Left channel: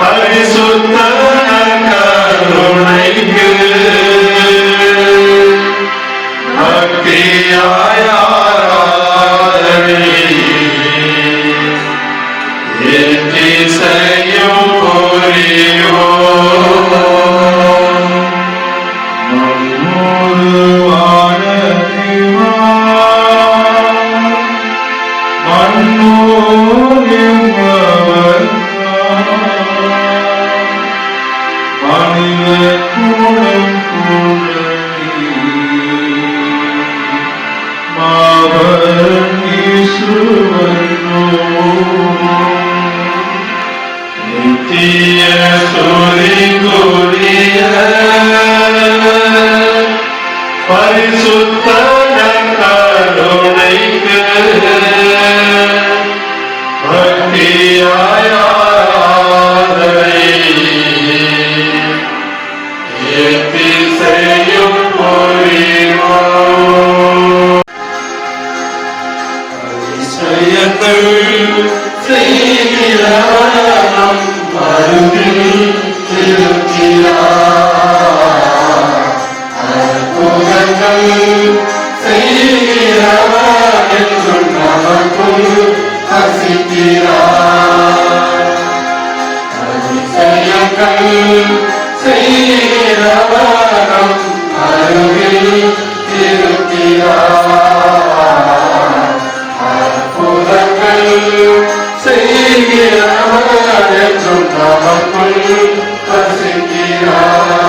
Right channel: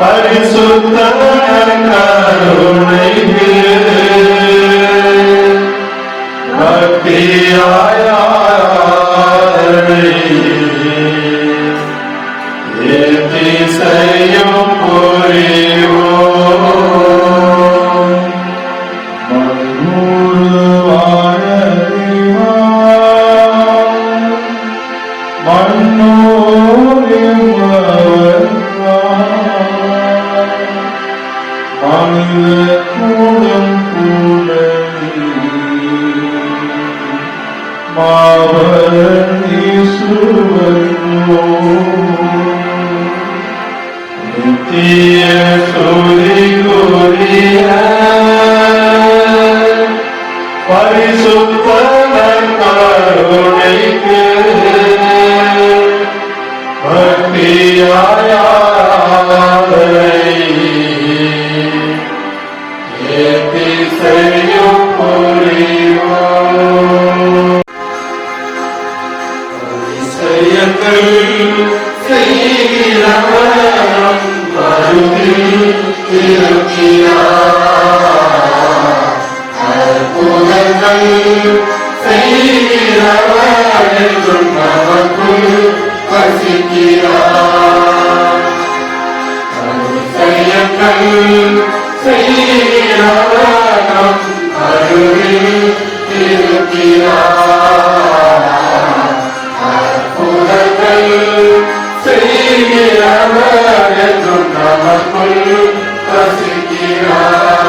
பரிசுத்த கருணைக்கு பக்தியாய் ஆராதனை எத்திசையும் புரியோ பரிசுத்த கருணைக்கு பக்தியாய் ஆராதனை எத்திசையும் புரிவோ அதிசயங்கள் செய்கிறவனம் அருகில் இருக்கிறார். அற்புதங்கள் செய்கிறவர் என்றும் நமக்குள் வசிக்கிறார். அதிசயங்கள் செய்கிறவனம் அருகில் இருக்கிறார். அற்புதங்கள் செய்கிறவர் என்றும் நமக்குள் வசிக்கிறார்.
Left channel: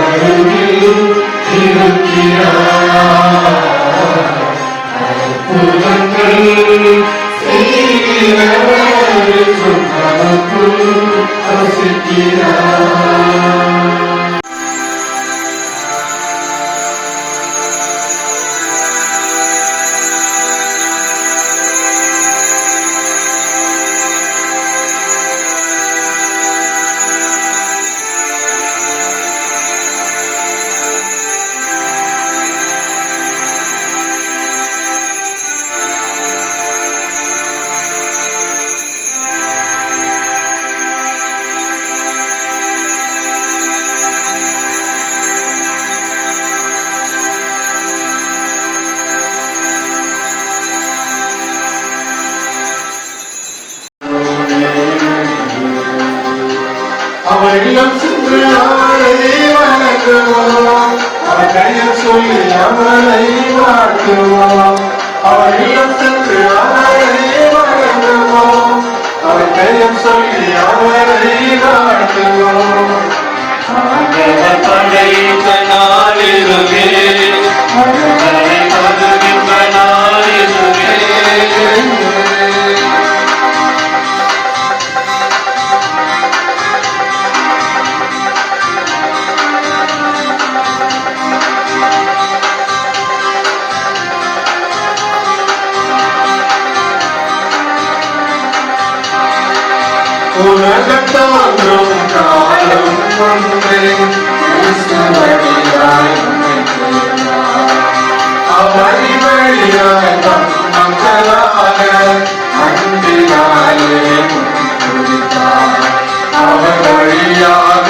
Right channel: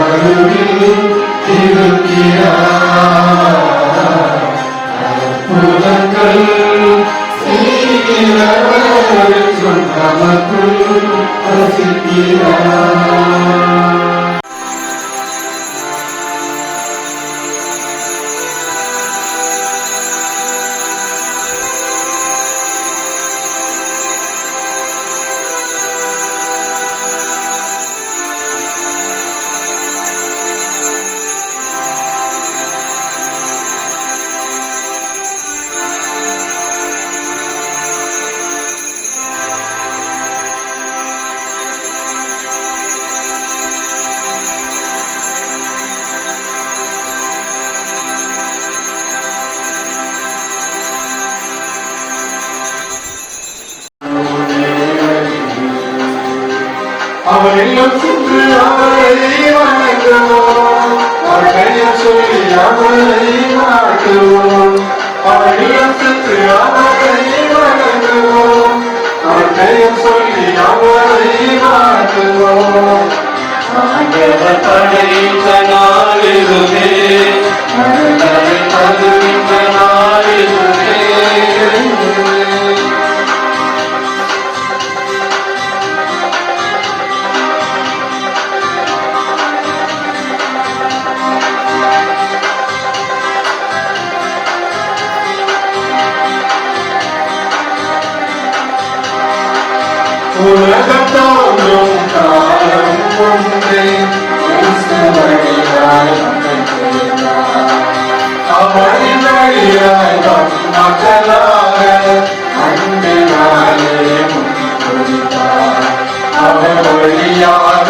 அருகில் இருக்கிறார். அற்புதங்கள் செய்கிறவர் என்றும் நமக்குள் வசிக்கிறார். அவரிடம் சென்று அவரை வணங்குவோம். அவரையும் சொல்லி அவரை வாழ்த்துவோம். அவரிடம் சென்று அவரை வணங்குவோம். அவரையும் சொல்லி அவரை வாழ்த்துவோம். ஆண்டவர் படைத்த நாளிதுவே, மனிதனை பதுகின்ற நாளிதுவே. உலகம் தோன்றும் காலம் ஒன்றே, கிறிஸ்துவடியாய் அவரை வழியாய் மக்களாக அன்பினாலே முன்குறித்தார். அவர் வழியாக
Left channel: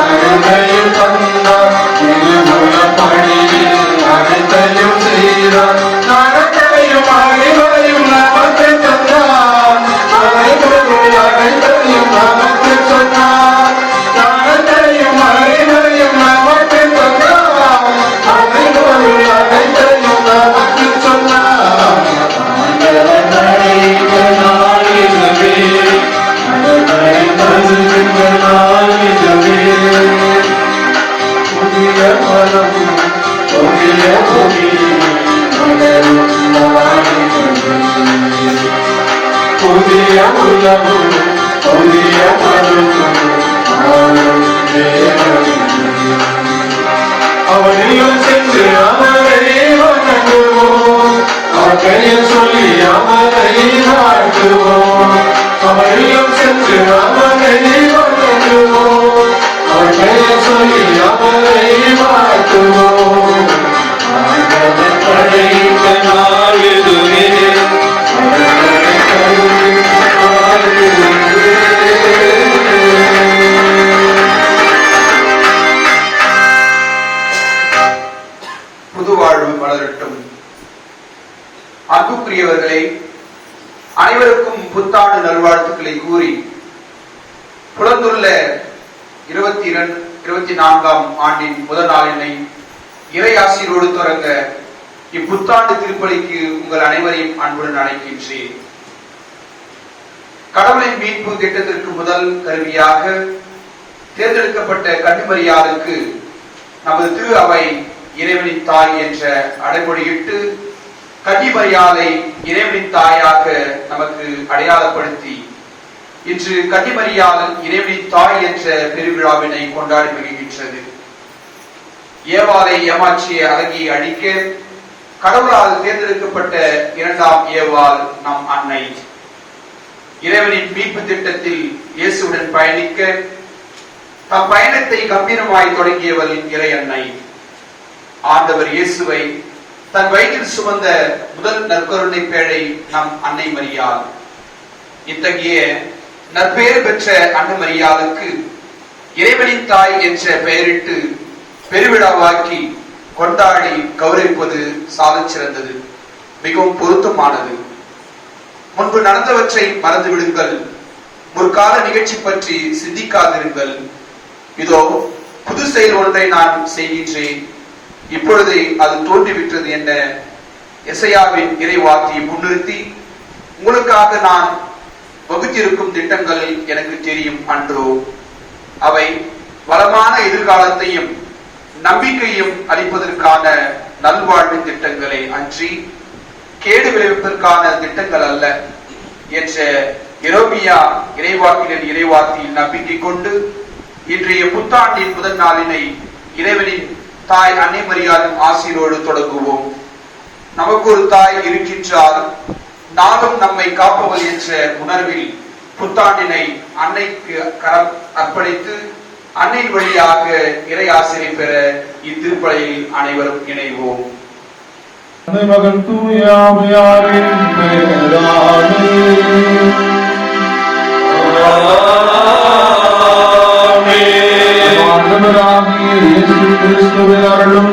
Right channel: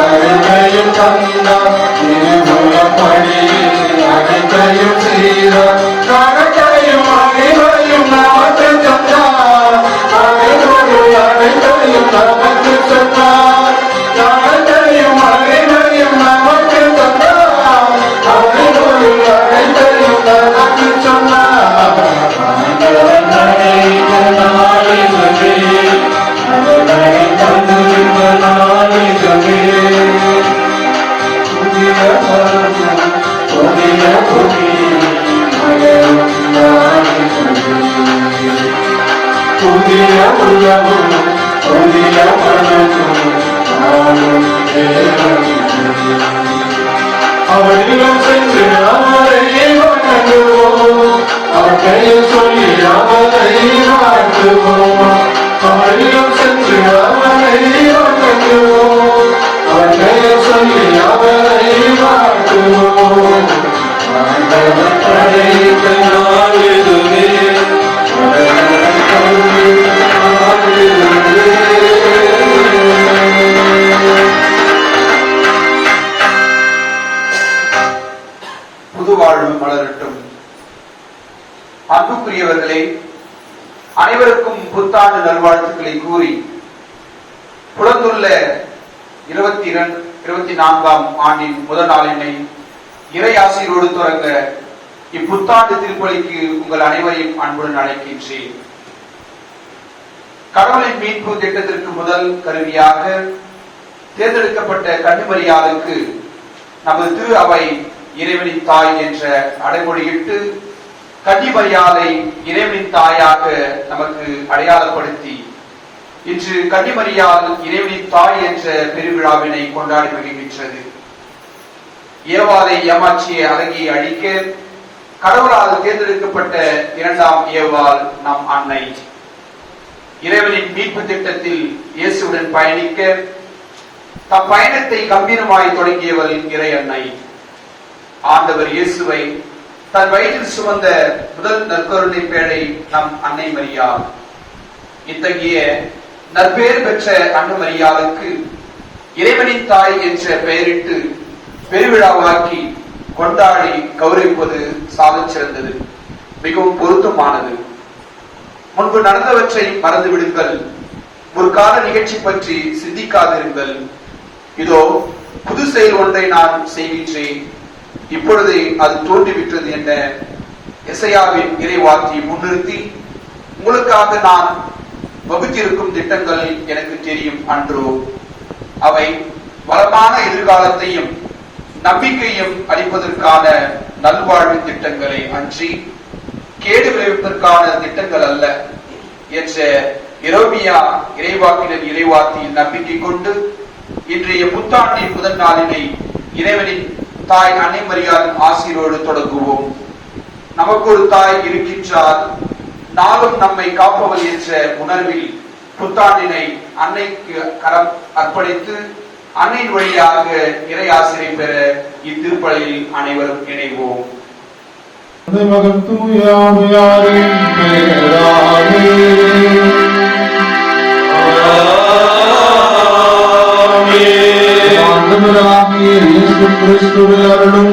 அனைத்தையும் தந்தார். திருமுலப்படியில் அனைத்தையும் செய்தார். நடத்தையும் அறிவையும் நமக்கு தந்தார். அனைத்தையும் நமக்கு சொன்னார். நடத்தையும் அறிவையும் நமக்கு தந்தார். அனைத்தையும் நமக்கு சொன்னார். ஆண்டவர் படைத்த நாளிதுவே, அவரை பதுகின்ற நாளிதுவே. புதிய மரமும் புதிய பூமியும் மலரும் நாளிதுவே. புதிய உலகும் புதிய மனமும் ஆளும் தேவனிதுவே. அவரிடம் சென்று அவரை வணங்குவோம். அவரையும் சொல்லி அவரை வாழ்த்துவோம். அவரிடம் சென்று அவரை வணங்குவோம். அவரையும் சொல்லி அவரை வாழ்த்துவோம். ஆண்டவர் படைத்த நாளிதுவே, அவரை படைத்த நாளிதுவே. புது வாழ்வு மலரட்டும். அன்புக்குரியவர்களே, அனைவருக்கும் புத்தாண்டு நல்வாழ்த்துக்களை கூறி புலந்துள்ள 24ஆம் ஆண்டின் முதல் நாளினை இறை ஆசீரோடு தொடங்க இப்புத்தாண்டு திருப்பலிக்கு உங்கள் அனைவரையும் அன்புடன் அழைக்கின்றேன். கடவுளின் மீட்பு திட்டத்திற்கு முதல் கருவியாக தேர்ந்தெடுக்கப்பட்ட கன்னிமரியாளுக்கு நமது திரு அவை இறைவனின் தாய் என்ற அடைமொழியிட்டு கன்னிமரியாளை இறைவனின் தாயாக நமக்கு அடையாளப்படுத்தி இன்று கன்னிமரியாள் இறைவனின் தாய் என்ற பெருவிழாவினை கொண்டாடி மகிழ்கின்றது. ஏவாளை ஏமாற்றிய அழகியை அழிக்க கடவுளால் தேர்ந்தெடுக்கப்பட்ட இரண்டாம் ஏவாள் நம் அன்னை. இறைவனின் மீட்பு திட்டத்தில் இயேசுடன் பயணிக்க தம் பயணத்தை கம்பீரமாய் தொடங்கியவள் இறை அன்னை. ஆண்டவர் இயேசுவை தன் வயிற்றில் சுமந்த முதல் நற்கருணை பேழை நம் அன்னை மரியாள். இத்தகைய நற்பெயர் பெற்ற அன்னை மரியாளுக்கு இறைவனின் தாய் என்ற பெயரிட்டு பெருவிழாவாக்கி கொண்டாடி கௌரவிப்பது சாதச் சிறந்தது, மிகவும் பொருத்தமானது. முன்பு நடந்தவற்றை மறந்து விடுங்கள், முற்கால நிகழ்ச்சி பற்றி சிந்திக்காதிருங்கள். இதோ புது செயல் ஒன்றை நான் செய்கின்றேன், இப்பொழுது அது தோன்றிவிட்டது என்ற எசையாவின் இறைவார்த்தையை முன்னிறுத்தி உங்களுக்காக நான் வகுத்திருக்கும் திட்டங்கள் எனக்கு தெரியும் அன்றோ. அவை வளமான எதிர்காலத்தையும் நம்பிக்கையும் அளிப்பதற்கான நல்வாழ்வு திட்டங்களே அன்றி கேடு விளைவிப்பதற்கான திட்டங்கள் அல்ல என்ற எரோமியா இறைவாக்கினர் இறைவார்த்தையில் நம்பிக்கை கொண்டு இன்றைய புத்தாண்டின் முதல் நாளினை இறைவனின் தாய் அன்னை மரியாளின் ஆசீரோடு தொடங்குவோம். நமக்கு ஒரு தாய் இருக்கின்றால் நாளும் நம்மை காப்பவர் என்ற உணர்வில் புத்தாண்டினை அன்னைக்கு கரம் அர்ப்பணித்து அன்னையின் வழியாக இறை ஆசிரியை பெற இத்திருப்பலியில் அனைவரும் இணைவோம். மகன் தூயாவியாரின் பெயராலே ஆண்டவராகிய இயேசு கிறிஸ்துவின் அருளும்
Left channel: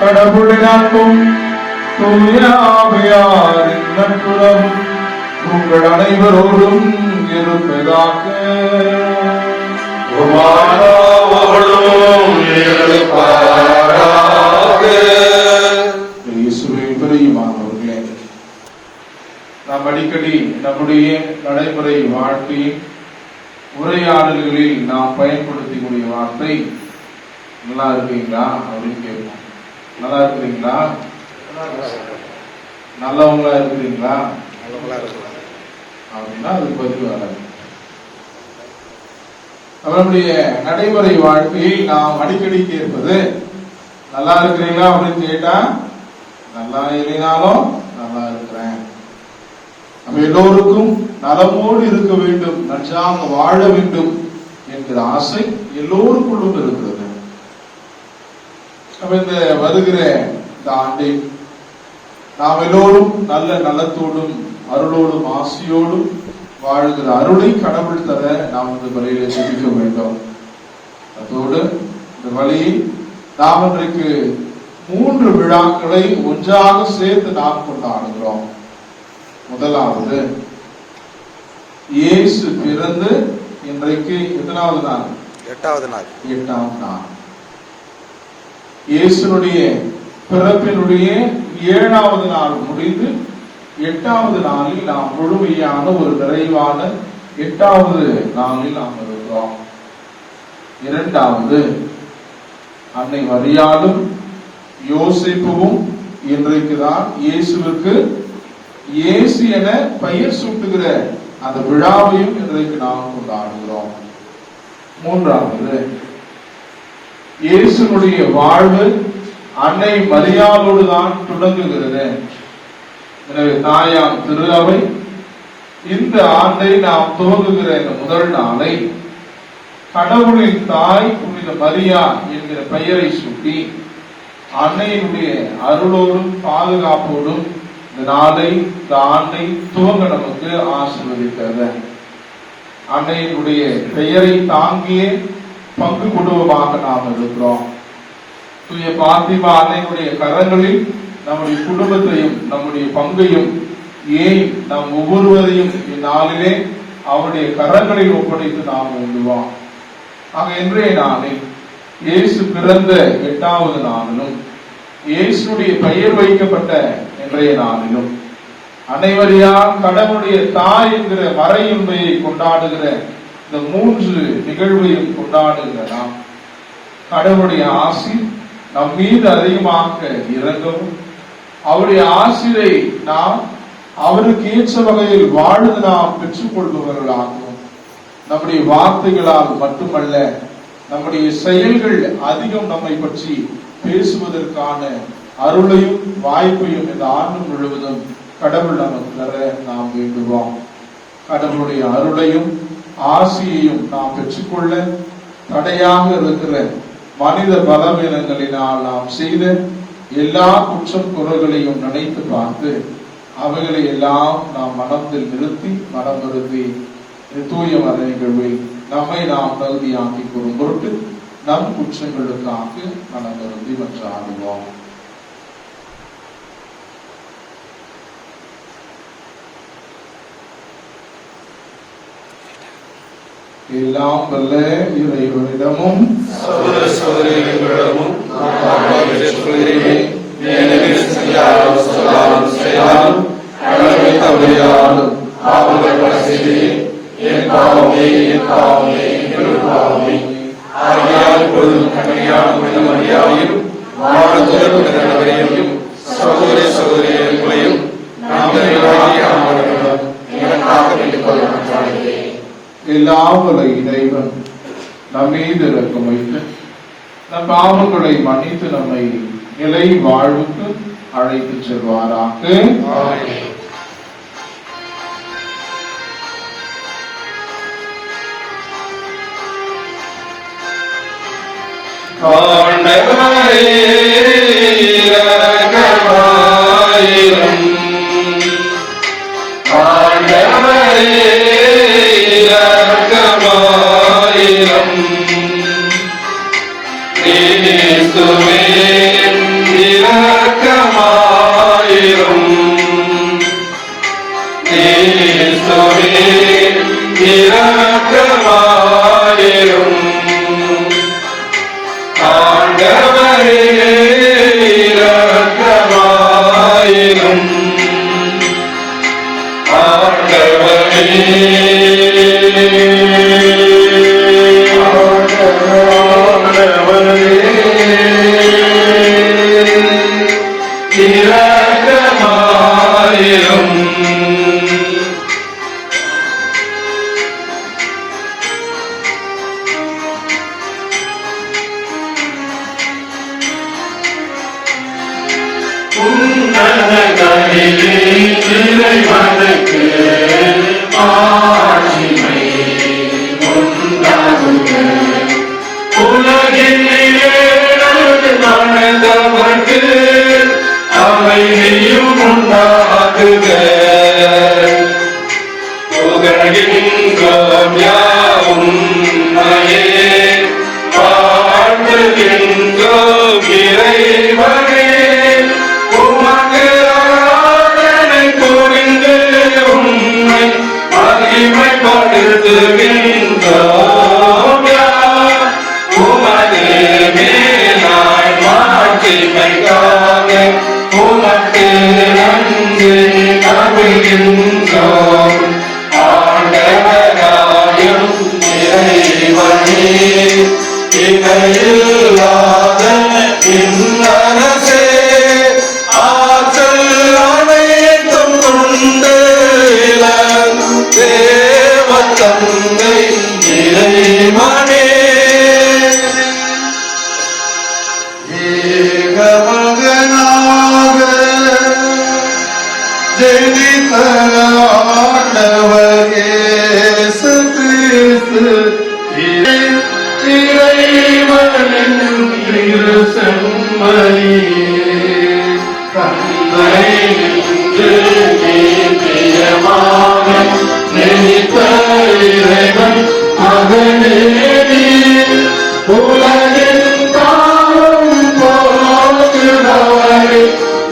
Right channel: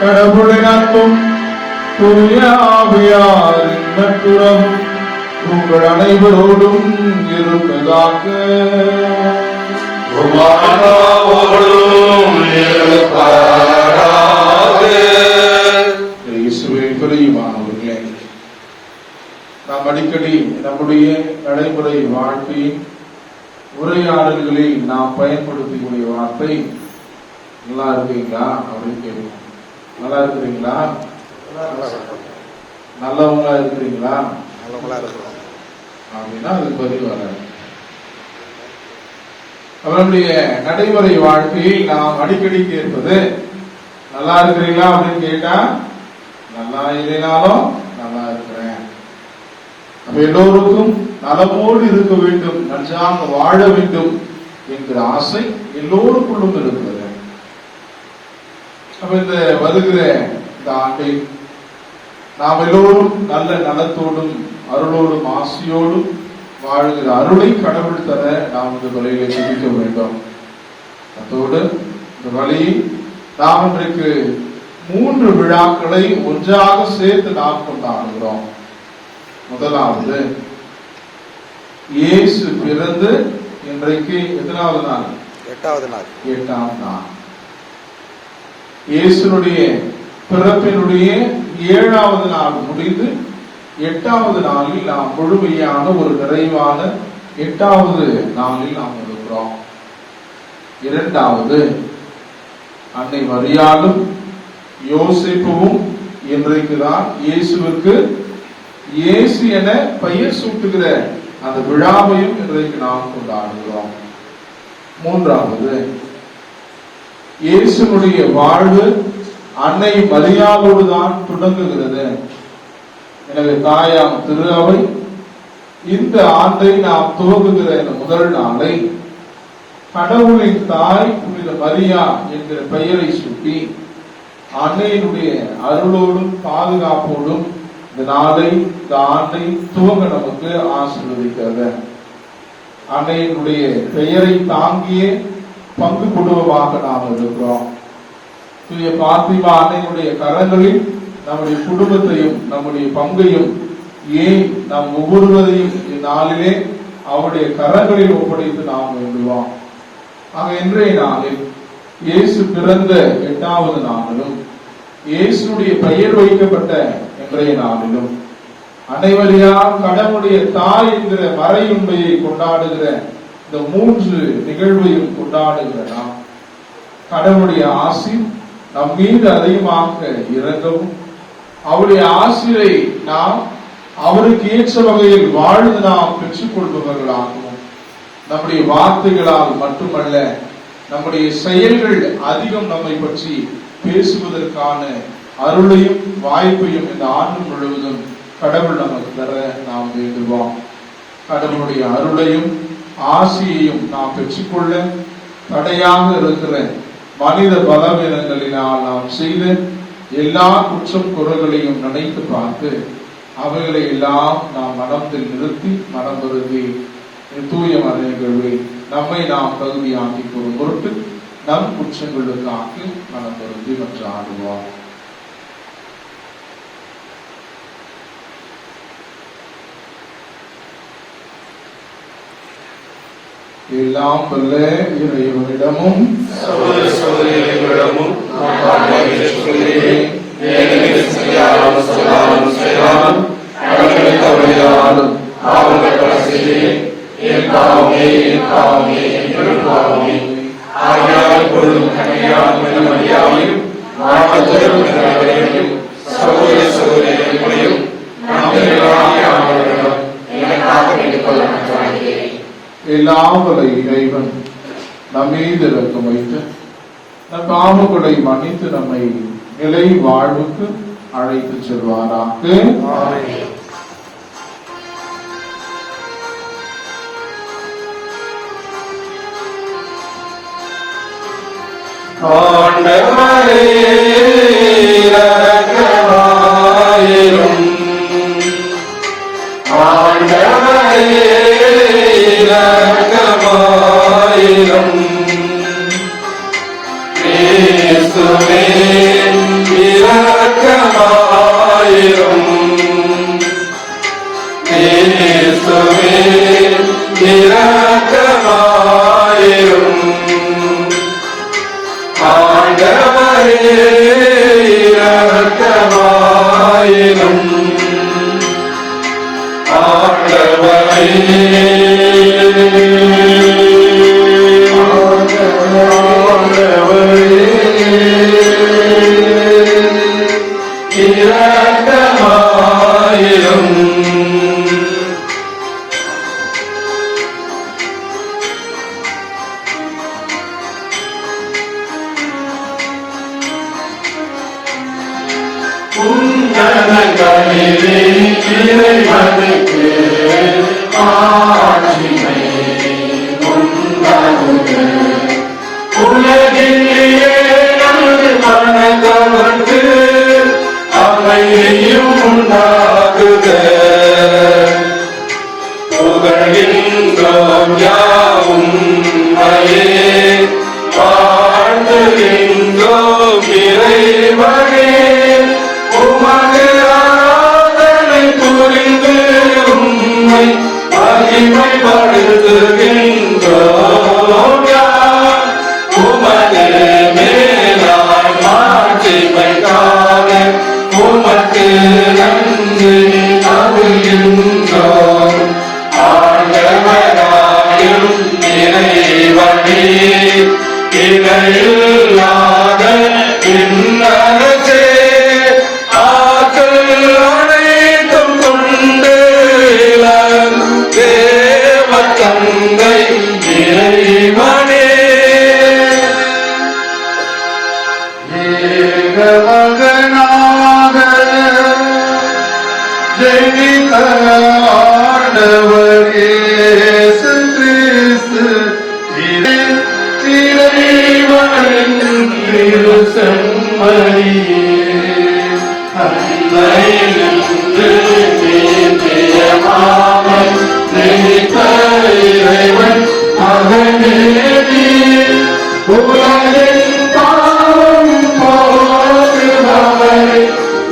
கடவுளின் அன்பும் தூயாவியாரின் நட்புறவும் உங்கள் அனைவரோடும் இருப்பதாக. பிரியமானவர்களே, நாம் அடிக்கடி நம்முடைய நடைமுறை வாழ்க்கையில் உரையாடல்களில் நாம் பயன்படுத்தக்கூடிய வார்த்தை நல்லா இருக்கீங்களா அப்படின்னு கேட்போம். நல்லா இருக்கிறீங்களா, நல்லவங்களா இருக்கிறீங்களா அப்படின்னா அதுக்கு பதில் வராது. நம்மளுடைய நடைமுறை வாழ்க்கையில் நாம் அடிக்கடி கேட்பது நல்லா இருக்கிறீங்களா அப்படின்னு கேட்டா நல்லா இல்லைனாலும் நல்லா இருக்கிறேன். நம்ம எல்லோருக்கும் நலமோடு இருக்க வேண்டும், நன்றாக வாழ வேண்டும் என்கிற ஆசை எல்லோருக்குள்ளும் இருக்கிறது. நம்ம இந்த வருகிற இந்த ஆண்டில் நாம் எல்லோரும் நல்ல நலத்தோடும் அருளோடும் ஆசையோடும் வாழ்கிற அருளை கடவுள் தர நாம் இந்த வழியை சிந்திக்க வேண்டும். அதோடு இந்த வழியை நாம் இன்றைக்கு 3 விழாக்களை ஒன்றாக சேர்த்து நாம் கொண்டாடுகிறோம். முதலாவது இயேசு பிறந்து இன்றைக்கு எத்தனாவது நாள்? 8வது நாள். 8ஆம் நாள். இயேசுனுடைய பிறப்பினுடைய 7வது நாள் முடிந்து 8வது நாளில் நாம் முழுமையான ஒரு நிறைவான 8வது நாளில் நாம் இருக்கிறோம். இரண்டாவது அன்னை மரியாளும் யோசேப்புவும் இன்றைக்குதான் இயேசுவுக்கு இயேசு என பெயர் சூட்டுகிற அந்த விழாவையும் இன்றைக்கு நாம் கொண்டாடுகிறோம். மூன்றாவது இயேசுனுடைய வாழ்வு அன்னை மரியாளோடு தான் தொடங்குகிறது. எனவே தாயாம் திரு அவை இந்த ஆண்டை நாம் துவங்குகிற இந்த முதல் நாளை கடவுளின் தாய் புனித மரியா என்கிற பெயரை சுட்டி அன்னையினுடைய அருளோடும் பாதுகாப்போடும் இந்த நாளை இந்த ஆண்டை துவங்க நமக்கு ஆசீர்வதிக்கிறது. அன்னையினுடைய பெயரை தாங்கிய பங்கு குடும்பமாக நாம் இருக்கிறோம். தூய பாத்திமா அன்னையினுடைய கரங்களில் நம்முடைய குடும்பத்தையும் நம்முடைய பங்கையும் ஏன் நாம் ஒவ்வொருவரையும் இந்நாளிலே அவருடைய கரங்களில் ஒப்படைத்து நாம் வேண்டுவோம். ஆக இன்றைய நாளில் இயேசு பிறந்த 8வது நாளிலும் இயேசுடைய பெயர் வைக்கப்பட்ட இன்றைய நாளிலும் அனைவரையா கடவுளுடைய தாய் என்கிற மறையுண்மையை கொண்டாடுகிற இந்த 3 நிகழ்வையும் கொண்டாடுகிற நாம் கடவுளுடைய ஆசி நம் மீது அதிகமாக இறங்கவும் அவருடைய ஆசிரை நாம் அவருக்கு ஏற்ற வகையில் வாழ்ந்து நாம் பெற்றுக் கொள்பவர்களாகவும் நம்முடைய வார்த்தைகளால் மட்டுமல்ல நம்முடைய செயல்கள் அதிகம் நம்மை பற்றி பேசுவதற்கான அருளையும் வாய்ப்பையும் இந்த ஆண்டு முழுவதும் கடவுள் நமக்கு தர நாம் வேண்டுவோம். கடவுளுடைய அருளையும் ஆசியையும் நாம் பெற்றுக்கொள்ள தடையாக இருக்கிற மனித பலவீனங்களினால் நாம் செய்த எல்லா குற்றம் குறைகளையும் நினைத்து பார்த்து அவைகளை எல்லாம் நாம் மனதில் நிறுத்தி மனம் வருந்தி தூய மறை நிகழ்வில் நம்மை நாம் தகுதியாக்கிக் கொள்ளும் பொருட்டு நம் குற்றங்களுக்காக மனம் வருந்தி மன்றாடுவோம். எல்லாம் வல்ல இறைவனிடமும் சகோதர சகோதரிகளிடமும் பாவங்கள் பல செய்தேன். என் பாவமே ஆகையால் எப்பொழுதும் கனியாமல் மரியாதையும் மாணவர்கள் அனைவரையும் சகோதர சகோதரியர்களையும் எனக்காக வேண்டிக் கொள்ளுங்கள். எல்லாம் வல்ல இறைவன் நம் மீது இரக்கம் வைத்து நம் பாவங்களை மன்னித்து நம்மை நிலை வாழ்வுக்கு அழைத்து செல்வாராக. ஆமென். ஆண்டவரே இரக்கமாயிரும். ஆண்டவரே இரக்கமாயிரும். இயேசுவே இரக்கமாயிரும். இயேசுவே இரக்கமாயிரும். ஆண்டவரே இரக்கமாயிரும். ஆண்டவரே இரக்கமாயிரும். உன்னதங்களிலே இறைவனுக்கு ஆட்சிமை உண்டாகுக. உலகிலே நமது மனதவர்க்கு அமைதியும் உண்டாகுக. புகழ்கின்றோம் யாவும் உம்மையே, வாழ்த்துகின்றோம் இறைவனே. உமக்கு ஆராதனை புரிந்து உம்மை மகிமைப்படுத்துகின்றோம் யாம். உமது மேலாய் மாட்சிமைக்காக உமக்கு நன்றி கவிழ்கின்றோம். ஆண்டவராயும் இறைவனே, இணையில்லாத விண்ணரசே, ஆற்றல் அனைத்தும் கொண்டு தேவ தந்தை இறைவனே, ஏகமகனாக ஜெனித்த ஆண்டவர் இயேசு கிறிஸ்து இறைவனின் திரு செம்மறியே, தந்தை நின்று நீதியமாக நினைத்த இறைவன் மகனே, உலகின் பாவம் போக்குபவரே,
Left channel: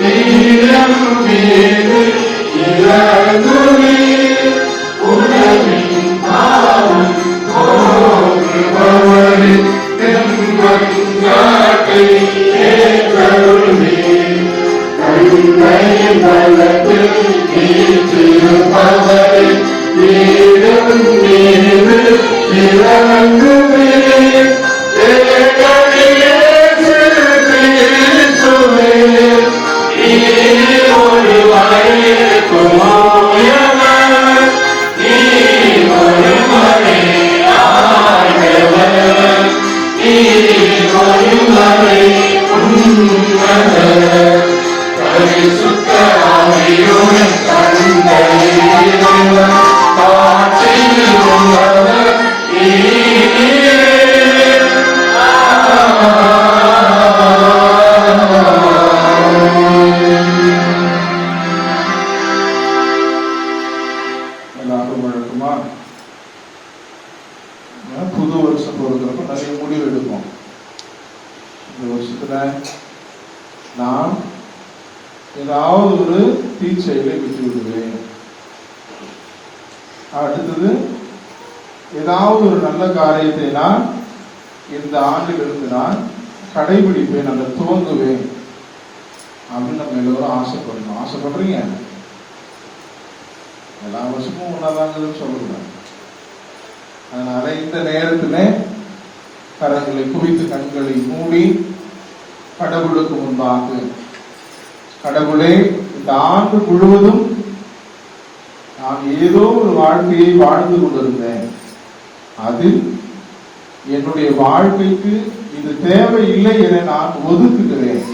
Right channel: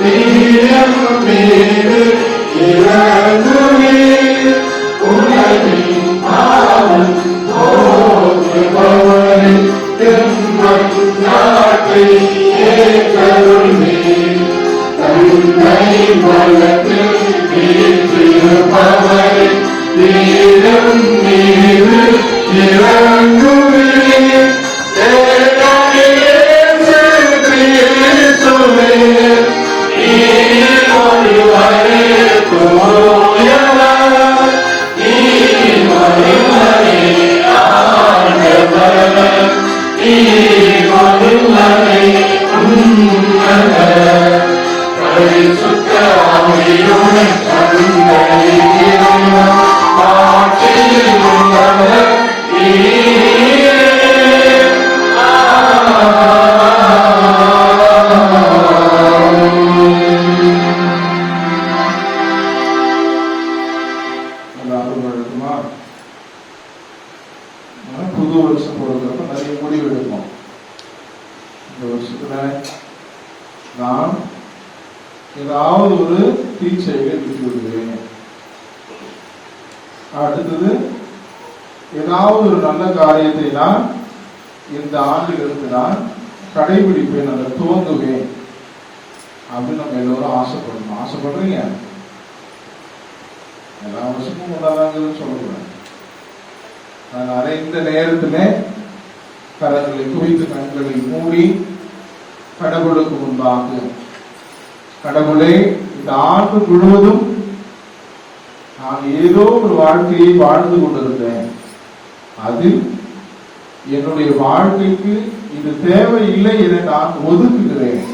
நீரம் மீது இறங்குமே. உலகின் பாவம் போக்குபவரே, தென்மஞ்சாட்டை ஏற்றருள்மே. தந்தை பலத்தில் வீற்றிருப்பவரே, நீரம் மீது இறங்குமே. புது வருஷம் போகிறப்ப நிறைய முடிவு எடுப்போம். இந்த வருஷத்துல நான் ஏதாவது ஒரு தீச்செயலை விட்டு விடுவேன். அடுத்தது ஏதாவது ஒரு நல்ல காரியத்தை நான் இந்த ஆண்டிலிருந்து நான் கடைபிடிப்பேன், அதை துவங்குவேன் அப்படின்னு நம்ம எல்லோரும் ஆசைப்படணும். ஆசைப்படுறீங்க? எல்லா வருஷமும் ஒன்னாதாங்கன்னு சொல்லக்கூடாது. அதனால இந்த நேரத்துல கரங்களை குவித்து கண்களை மூடி கடவுளுக்கு முன்பாக, கடவுளே, இந்த ஆண்டு முழுவதும் நான் ஏதோ ஒரு வாழ்க்கையை வாழ்ந்து கொண்டிருந்தேன். அதில் என்னுடைய வாழ்க்கைக்கு இது தேவையில்லை என நான் ஒதுக்குகிறேன்.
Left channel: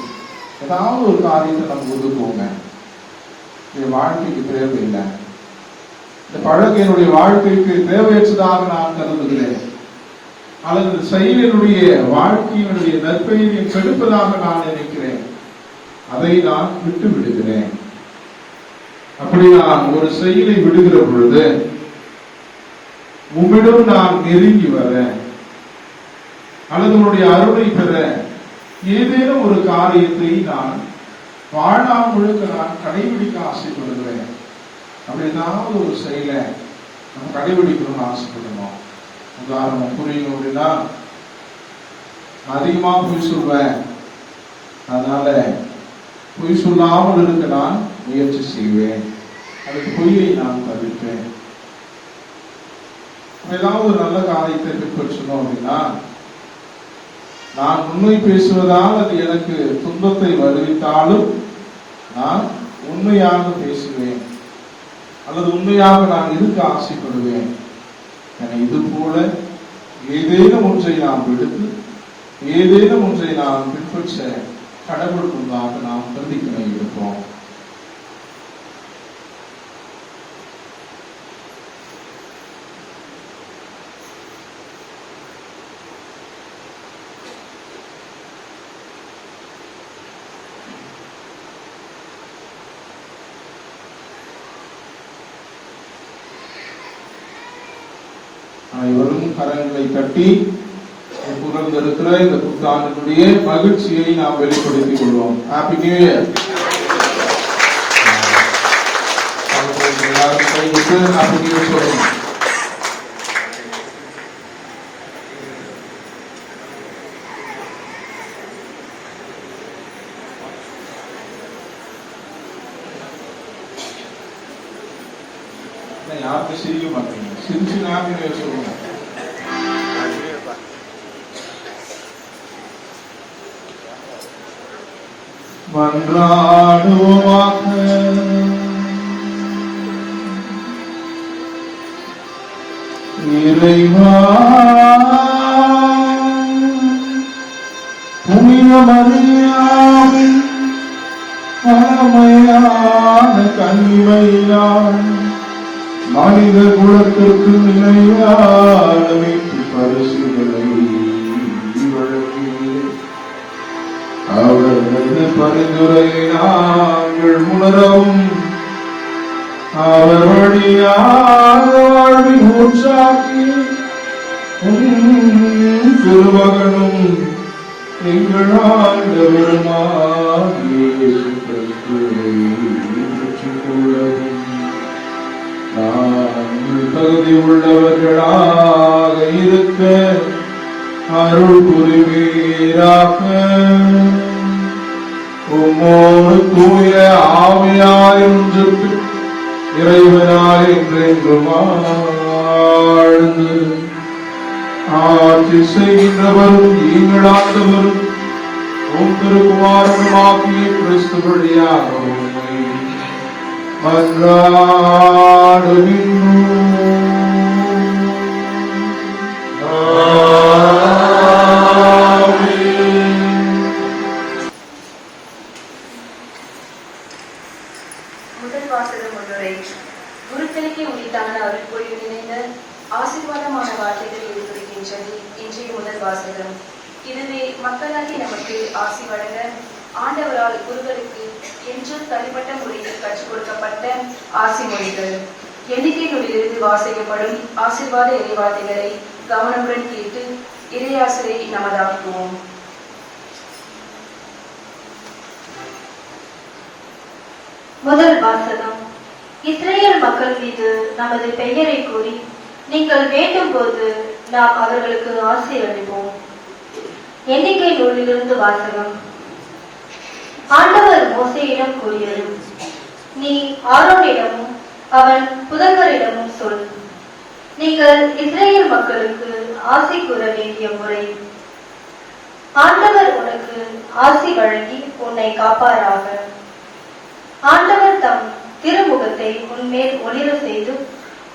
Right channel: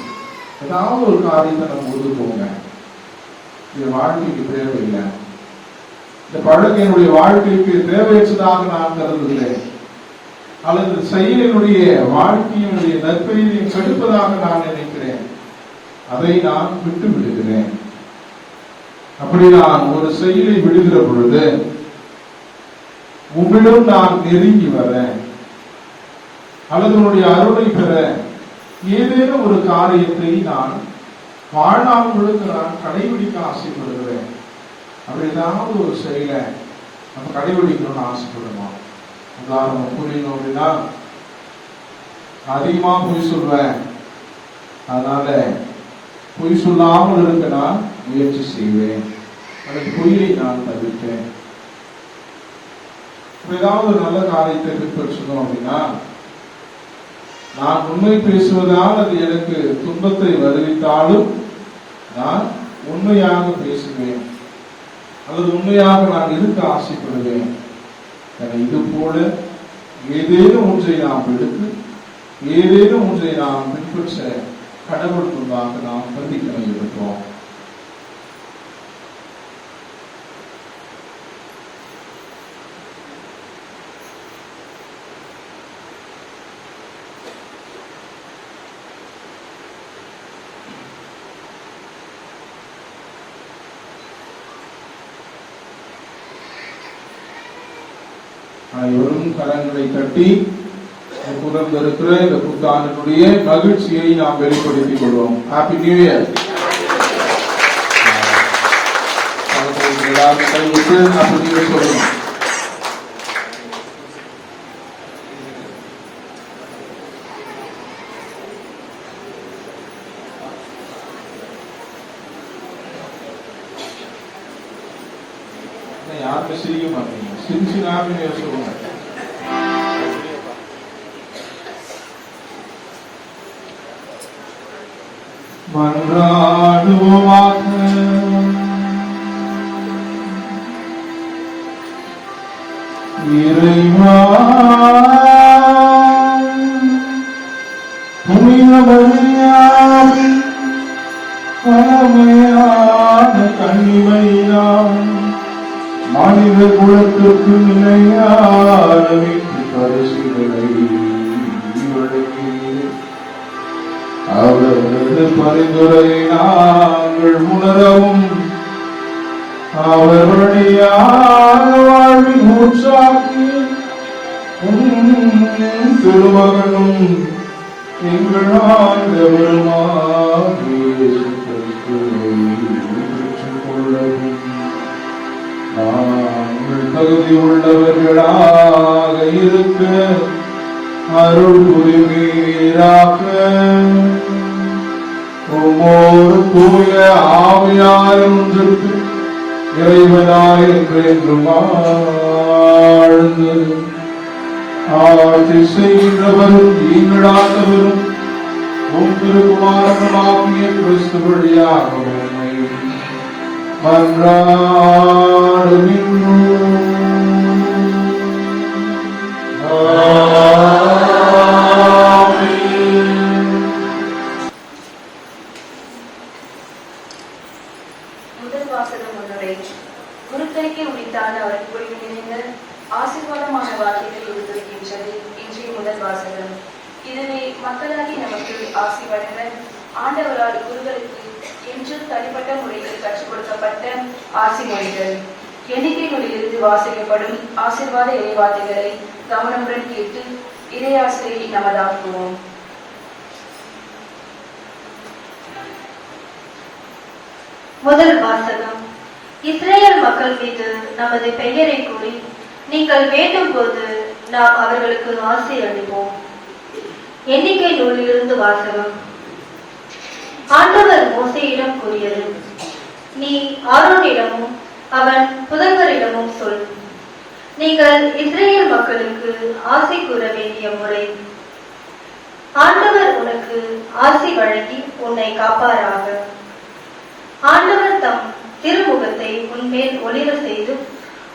ஏதாவது ஒரு காரியத்தை நம்ம ஒதுக்குவோங்க. இது வாழ்க்கைக்கு தேவையில்லை, இந்த பழக்கம் என்னுடைய வாழ்க்கைக்கு தேவையற்றதாக நான் கருதுகிறேன், அல்லது செயல் என்னுடைய வாழ்க்கையினுடைய நற்பெயரை கெடுப்பதாக நான் நினைக்கிறேன், அதை நான் விட்டு விடுகிறேன். அப்படி நான் ஒரு செயலை விடுகிற பொழுது உம்மிடம் நான் நெருங்கி வர, அல்லது உன்னுடைய அருளை பெற ஏதேனும் ஒரு காரியத்தை நான் வாழ்நாள் முழுக்க நான் கடைபிடிக்க ஆசைப்படுகிறேன். அப்படி ஏதாவது ஒரு செயலை நம்ம கடைபிடிக்கணும்னு ஆசைப்படுவோம். உதாரணம் புரியணும் அப்படின்னா, அதிகமா பொய் சொல்வேன், அதனால பொய் சொல்லாமல் இருக்க நான் முயற்சி செய்வேன், அதுக்கு பொய்யை நான் தவிர்ப்பேன். ஏதாவது ஒரு நல்ல காரியத்தை பின்பற்றணும் அப்படின்னா, நான் உண்மை பேசுவதால் அது எனக்கு துன்பத்தை வருவித்தாலும் நான் உண்மையாக பேசுவேன், அல்லது உண்மையாக நான் இருக்க ஆசைப்படுவேன். என இது போல ஏதேனும் ஒன்றை நாம் எடுத்து, ஏதேனும் ஒன்றை நாம் பின்பற்ற கடவுள் முன்பாக நாம் பிரதிஜனை எடுப்போம். அனைவரும் கரங்களை தட்டி புலர்ந்திருக்கிற இந்த புத்தாண்டினுடைய மகிழ்ச்சியை நாம் வெளிப்படுத்திக் கொள்வோம். Happy new year. Happy new year சொல்லுங்க. யாருக்கும் சிரிக்க மாட்டீங்க, சிரிச்சு நாமே சொல்லுங்க. மன்றாடுவோமாக. இறைவா, புனித மரியாவின் பழமையான கனிமையால் மனித குலத்திற்கு நிலையான வீட்டு பரிசுகளை வழங்கினீர். அவரது பரிந்துரையை நாங்கள் உணரவும், அவர் வழியாக வாழ்வில் ஊற்றாக்கி திருமகனும் எங்கள் ஆண்டவருமாகிய இயேசு கிறிஸ்துவை ஏற்றுக்கொள்ளவும் நாங்கள் தகுதி உள்ளவர்களாக இருக்க அருள் புரிவீராக. உம்மோடு தூய ஆவியாய் ஒன்றுக்கு இறைவனாய் என்றென்றும் வாழ்ந்து ஆட்சி செய்கின்றவரும் நீங்கள் ஆண்டவரும் உம் திருக்குமாரனுமாகிய கிறிஸ்து வழியாக உம்மை மன்றாடுகின்றோம். முதல் வாசகம் முன்னுரை. குருக்களுக்கே உரித்தான அருள் புரியும் நிறைந்த ஆசீர்வாதமான வார்த்தைகள் எடுத்திருக்கின்றது இன்றைய முதல் வாசகம். இதுவே மக்களாகி நமக்கு ஆசி வழங்க ஆண்டவரால் குருக்களுக்கு என்று தனிப்பட்ட முறையில் கற்றுக் கொடுக்கப்பட்ட ஆசி மொழிகள். எண்ணிக்கை நூலிலிருந்து வாசிக்கப்படும் ஆசீர்வாத இறைவார்த்தைகளை கவனமுடன் கேட்டு இறையாசிரியை நமதாக்குவோம். முதல் வாசகம். இஸ்ரேல் மக்கள் மீது நமது பெயரை கூறி நீங்கள் வேண்டும் போது நாம் அவர்களுக்கு ஆசி அளிப்போம். எண்ணிக்கை நூலிலிருந்து வாசகம். ஆண்டவர் மோசேயிடம் கூறியது, நீ ஆரோனிடமும் அவன் புதல்வரிடமும் சொல், நீங்கள் இஸ்ரேல் மக்களுக்கு ஆசை கூற வேண்டிய முறை ஆசி வழங்கி உன்னை காப்பாராக. ஆண்டவர் தம் திருமுகத்தை உன்மேல் ஒளிர செய்து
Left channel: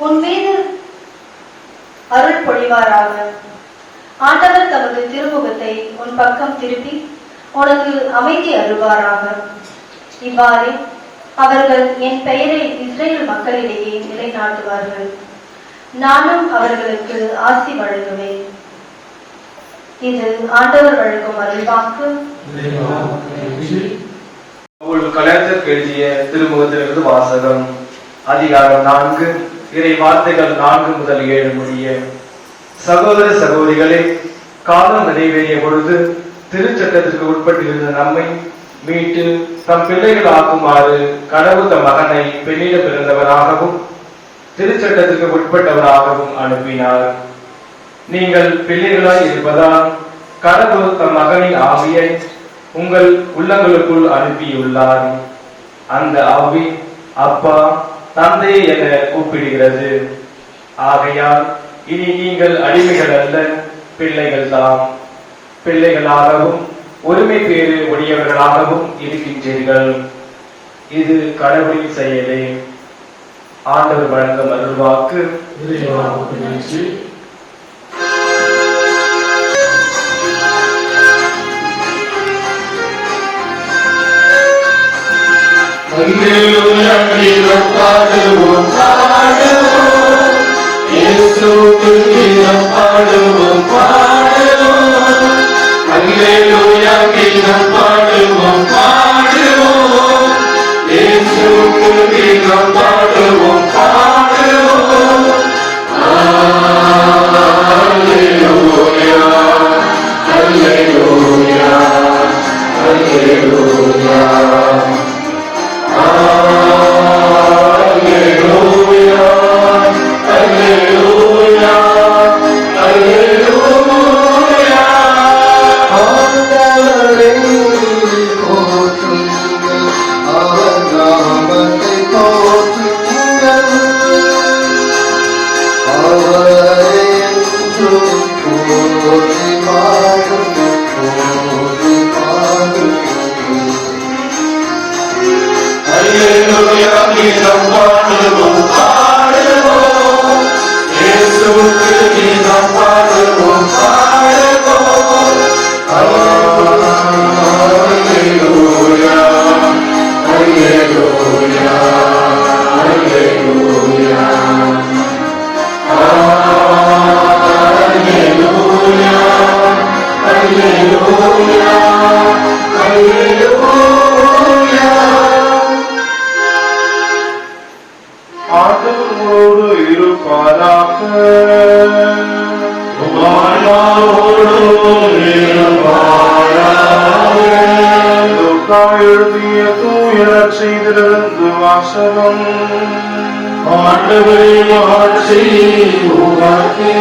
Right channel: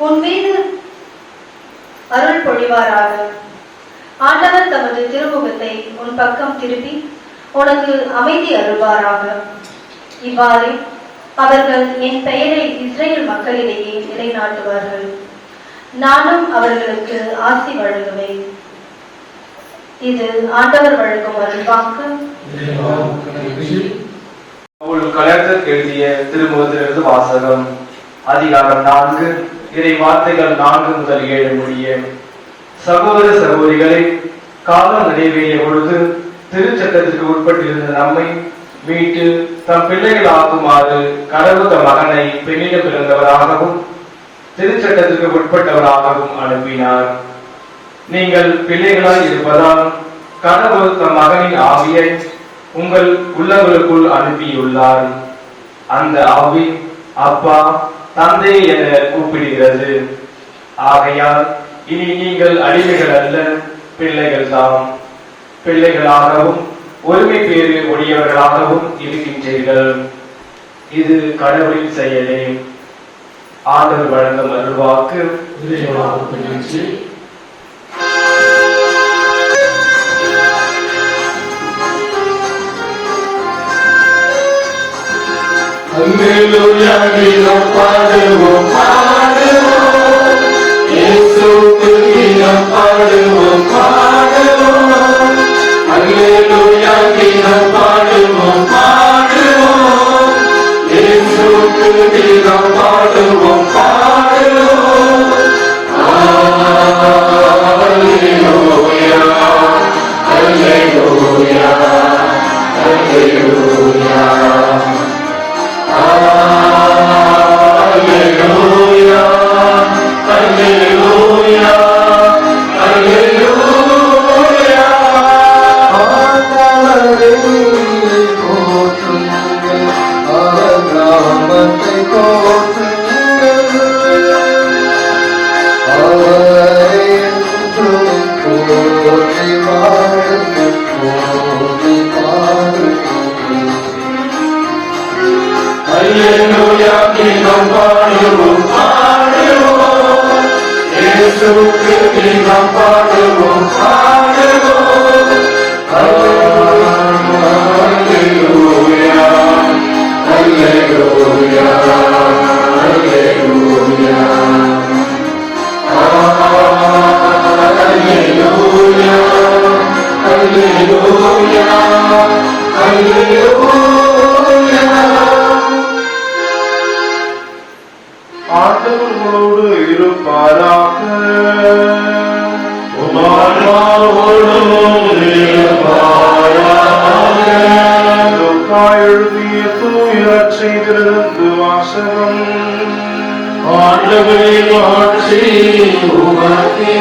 உன் மீது அருள் பொழிவாராக. ஆண்டவர் தமது திருமுகத்தை உன் பக்கம் திருப்பி உனக்கு அமைதி அருள்வாராக. இவ்வாறு அவர்கள் என் பெயரை இஸ்ரேல் மக்களிடையே நிலைநாட்டுவார்கள். நானும் அவர்களுக்கு ஆசி வழங்குவேன். இது ஆண்டவர் வழங்கும் அருள்வாக்கு. கலெக்டர் எழுதிய திருமுகத்திலிருந்து வாசகம். அதிகாரம் 4, இறை வார்த்தைகள் 4 முதல் 7 முடிய. சகோதர சகோதரிகளே, காலம் நிறைவேறிய பொழுது திருச்சட்டத்திற்கு உட்பட்டிருந்த நம்மை மீட்டு தம் பிள்ளைகள் ஆக்குமாறு கடவுள் தம் மகனை பெண்ணிடம் பிறந்தவராகவும் திருச்சட்டத்திற்கு உட்பட்டவராகவும் அனுப்பினார். நீங்கள் பிள்ளைகளாய் இருப்பதால் கடவுள் தம் மகனின் ஆவியை உங்கள் உள்ளங்களுக்குள் அனுப்பியுள்ளார். அந்த ஆவி அப்பா, தந்தை என கூப்பிடுகிறது. ஆகையால் இனி நீங்கள் அடிமைகள் அல்ல, பிள்ளைகள் தாம். பிள்ளைகளாகவும் ஒருமை பேறு உடையவர்களாகவும் இருக்கின்றீர்கள். இது கடவுளின் செயலே. ஆண்டவர் வழங்கும் அருள்வாக்கு. அல்லேலூயா, கீதம் பாடுவோம் பாடுவோம், இயேசுவுக்கு கீதம் பாடுவோம் பாடுவோம். அல்லேலூயா, கீதம் பாடுவோம் பாடுவோம், இயேசுவுக்கு கீதம் பாடுவோம் பாடுவோம். அல்லேலூயா, அல்லேலூயா, அல்லேலூயா. Alleluia, Alleluia, Alleluia. ஆண்டவரை போற்றுங்கள், அவர் நாமத்தை போற்றுங்கள், அவரை என்றும் போற்றி வாழுங்கள், போற்றி பாடுங்கள். Alleluia, கீதம் பாடுவோம் பாடுவோம், இயேசுவுக்கு கீதம் பாடுவோம் பாடுவோம். Alleluia, Alleluia, Alleluia. Alleluia, Alleluia, Alleluia. ஆண்டவர் உங்களோடு இருப்பாராக. லூக்கா எழுதிய தூய நற்செய்தியிலிருந்து வாசகம். ஆண்டவரே, ஆட்சி உமக்கே.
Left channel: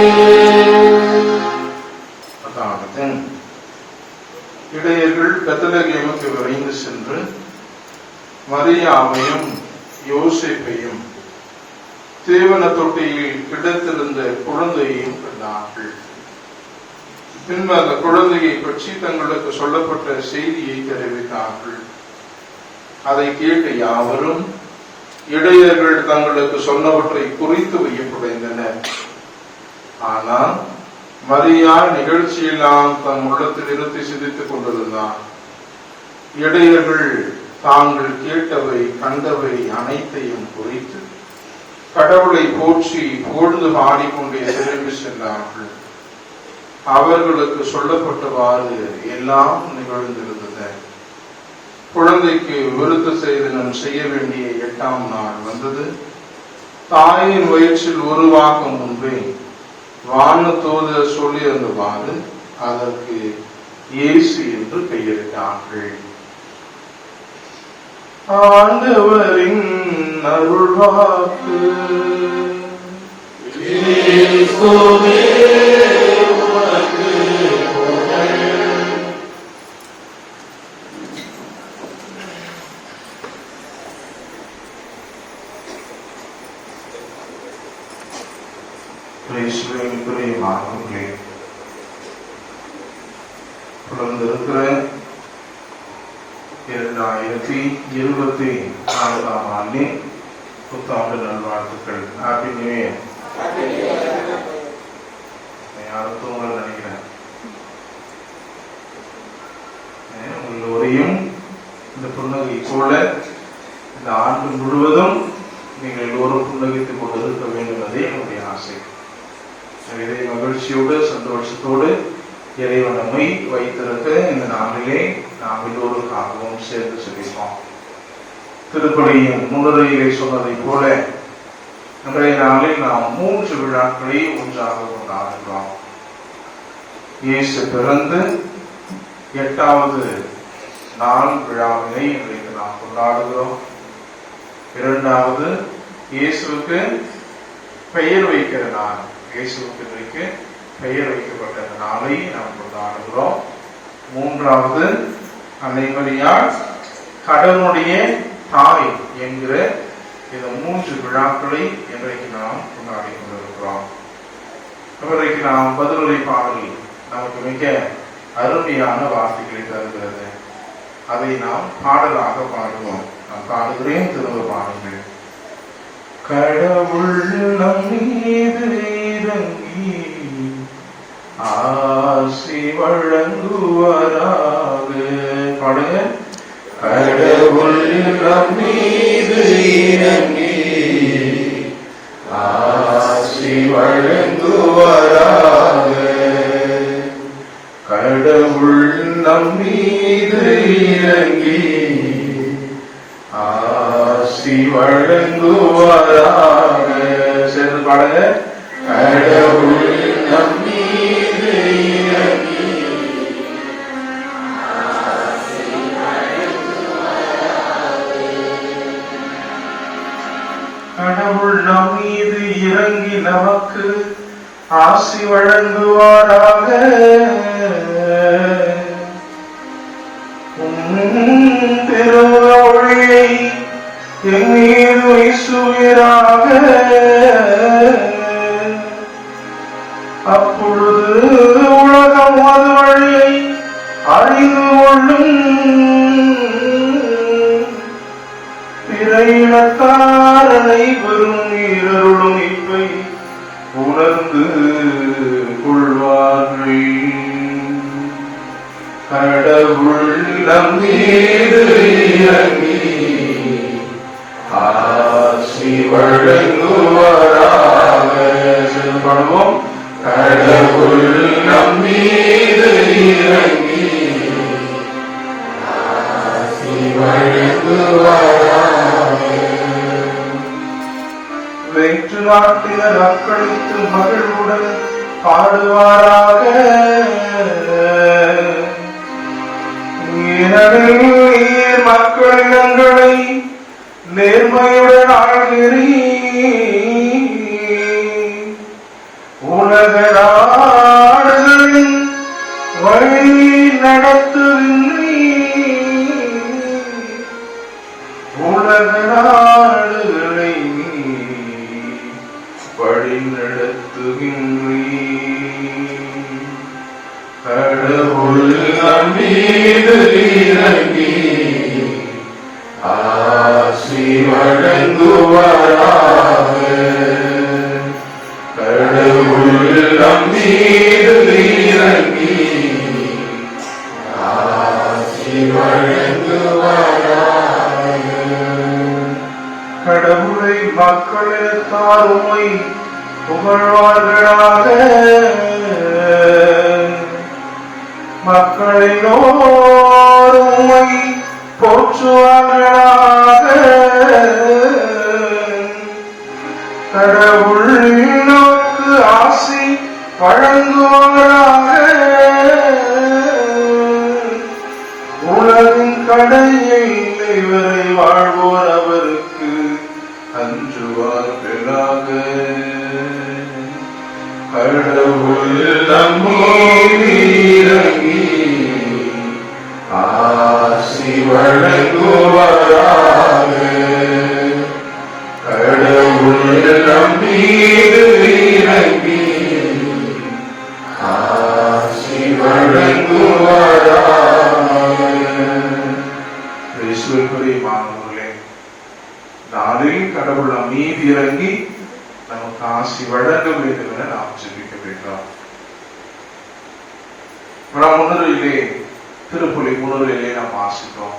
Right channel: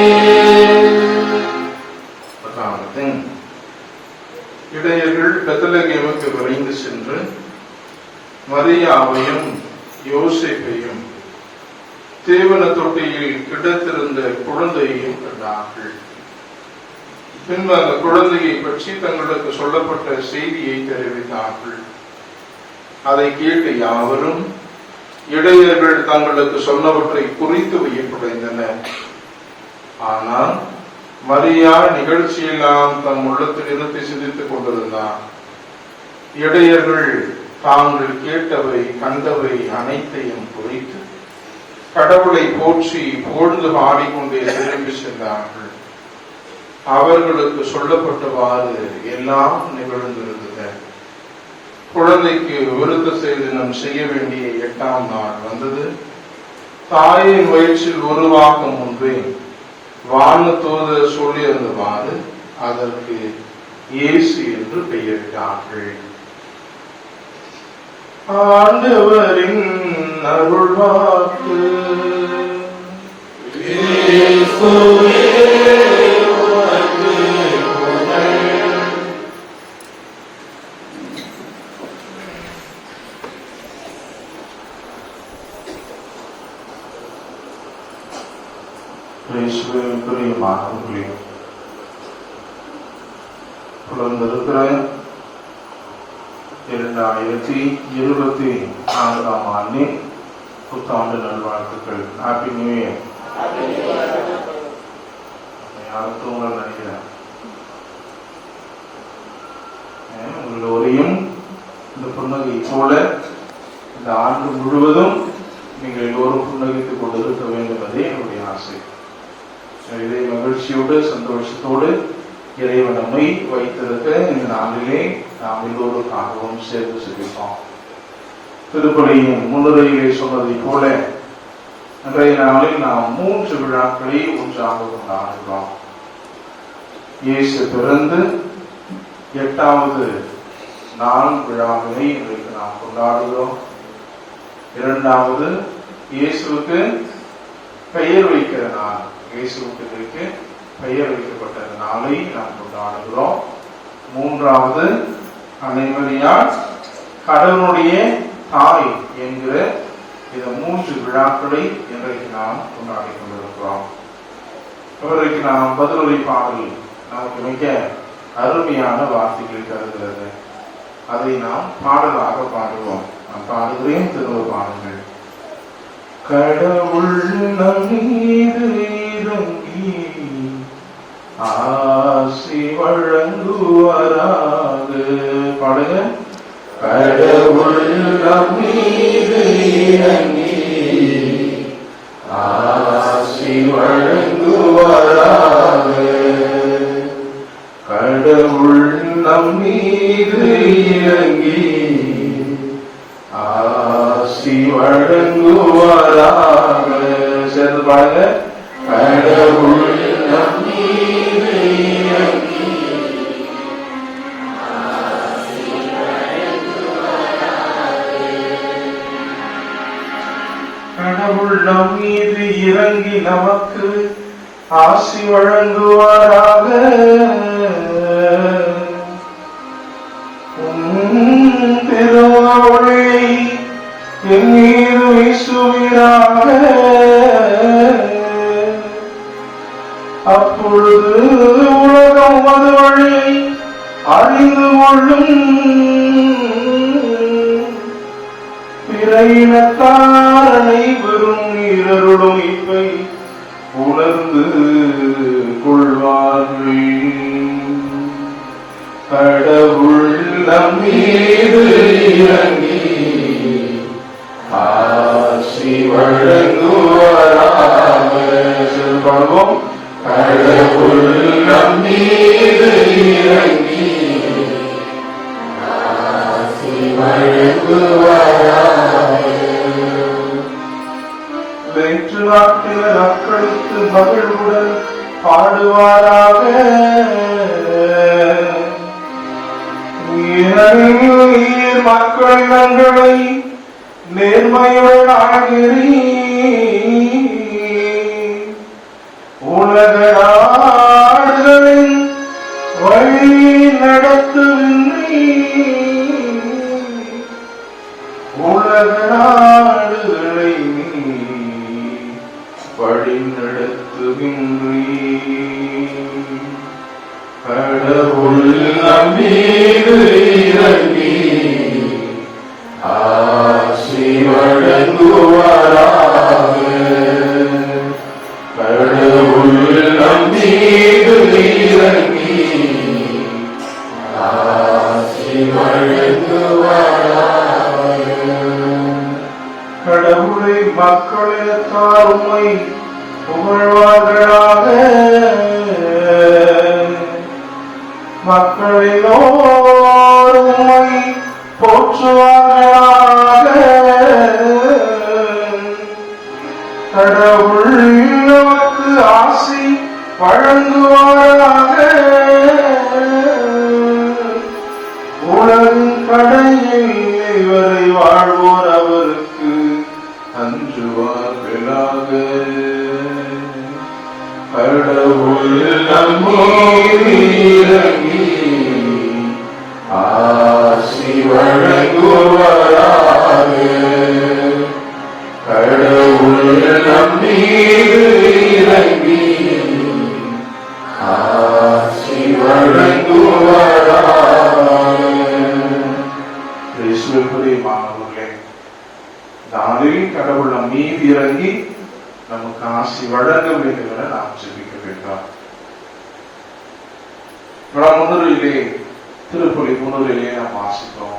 இடையர்கள் பெத்லகேமுக்கு விரைந்து சென்று மரியாவையும் யோசேப்பையும் தேவன தொட்டியில் கிடத்திருந்த குழந்தையையும் கண்டார்கள். பின்பு அந்த குழந்தையை பற்றி தங்களுக்கு சொல்லப்பட்ட செய்தியை தெரிவித்தார்கள். அதை கேட்ட யாவரும் இடையர்கள் தங்களுக்கு சொன்னவற்றை குறித்து வையப்படைந்தனர். ஆனால் மரியா நிகழ்ச்சியெல்லாம் தம் உள்ளத்தில் இருத்தி சிந்தித்துக் கொண்டிருந்தார். இடையர்கள் தாங்கள் கேட்டவை கண்டவை அனைத்தையும் குறித்து கடவுளை போற்றி பொழுது பாடிக்கொண்டே திரும்பி சென்றார்கள். அவர்களுக்கு சொல்லப்பட்டவாறு எல்லாம் நிகழ்ந்திருந்தது. குழந்தைக்கு விருத்த சேதனம் செய்ய வேண்டிய 8ஆம் நாள் வந்தது. தாயின் வயிற்றில் உருவாகும் முன்பே வானதூதர் சொல்லியிருந்தவாறு அதற்கு இயேசு என்று பெயரிட்டார்கள். ஆண்டவரின் அருள்வாக்கு. இயேசுவே உமக்கு புகழ். பிரியமானவர்களே, புலர்ந்திருக்கிற 2024 புத்தாண்டு நல்வாழ்த்துக்கள். Happy new year. யாரும் தூங்கல் நினைக்கிறேன். உங்கள் ஒரையும் இந்த புன்னகை போல இந்த ஆண்டு முழுவதும் நீங்கள் எல்லோரும் புன்னகைத்துக் கொண்டிருக்க வேண்டும் என்பதே என்னுடைய ஆசை. இதை மகிழ்ச்சியோடு சந்தோஷத்தோடு இறைவன் நம்மை வைத்திருக்க இந்த நாளிலே நாம் எல்லோருக்காகவும் சேர்ந்து சிரிப்போம். திருப்பலியின் முன்னுரையிலே சொன்னதை போல இன்றைய நாளில் நாம் 3 விழாக்களை ஒன்றாக கொண்டாடுகிறோம். இயேசு பிறந்து 8வது நாள் விழாவினை இன்றைக்கு நாம் கொண்டாடுகிறோம். 2வது இயேசுவுக்கு பெயர் வைக்கிற நாள், இயேசுவுக்கு இன்றைக்கு பெயர் வைக்கப்பட்ட நாளை நாம் கொண்டாடுகிறோம். 3வது அன்னைமரியாள் கடவுளுடைய தாய் என்கிற இந்த 3 விழாக்களை இன்றைக்கு நாம் கொண்டாடி கொண்டிருக்கிறோம். இன்றைக்கு நாம் பதிலுரை பாடல் நமக்கு மிக அருமையான வார்த்தைகளை தருகிறது. அதை நாம் பாடலாக பாடுவோம். நான் பாடுகிறேன், திரும்ப பாடுங்கள். கடவுள் நம் மீது இறங்கி ஆசி வழங்குவாராக. பாடுங்க. கடவுள் நம் மீது இறங்கி ஆசி வழங்குவாராக. கடவுள் நம் மீது இறங்கி ஆசி வழங்குவாராக. சேர்ந்து பாருங்க. கடவுள் நம் மீது இறங்கி கடவுள் நம் மீது இறங்கி நமக்கு ஆசி வழங்குவாராக. திருவொளியை என் மீது வீசுவீராக. அப்பொழுது உலகம் அது வழியை அறிந்து கொள்ளும். பிற இனத்தார் அனைவரும் இருளும் இப்பை உணர்ந்து கொள்வார்கள். கடவுள் நம் மீது இறங்கி ஆசி வழங்குவாராக. பாடுவோம். கடவுள் நம் மீது இறங்கி ஆசி வழங்குவாராக. வெற்று நாட்டிய நக்களித்து மகிழ்வுடன் பாடுவாராக. மக்கள் நங்களை நேர்மையுடன் ஆகிறீ. உலக நாடுகளின் வழி நடத்துகின்றீ. உலக நாடுகளை வழி நடத்துகின்றீ. கடவுள் நம் மீது இறங்கி ஆசி வழங்குவாராக. கடவுள் நம் மீது இறங்கி ஆசி வழங்குவாராக. கடவுளை மக்களிடத்தார் உம்மை புகழ்வார்களாக. மக்களெல்லோரும் உம்மை போற்றுவார்களாக. கடவுள் நமக்கு ஆசி வழங்குவாராக. உலகின் கடையில் வரை வாழ்வோர் அவருக்கு அஞ்சுவார்களாக. கடவுள் நம் மீது இறங்கி ஆசி வழங்குவாராக. கடவுள் நம் மீது இறங்கி ஆசி வழங்குவாராக. வழங்க வேண்டும் என நாம் ஜெபிக்க வேண்டும். முன்னுரையிலே திருப்பலி முன்னுரையிலே நாம் வாசித்தோம்.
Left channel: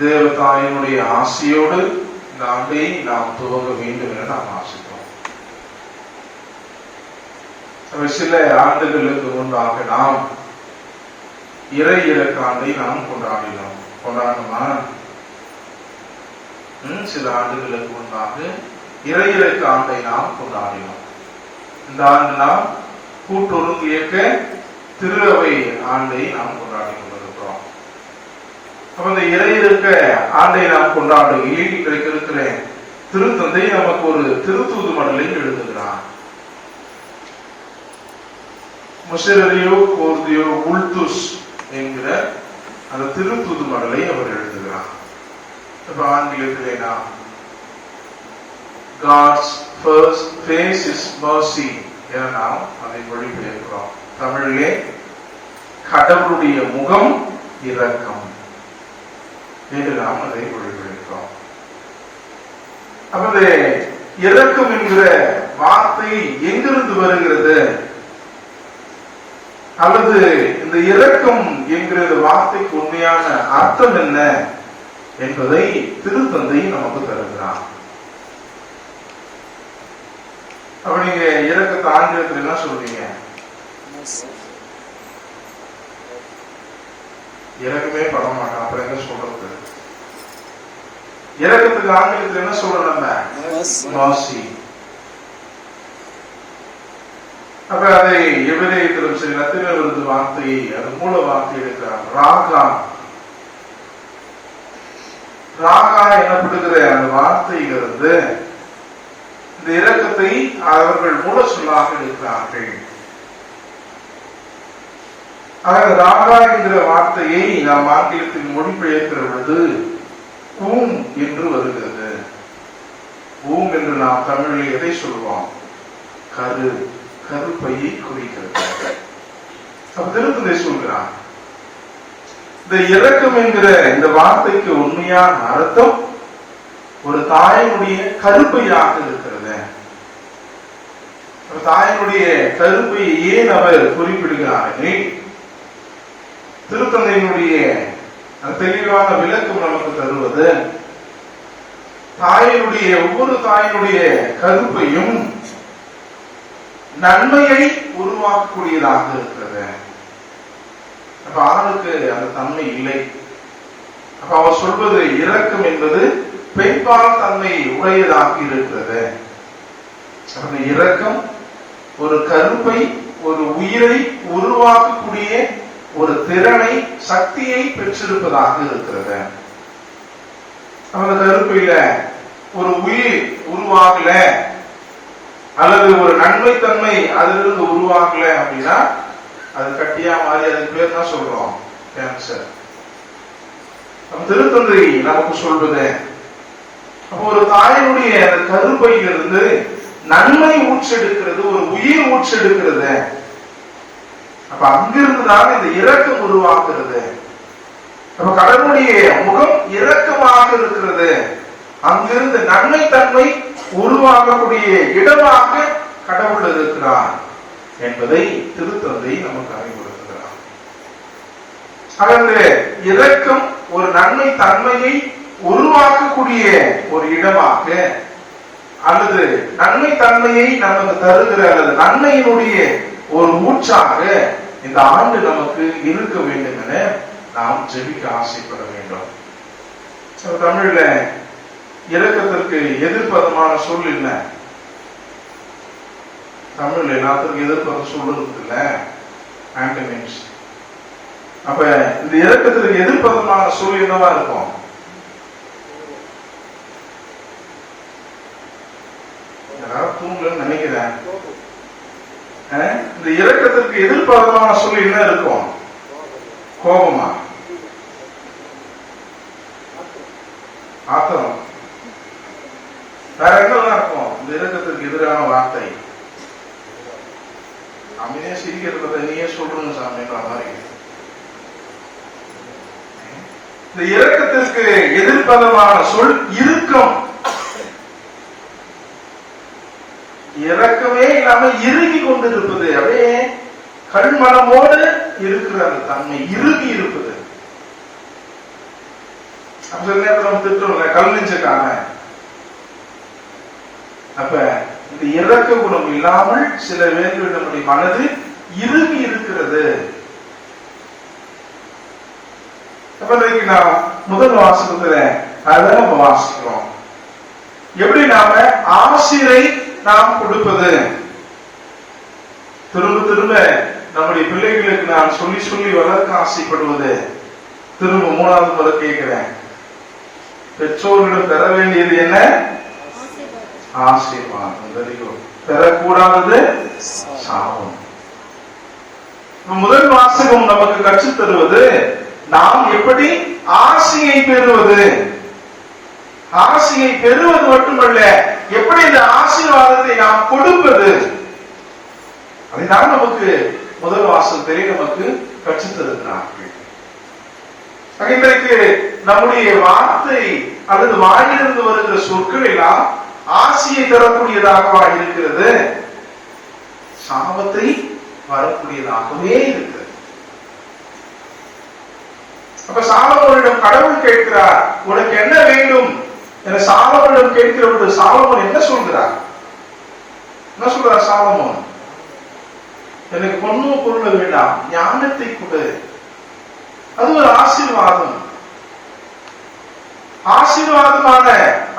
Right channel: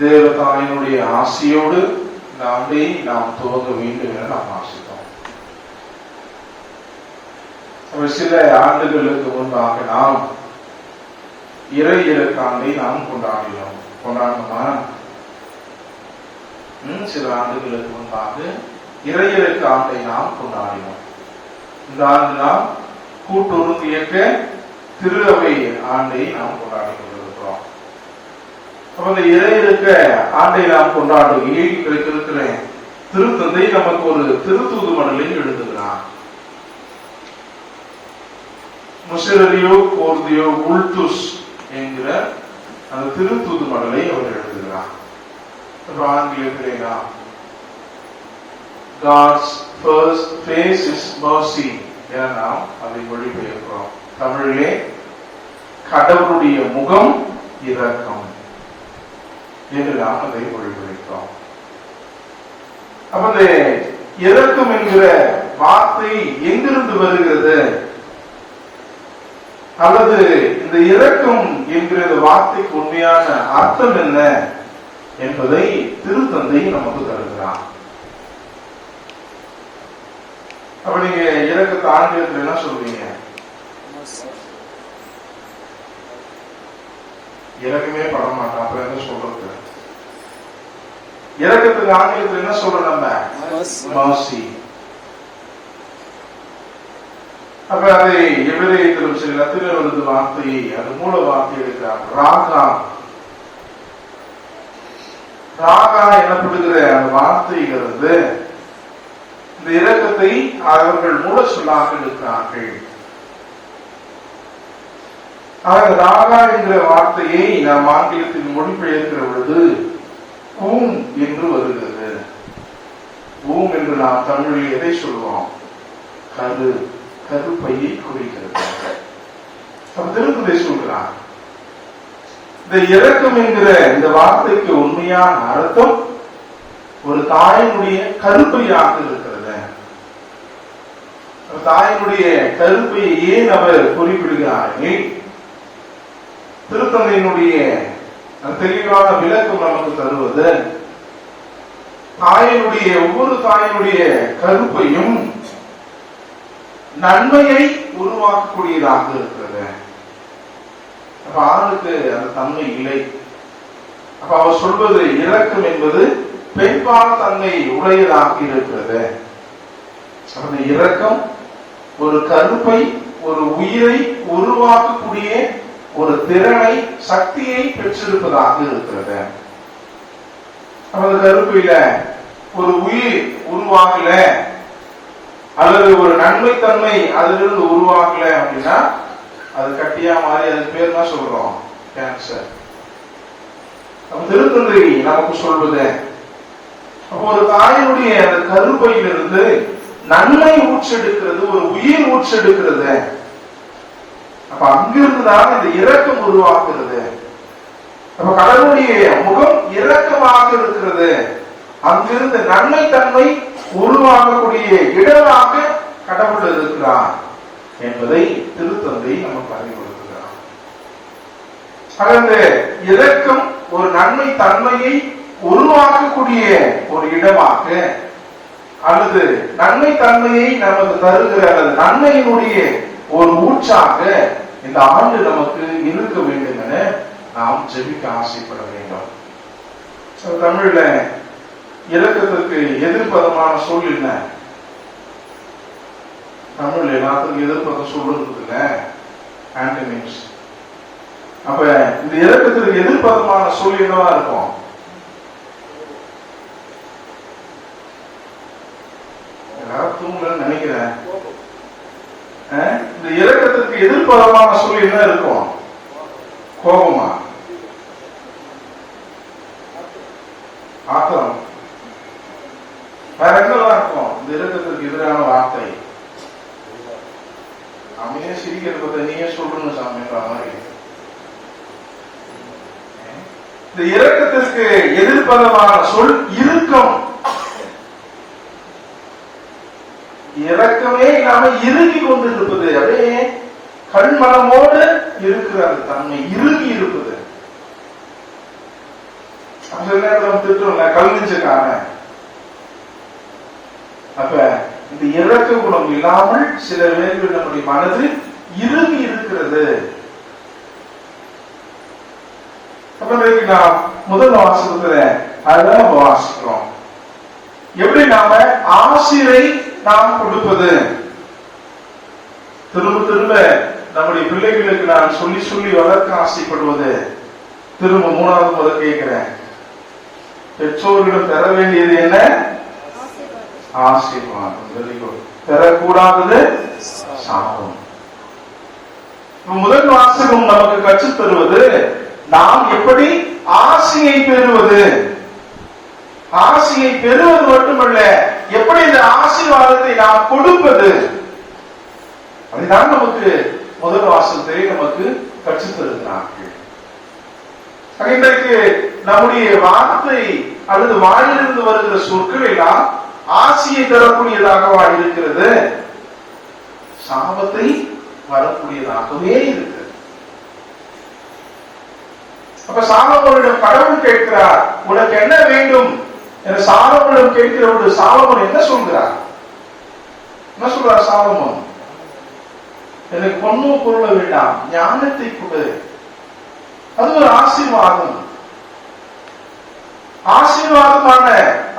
தேவதாயினுடைய ஆசையோடு இந்த ஆண்டை நாம் துவங்க வேண்டும் என நாம் வாசித்தோம். சில ஆண்டுகளுக்கு முன்பாக நாம் இறை இறக்காண்டை நாம் கொண்டாடணுமா? சில ஆண்டுகளுக்கு முன்பாக இறை இறக்க ஆண்டை நாம் கொண்டாடினோம். இந்த ஆண்டு நாம் கூட்டுறவு இயக்க திரு அவை ஆண்டை நாம் கொண்டாடி கொண்டிருக்கிறோம். அப்ப இந்த இறை இறக்க ஆண்டை நாம் கொண்டாடுகையில் இருக்கிற திருத்தந்தை நமக்கு ஒரு திருத்தூது மடலை எழுதுகிறார். முஷரியோ கோர்தியோ உல்துஸ் என்கிற அந்த திருத்தூது மடலை அவர் எழுதுகிறார். இப்ப ஆங்கிலத்திலே நாம் God's first face is mercy என நாம் அதை மொழிபெயர்க்கிறோம். தமிழிலே கடவுளுடைய முகம் இரக்கம் என்று நாம் அதை மொழிபெயர்க்கிறோம். அப்ப இரக்கம் என்கிற வார்த்தை எங்கிருந்து வருகிறது, அல்லது இந்த இரக்கம் என்கிற வார்த்தைக்கு உண்மையான அர்த்தம் என்ன என்பதை திருத்தந்தை நமக்கு தருகிறார். அப்ப நீங்க இரக்கத்தை ஆங்கிலத்தில் என்ன சொல்றீங்க? இறக்கமே பட மாட்டோம். அப்ப என்ன சொல்றது? இரக்கத்துக்கு ஆங்கிலத்தில் என்ன சொல்றோம்? mercy. அப்ப அதை எபிரேயத்திலும் சரி லத்தீனில் வருது வார்த்தையை, அது மூல வார்த்தை இருக்கிறார் ராகா. ராகா எனப்படுகிற அந்த வார்த்தையிலிருந்து இந்த இரக்கத்தை அவர்கள் மூல சொல்லாக இருக்கிறார்கள். ராகா என்கிற வார்த்தையை நாம் ஆங்கிலத்தில் மொழிபெயர்க்கிற பொழுது கூம் என்று வருகிறது. கூம் என்று நாம் தமிழில் எதை சொல்வோம்? கருப்பையை குறிக்கிறது. திருத்தந்தை சொல்கிறார், இந்த இரக்கம் என்கிற இந்த வார்த்தைக்கு உண்மையான அர்த்தம் ஒரு தாயினுடைய கருப்பையாக இருக்கிறது. தாயினுடைய கருப்பையை ஏன் அவர் குறிப்பிடுகிறார்கள்? திருத்தந்தையினுடைய தெளிவான விளக்கம் நமக்கு தருவது, தாயினுடைய ஒவ்வொரு தாயினுடைய கருப்பையும் நன்மையை உருவாக்கக்கூடியதாக இருக்கிறது. அப்ப ஆணுக்கு அந்த தன்மை இல்லை. அப்ப அவர் சொல்வது இரக்கம் என்பது பெண்பால் தன்மை உடையதாக இருக்கிறது. அந்த இரக்கம் ஒரு கருப்பை, ஒரு உயிரை உருவாக்கக்கூடிய ஒரு திறனை, சக்தியை பெற்றிருப்பதாக இருக்கிறது. அந்த கருப்பையில ஒரு உயிர் உருவாகல அல்லது ஒரு நன்மைத்தன்மை அதிலிருந்து உருவாகல அப்படின்னா அது கட்டியா மாறி அதுக்கு பேர் தான் சொல்றோம் கேன்சர். திருத்தந்தை நமக்கு சொல்வது, அப்போ ஒரு தாயினுடைய அந்த கருப்பையிலிருந்து நன்மை ஊற்றெடுக்கிறது, ஒரு உயிர் ஊற்றெடுக்கிறது. அப்ப அங்கிருந்துதான் இந்த இரக்கம் உருவாக்குறது. அப்ப கடவுளுடைய முகம் இரக்கமாக இருக்கிறது. அங்கிருந்து நன்மை தன்மை உருவாகக்கூடிய இடமாக கடவுள் இருக்கிறார் என்பதை திருத்தந்தை நமக்கு அறிவுறுத்துகிறார். அந்த இரக்கம் ஒரு நன்மை தன்மையை உருவாக்கக்கூடிய ஒரு இடமாக, அல்லது நன்மை தன்மையை நமக்கு தருகிற அல்லது நன்மையினுடைய ஒரு ஊற்றாக இந்த ஆண்டு நமக்கு இருக்க வேண்டும் என நாம் ஜெபிக்க ஆசைப்பட வேண்டும். தமிழ்ல இரக்கத்திற்கு எதிர்ப்பதமான சொல் என்ன? தமிழ் எல்லாத்துக்கும் எதிர்ப்பதம் சொல்றது இல்ல, ஆன்டனிம்ஸ். அப்ப இந்த இரக்கத்திற்கு எதிர்ப்பதமான சொல் என்னவா இருக்கும்? தூங்கலன்னு நினைக்கிறேன். இந்த இரக்கத்திற்கு எதிர்ப்பதமான சொல் என்ன இருக்கும்? கோபமா? ஆத்திரம்? வேற எங்கெல்லாம் இருக்கும் இந்த இரக்கத்திற்கு எதிரான வார்த்தை? அமைதியா சிரிக்கிறத நீயே சொல்லணும் சாமின்ற மாதிரி. இந்த இரக்கத்திற்கு எதிர்ப்பதமான சொல் இறுக்கம். இரக்கமே இல்லாம இறுகி கொண்டு இருப்பது, அப்படியே கல்மனமோடு இருக்கிற அந்த தன்மை இறுகி இருப்பது. சில நேரத்தில் திட்டுறோம்ல, கல் நெஞ்சக்காரன். அப்ப இந்த இரக்க குணம் இல்லாமல் சில வேளைகளில் நம்முடைய மனது இறுகி இருக்கிறது. அப்ப நாம் முதல் வாசகத்துல அதான் நம்ம வாசிக்கிறோம். எப்படி நாம ஆசிரை நாம் கொடுப்பது, திரும்ப திரும்ப நம்முடைய பிள்ளைகளுக்கு நான் சொல்லி சொல்லி வளர்க்க ஆசைப்படுவது. திரும்ப மூணாவது முறை கேட்கிறேன், பெற்றோர்களிடம் பெற வேண்டியது என்ன? ஆசீர்வாதம். பெறக்கூடாதது சாபம். முதல் வாசகம் நமக்கு கற்றுத் தருவது நாம் எப்படி ஆசையை பெறுவது. ஆசையை பெறுவது மட்டுமல்ல, எப்படி இந்த ஆசீர்வாதத்தை நாம் கொடுப்பது, அதுதான் நமக்கு முதல் வாசகத்திலே நமக்கு கற்றுத் தருகிறார்கள். இன்றைக்கு நம்முடைய வார்த்தை அல்லது வாயிலிருந்து வருகிற சொற்கள் எல்லாம் ஆசையை தரக்கூடியதாகவா இருக்கிறது? சாபத்தை வரக்கூடியதாகவே இருக்கிறது. அப்ப சாலமோனிடம் கடவுள் கேட்கிறார், உனக்கு என்ன வேண்டும் என சாலமோனிடம் கேட்கிற பொழுது சாலமோன் என்ன சொல்கிறார்? என்ன சொல்றார் சாலமோன்? எனக்கு பொண்ணும் பொருள் வேண்டாம், ஞானத்தை கொடு. அது ஒரு ஆசீர்வாதம். ஆசீர்வாதமான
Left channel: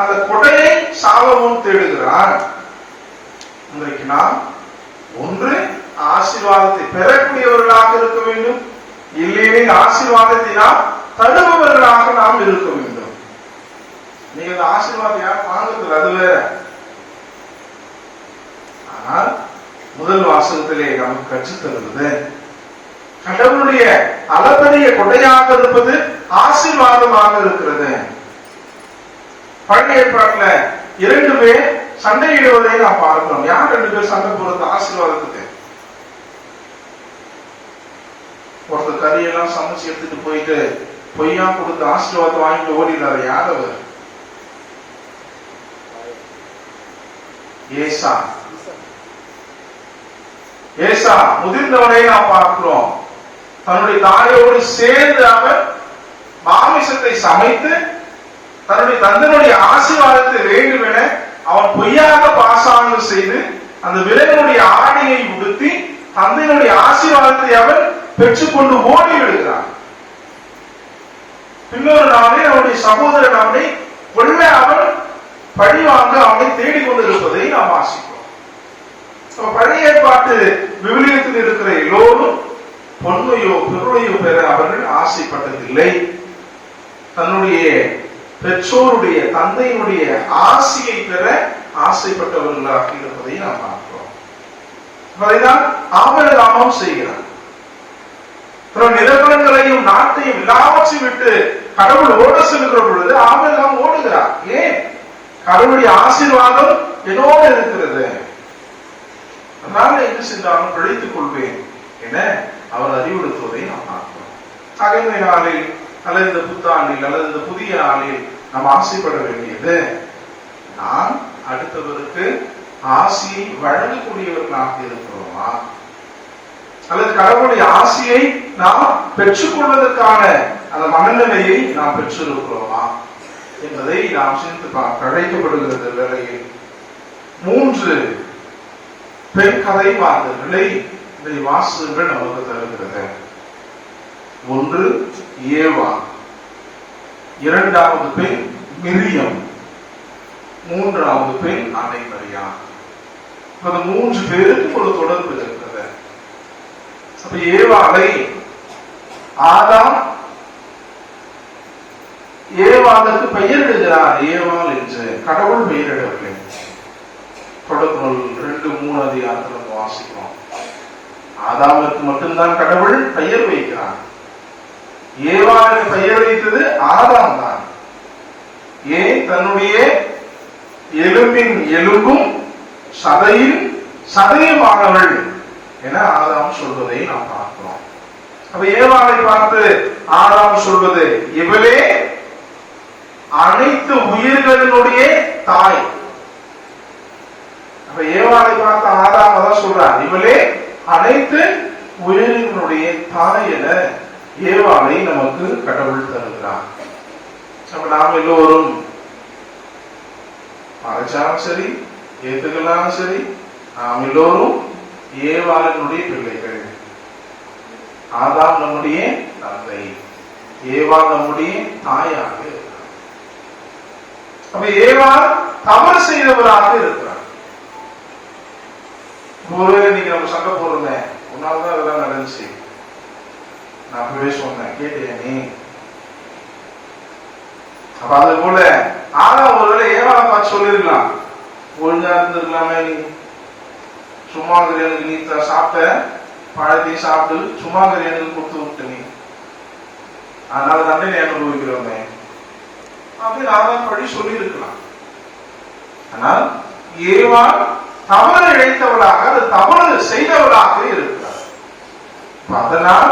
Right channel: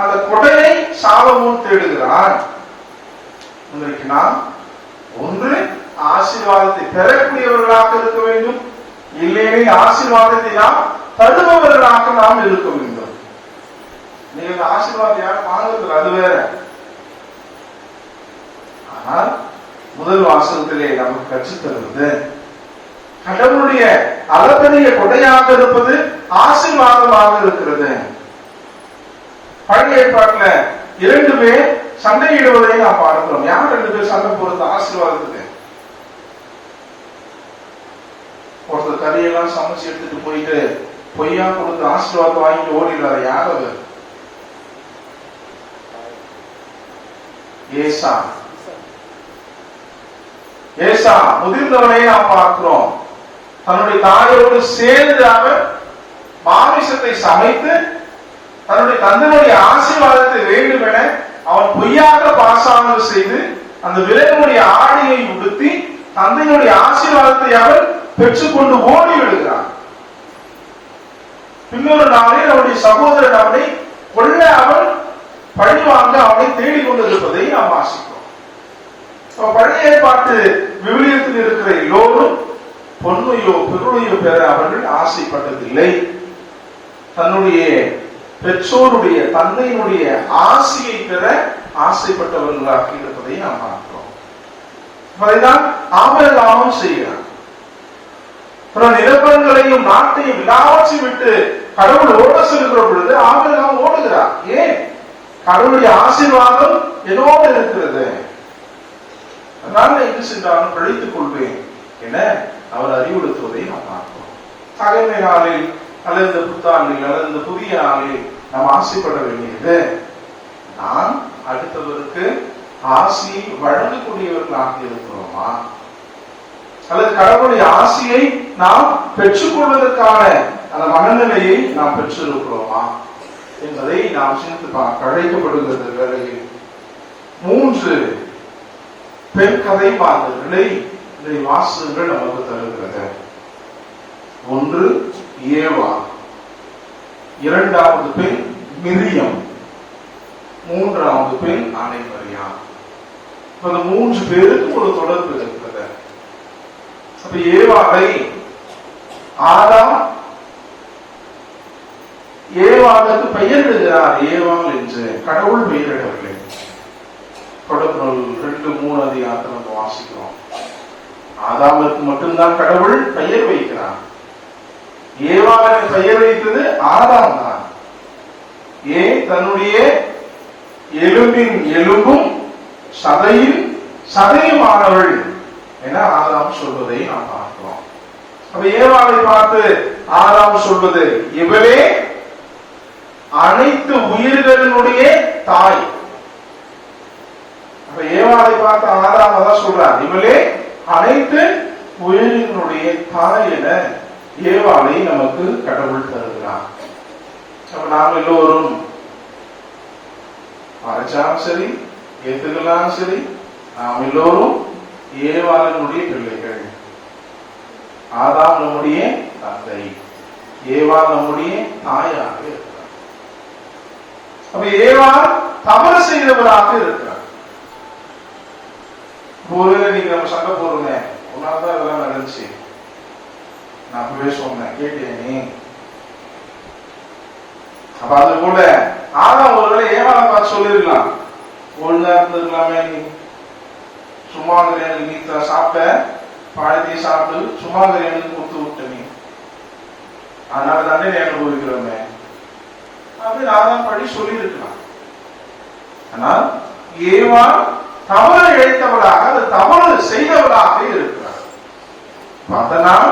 அந்த கொடையை சாலமோன் தேடுகிறார். இன்றைக்கு நாம் ஒன்று ஆசீர்வாதத்தை பெறக்கூடியவர்களாக இருக்க வேண்டும், இல்லையே ஆசீர்வாதத்தை நாம் தருபவர்களாக நாம் இருக்க வேண்டும். நீங்க ஆசீர்வாதம் யாரும் வாங்குறது அது வேற. ஆனால் முதல் வாசகத்திலே நமக்கு கற்றுத் தருவது கடவுளுடைய அளப்பரிய கொடையாக இருப்பது ஆசீர்வாதமாக இருக்கிறது. பழைய ஏற்பாட்டுல 2 பேர் சண்டையிடுவதை நாம் பார்க்கிறோம். யார் 2 பேர் சண்டை போறது ஆசீர்வாதத்துக்கு? ஒருத்தர் கறியெல்லாம் சமைச்சு எடுத்துட்டு போயிட்டு பொய்யா கொடுத்து ஆசீர்வாதம் வாங்கிட்டு ஓடிடுறாரு. யார் அவர்? ஏசா. ஏசா முதிர்ந்தவனை நாம் பார்க்கிறோம். தன்னுடைய தாயோடு சேர்ந்து அவர் மாமிசத்தை சமைத்து தன்னுடைய தந்தையினுடைய ஆசீர்வாதத்தை வேண்டும் என அவன் பொய்யாக பாசாங்கம் செய்து அந்த விரைவனுடைய ஆடையை உடுத்தி தந்தையினுடைய ஆசீர்வாதத்தை அவர் பெற்றுக்கொண்டு ஓடி விடுகிறான். இன்னொரு நாளே அவனுடைய சகோதரன் அவனை கொல்ல அவன் பழிவாங்க அவனை தேடிக்கொண்டிருப்பதை நாம் வாசிக்கிறோம். பழைய ஏற்பாட்டு விவிலியத்தில் இருக்கிற எல்லோரும் பொன்னையோ பொருளையோ பெற அவர்கள் ஆசைப்பட்டதில்லை. தன்னுடைய பெற்றோருடைய தந்தையினுடைய ஆசையை பெற ஆசைப்பட்டவர்களாக இருப்பதை நாம் பார்க்கிறோம். அதைதான் ஆபிரகாமும் செய்கிறார். நிலப்பரங்களையும் நாட்டையும் எல்லாவற்றையும் விட்டு கடவுள் ஓட செல்கிற பொழுது ஆபிரகாம் ஓடுகிறார். ஏன்? கடவுளுடைய ஆசீர்வாதம் என்னோடு இருக்கிறது, அதனால என்ன சென்றாலும் பிழைத்துக் கொள்வேன் என அவர் அறிவுறுத்துவதை நாம் பார்க்கிறோம். அகமை நாளில் அல்லது இந்த புத்தாண்டில் அல்லது இந்த புதிய நாளில் நாம் ஆசைப்பட வேண்டியது, நான் அடுத்தவருக்கு ஆசையை வழங்கக்கூடியவர்களாக இருக்கிறோமா, அல்லது கடவுளுடைய ஆசையை நாம் பெற்றுக்கொள்வதற்கான அந்த மனநிலையை நாம் பெற்றிருக்கிறோமா என்பதை நாம் சிந்தித்து அழைக்கப்படுகிறது. வேளையில் 3 பெண் கதை பாடல்களை வாசகங்கள் நமக்கு தருகிறது. ஒன்று ஏவா, 2வது பெண் மிரியம், 3வது பெண் அன்னை மரியா. அந்த 3 பேருக்கு ஒரு தொடர்பு இருக்கிறது. அப்ப ஏவாளை ஆதாம் ஏவாளுக்கு பெயரிடுகிறார், ஏவாள் என்று கடவுள் பெயரிடவில்லை. தொடர்புகள் 2-3 அதிகாரத்தில் நம்ம வாசிக்கிறோம். ஆதாமுக்கு மட்டும்தான் கடவுள் பெயர் வைக்கிறார். ஏவாளுக்கு பெயர் வைத்தது ஆதாம் தான். ஏன்? தன்னுடைய எலும்பின் எலும்பும் சதையின் சதையுமானவள் என ஆதாம் சொல்வதை நாம் பார்க்கிறோம். அப்ப ஏவாளை பார்த்து ஆதாம் சொல்வது, இவளே அனைத்து உயிர்களினுடைய தாய். அப்ப இப்ப ஏவாளை பார்த்த ஆதாம தான் சொல்றார், இவளே அனைத்து உயிரினுடைய தாய் என ஏவாளை நமக்கு கடவுள் தருகிறார். அப்ப நாம் எல்லோரும் மறைச்சாலும் சரி ஏத்துக்கலாலும் சரி, நாம் எல்லோரும் ஏவாளினுடைய பிள்ளைகள். ஆதாம் நம்முடைய தந்தை, ஏவா நம்முடைய தாயாக இருக்கிறார். அப்ப ஏவா தவறு செய்தவராக இருக்கிறார். நீங்க நம்ம சண்டை போடுங்க, உன்னால்தான் இதெல்லாம் நடந்துச்சு, நான் அப்பவே சொன்னேன், கேட்டியா நீ? அப்ப அது போல ஆதாம் ஒருவேளை ஏவாளை பார்த்து சொல்லிருக்கலாம், ஒழுங்கா இருந்திருக்கலாமே, நீ சும்மா எனக்கு நீ சாப்பிட்ட பழத்தையும் சாப்பிட்டு சும்மா எனக்கு கொடுத்து விட்ட நீ, அதனால தானே நீ அனுபவிக்கிறோமே அப்படின்னு ஆதாம் படி சொல்லி இருக்கலாம். ஆனால் ஏவா தவறு இழைத்தவளாக, அது தவறு செய்தவளாக இருக்கிறார். அதனால்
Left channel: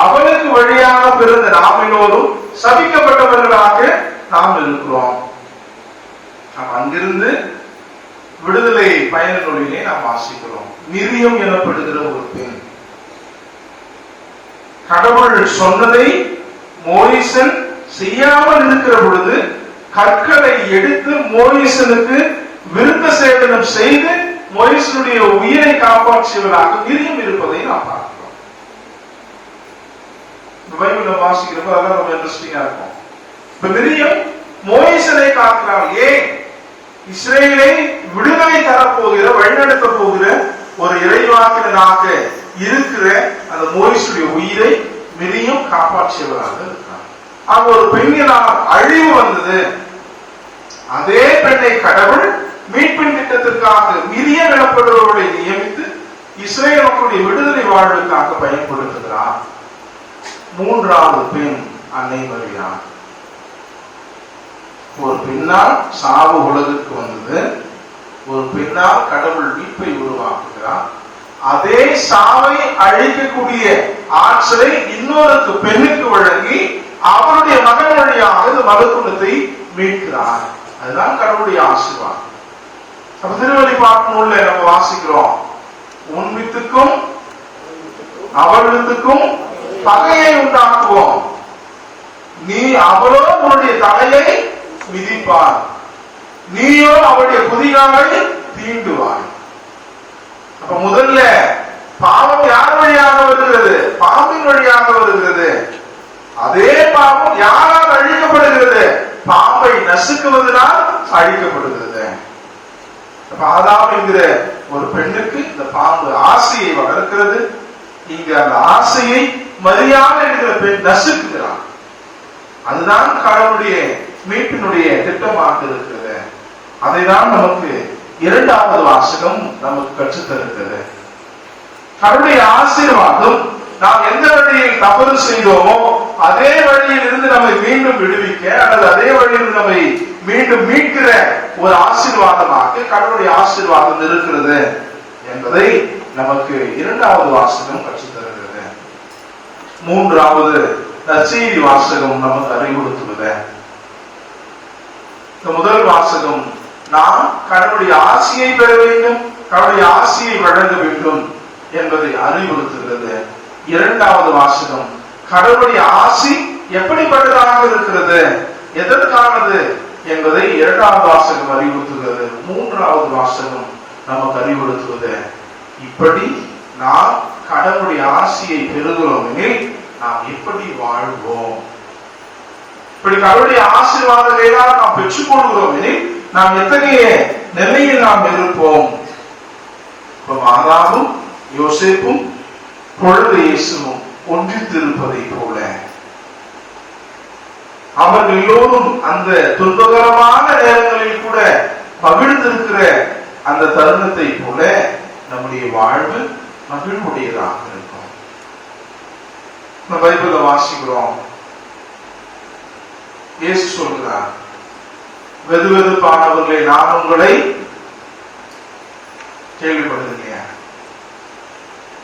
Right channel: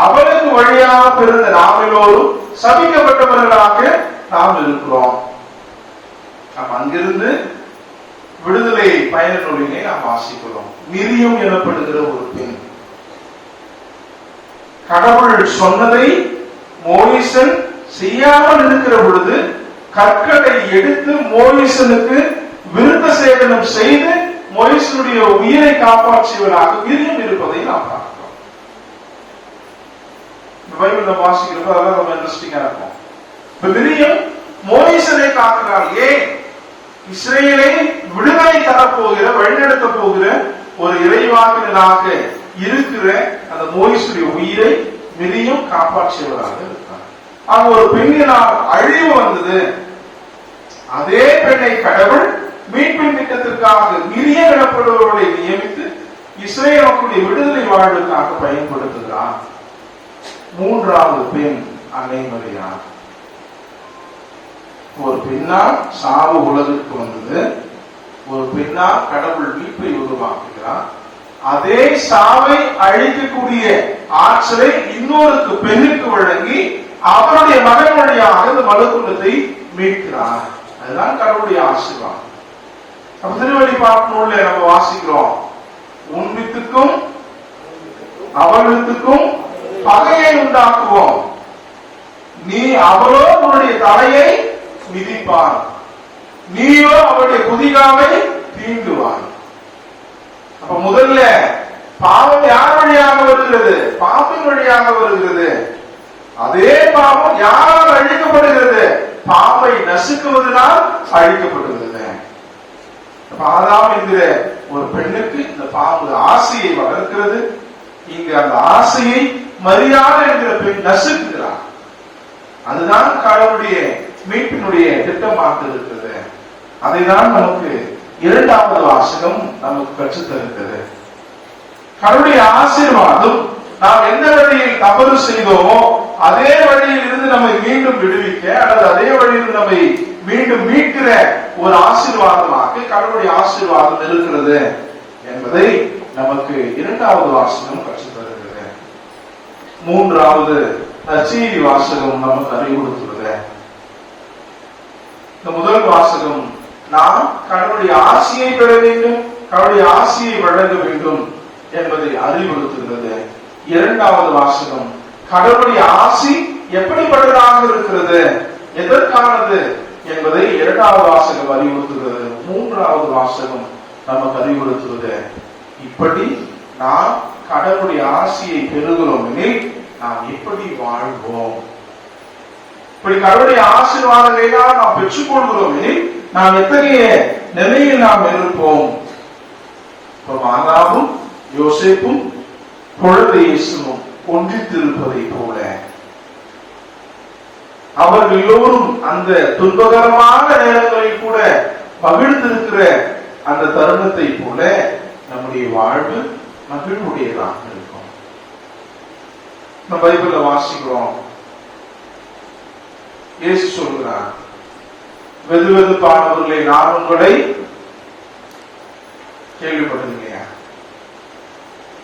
அவளுக்கு வழியாக பிறந்த நாம் எல்லோரும் சபிக்கப்பட்டவர்களாக நாம் இருக்கிறோம். நாம் அங்கிருந்து விடுதலை பயண நூலிலே நாம் வாசிக்கிறோம். மிரியம் எனப்படுகிற ஒரு பெண், கடவுள் சொன்னதை மோயிசன் செய்யாமல் இருக்கிற பொழுது கற்களை எடுத்து மோயிசனுக்கு விருத்த சேதனம் செய்து மோயிசனுடைய உயிரை காப்பாற்றியவராக மிரியம் இருப்பதை நாம் பார்க்கிறோம். பைபிள்ல வாசிக்கிறப்ப அதெல்லாம் ரொம்ப இன்ட்ரெஸ்டிங்கா இருக்கும். இப்ப மிரியம் மோயிசனை காக்கிறார். ஏன்? இஸ்ரேலை விடுதலை தரப்போகிற, வழிநடத்த போகிற ஒரு இறைவாக்கினராக இருக்கிற அந்த மோயிசுடைய உயிரை மிரியம் காப்பாற்றியவராக இருக்கிறார். அங்க ஒரு பெண்ணினால் அழிவு வந்தது. அதே பெண்ணை கடவுள் மீட்பின் திட்டத்திற்காக மிரியம் எனப்படுபவர்களை நியமித்து இஸ்ரேல் மக்களுடைய விடுதலை வாழ்வுக்காக பயன்படுத்துகிறார். மூன்றாவது பெண் அன்னை மரியா. ஒரு பெண்ணால் சாவு உலகிற்கு வந்தது, ஒரு பெண்ணால் கடவுள் மீட்பை உருவாக்குகிறார். அதே சாவை அழிக்கக்கூடிய ஆற்றலை இன்னொரு பெண்ணுக்கு வழங்கி அவருடைய மகன் வழியாக இந்த மகத்துவத்தை மீட்கிறார். அதுதான் கடவுளுடைய ஆசீர்வாதம். திருவெளிப்பாட்டு நூல்ல நம்ம வாசிக்கிறோம், உன் வித்துக்கும் அவள் வித்துக்கும் பகையை உண்டாக்குவோம், நீ அவளோ உன்னுடைய தலையை மிதிப்பார், நீயோ அவருடைய குதிகாலை தீண்டுவார். அப்ப முதல்ல பாவம் யார் வழியாக வருகிறது? பாம்பின் வழியாக வருகிறது. அதே பாவம் யாரால் அழிக்கப்படுகிறது? பாம்பை நசுக்குவதனால் அழிக்கப்படுகிறது. ஆதாம் என்கிற ஒரு பெண்ணுக்கு இந்த பாம்பு ஆசையை வளர்க்கிறது. இங்கு அந்த ஆசையை மரியாதை என்கிற பெண் நசுக்குகிறார். அதுதான் கடவுளுடைய மீட்பினுடைய திட்டமாக இருக்கிறது. அதைதான் நமக்கு இரண்டாவது வாசகம் நமக்கு கற்றுத்தருகிறது. கடவுளுடைய ஆசீர்வாதம் நாம் எந்த வழியில் தவறு செய்தோமோ அதே வழியில் இருந்து நம்மை மீண்டும் விடுவிக்க, அல்லது அதே வழியில் நம்மை மீண்டும் மீட்கிற ஒரு ஆசீர்வாதமாக கடவுளுடைய ஆசீர்வாதம் இருக்கிறது என்பதை நமக்கு இரண்டாவது வாசகம் கற்றுத்தருகிறது. மூன்றாவது நற்செய்தி வாசகம் நமக்கு அறிவுறுத்துவது. இந்த முதல் வாசகம் நாம் கடவுளுடைய ஆசியை பெற வேண்டும், கடவுளுடைய ஆசியை வழங்க வேண்டும் என்பதை அறிவுறுத்துகிறது. இரண்டாவது வாசகம் கடவுளுடைய ஆசி எப்படிப்பட்டதாக இருக்கிறது, எதற்கானது என்பதை இரண்டாவது வாசகம் அறிவுறுத்துகிறது. மூன்றாவது வாசகம் நமக்கு அறிவுறுத்துவது, இப்படி நாம் கடவுளுடைய ஆசியை பெறுகிறோம் எனில் நாம் எப்படி வாழ்வோம், இப்படி கடவுளுடைய ஆசீர்வாதங்களை நாம் பெற்றுக் கொள்கிறோம் எனில் நாம் எத்தகைய நிலையில் நாம் இருப்போம். மாதாவும் யோசேப்பும் குழந்தை இயேசுவும் ஒன்றித்திருப்பதை போல அவர்கள் எல்லோரும் அந்த துன்பகரமான நேரங்களில் கூட மகிழ்ந்திருக்கிற அந்த தருணத்தை போல நம்முடைய வாழ்வு மகிழ்வுடையதாக இருக்கும். நம்ம பைபிள்ல வாசிக்கிறோம், இயேசு சொல்கிறார், வெதுவெதுப்பானவர்களை நான் உங்களை கேள்விப்படுகிறேன்,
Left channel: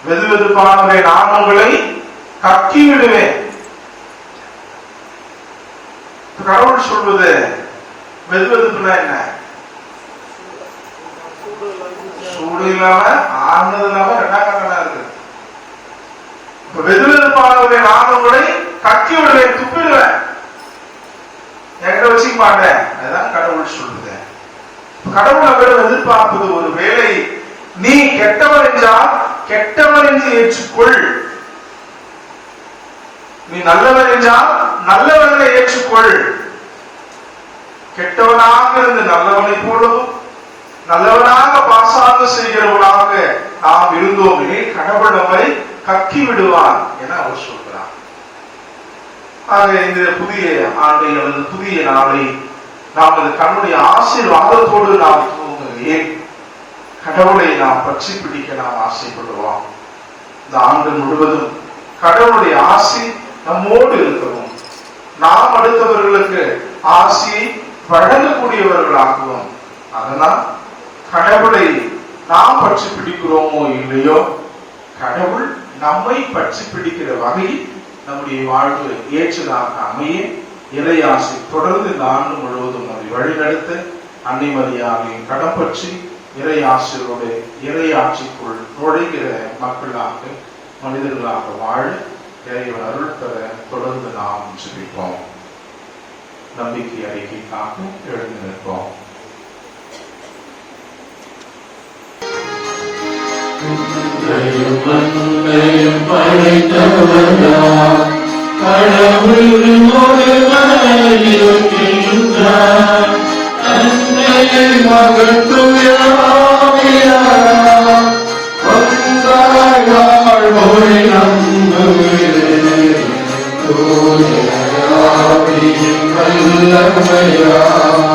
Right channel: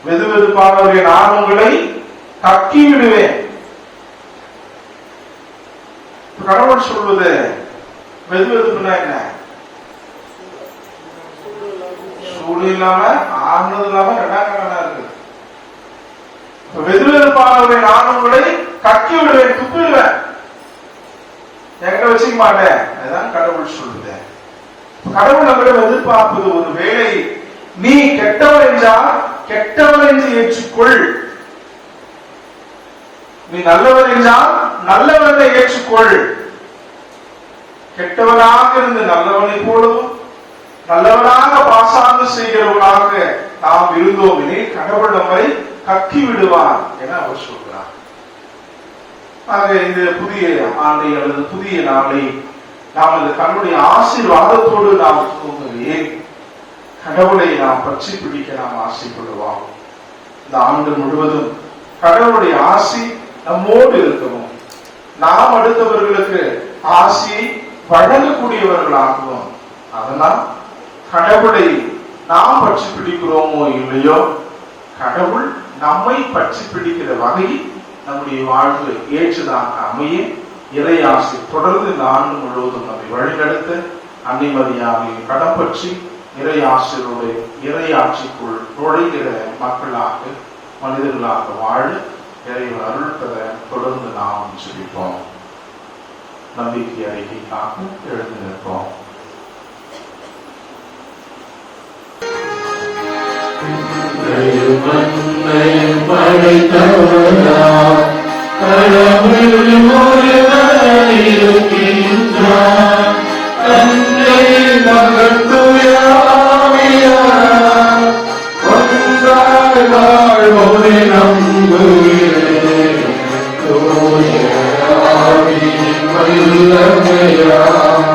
வெதுவெதுப்பானவரை நான் உங்களை கக்கி விடுவேன். கடவுள் சொல்வது வெதுவெதுப்புனா என்ன? அன்பு இல்லாம ஆனது இல்லாம ரெண்டாம் கண்ணா இருக்கு. வெதுவெதுப்பானவரை நான் உங்களை கட்டி விடுவேன், துப்பிடுவேன், என்கிட்ட வச்சுக்க மாட்டேன். அதுதான் கடவுள் சொல்லுது. கடவுள் நம்மளிடம் எதிர்பார்ப்பது ஒரு வேலை, நீ கெட்டவன் என்றால் கெட்டவன் என்று ஏற்றுக்கொள், நீ நல்லவன் என்றால் நல்லவனை ஏற்றுக்கொள். கெட்டவனாக இருந்து நல்லவனை போலவும் நல்லவனாக பாசாங்கு செய்கிறவனாக நாம் இருந்தோம் எனில் கடவுள் நம்மை கக்கி விடுவான் என அவர் சொல்கிறார். ஆக இந்த புதிய ஆண்டை அல்லது புதிய நாளை நாம் அந்த கண்ணுடைய ஆசீர்வாதத்தோடு நாம் ஏன் கடவுளை நாம் பற்றி பிடிக்க நாம் ஆசைப்படுவோம். இந்த ஆண்டு முழுவதும் கடவுளுடைய ஆசி நம்மோடு இருக்கவும், நாம் அடுத்தவர்களுக்கு ஆசி வழங்கக்கூடியவர்களாகுவோம். அதனால் கடவுளை நாம் பற்றி பிடிக்கிறோமோ இல்லையோ, கடவுள் நம்மை பற்றி பிடிக்கிற வகையில் நம்முடைய வாழ்வு ஏற்றதாக அமைய இறையாசி தொடர்ந்து நான்கு முழுவதும் நம்மை வழிநடத்த அன்னை மரியாதையை கடம் பற்றி இறையாசிரோடு இறையாட்சிக்குள் நுழைகிற மக்களாக மனிதர்களாக வாழ இறைவன் அருள் பெற தொடர்ந்து நாம் ஜெபிப்போம். நம்பிக்கை அறிக்கைக்காக எழுந்து நிற்போம். படைத்தவரா கடவுள் ஒருவர் இருக்கின்றார், தந்தை மகன் தூய ஆவியார் ஒன்றாய் வாழ்வோரை நம்புகிறேன். தூய ஆவியின் வல்லமையார்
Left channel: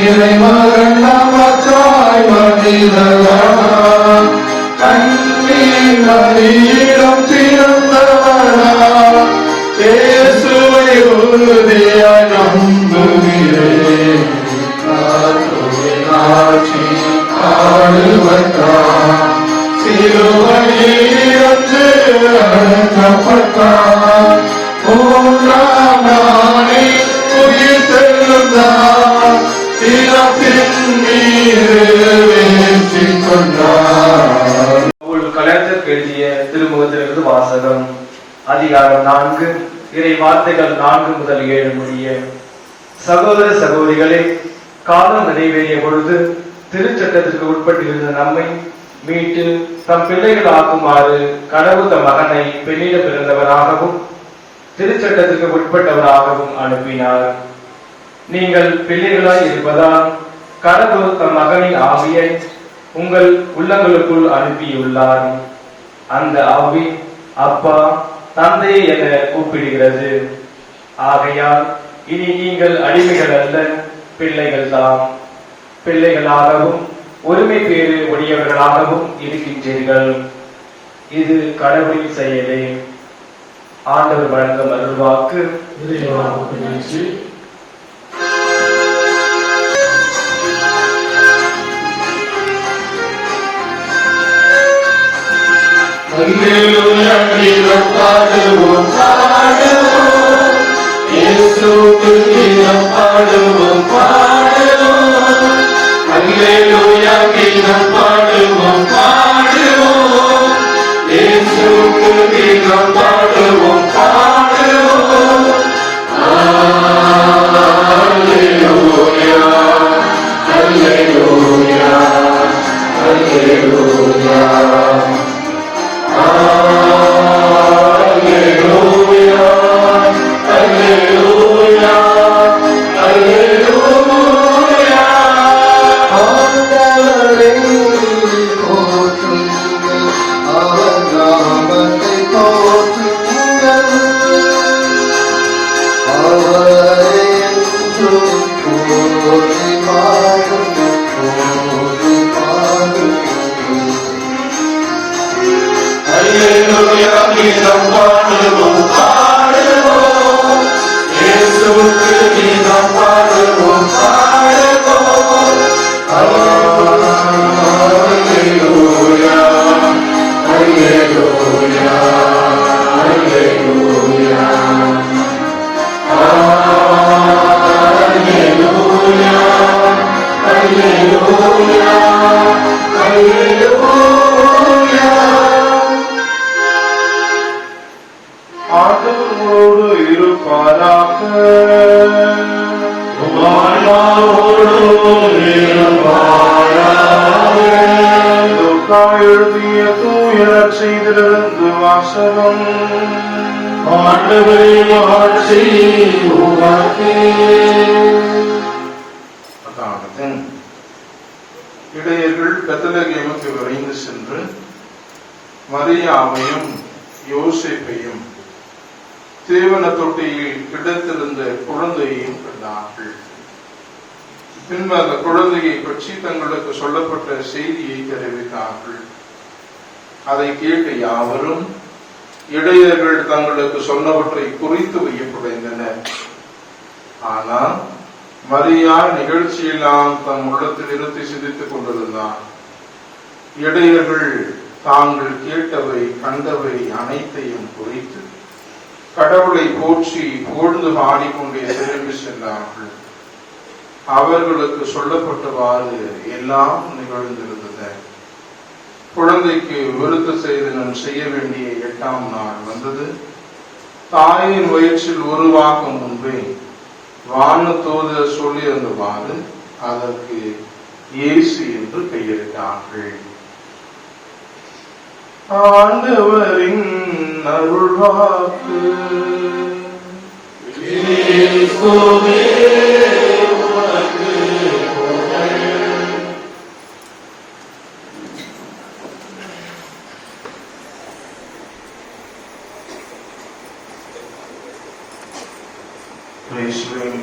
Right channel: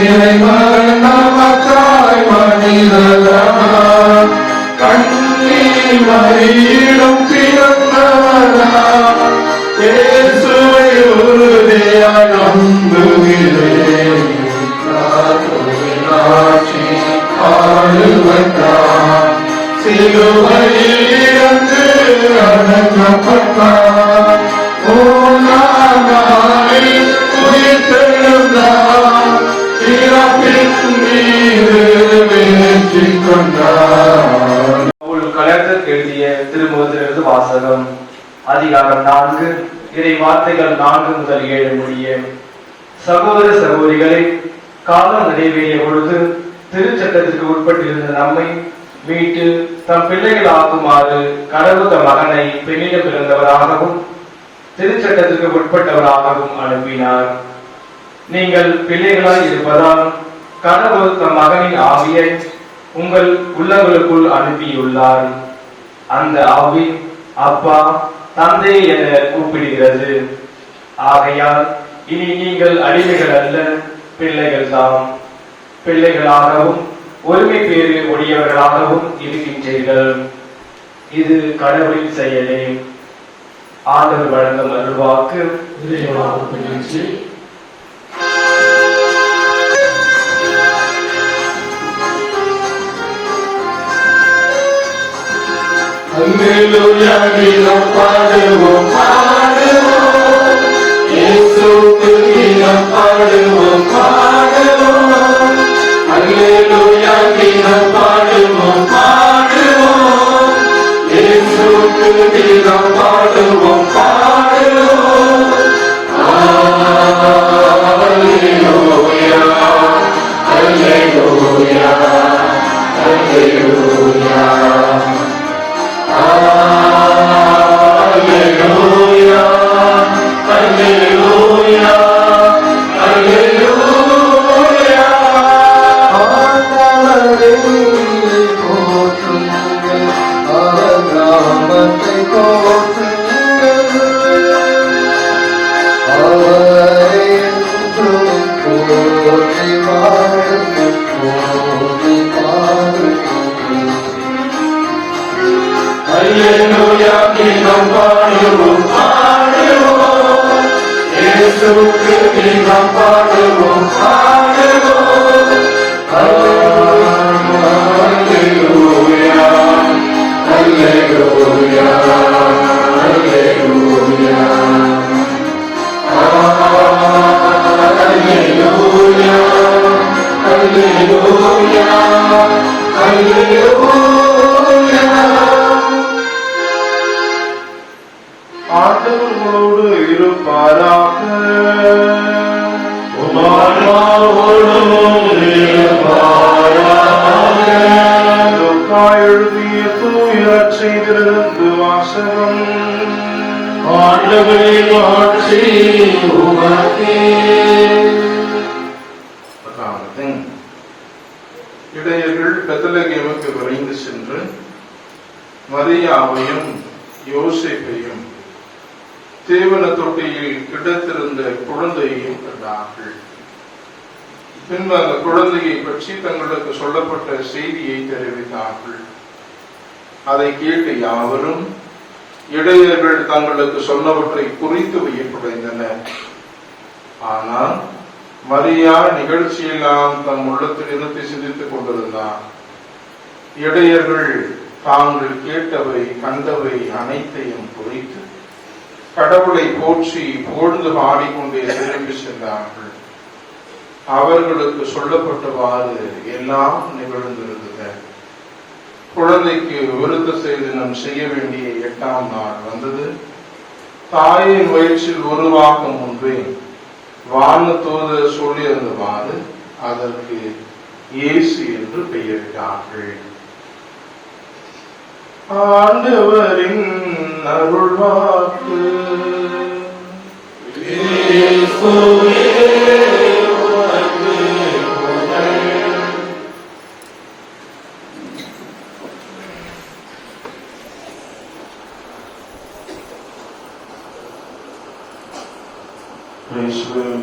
இறைமகன் நமக்காய் மனிதனானார், கண்ணீர் மறியிடம் பிறந்தவரா இயேசுவை உறுதியாய் நம்புகிறேன். ஆட்சி ஆளுவதார் சிலுவையில் இருந்து அடக்கப்பட்டார், மூன்றாம் நாளில் உயிர் தெழுந்தார், இறப்பின் மீது வெற்றி கொண்டார். கலெக்டர் எழுதிய திருமுகத்திலிருந்து வாசகம். அதிகாரம் 4, இறை வார்த்தைகள் 4 முதல் 7 முடிய. சகோதர சகோதரிகளே, காலம் நிறைவேறிய பொழுது திருச்சட்டத்திற்கு உட்பட்டிருந்த நம்மை மீட்டு தம் பிள்ளைகள் ஆக்குமாறு கடவுள் தம் மகனை பெண்ணிடம் பிறந்தவராகவும் திருச்சட்டத்திற்கு உட்பட்டவராகவும் அனுப்பினார். நீங்கள் பிள்ளைகளாய் இருப்பதால் கடவுள் தம் மகனின் ஆவியை உங்கள் உள்ளங்களுக்குள் அனுப்பியுள்ளார். அந்த ஆவி அப்பா, தந்தை என கூப்பிடுகிறது. ஆகையால் இனி நீங்கள் அடிமைகள் அல்ல, பிள்ளைகள் தாம். பிள்ளைகளாகவும் ஒருமை பேறு உடையவர்களாகவும் இருக்கின்றீர்கள். இது கடவுளின் செயலே. ஆண்டவர் வழங்கும் அருள்வாக்கு. அல்லேலூயா, கீதம் பாடுவோம் பாடுவோம், இயேசுவுக்கு கீதம் பாடுவோம் பாடுவோம். அல்லேலூயா, கீதம் பாடுவோம் பாடுவோம், இயேசுவுக்கு கீதம் பாடுவோம் பாடுவோம். அல்லேலூயா, அல்லேலூயா, அல்லேலூயா. Alleluia, Alleluia, Alleluia. ஆண்டவரை போற்றுங்கள், அவர் நாமத்தை போற்றுங்கள். உங்களோடு இருப்பாராக. லூக்கா எழுதிய தூய நற்செய்தியிலிருந்து வாசகம். அதாவது, இடையர்கள் பெத்லகேமுக்கு விரைந்து சென்று மரியாவையும் யோசேப்பையும் தேவன தொட்டியில் கிடத்திருந்த குழந்தையையும் கண்டார்கள். பின்பு அந்த குழந்தையை பற்றி தங்களுக்கு சொல்லப்பட்ட செய்தியை தெரிவித்தார்கள். அதை கேட்டு யாவரும் இடையர்கள் தங்களுக்கு சொன்னவற்றை குறித்து வையப்படைந்தனர். ஆனால் மரியா நிகழ்ச்சியெல்லாம் தம் உள்ளத்தில் நிறுத்தி சிந்தித்துக் கொண்டிருந்தார். இடையர்கள் தாங்கள் கேட்டவை கண்டவை அனைத்தையும் குறித்து கடவுளை போற்றி புகழ்ந்து பாடிக்கொண்டே திரும்பி சென்றார்கள். அவர்களுக்கு சொல்லப்பட்டவாறு எல்லாம் நிகழ்ந்திருந்தது. குழந்தைக்கு விருத்த சேதனம் செய்ய வேண்டிய 8ஆம் நாள் வந்தது. தாயின் வயிற்றில் உருவாகும் முன்பே வானதூதர் சொல்லியிருந்தவாறு அதற்கு இயேசு என்று பெயரிட்டார்கள். ஆண்டவரின் அருள்வாக்கு.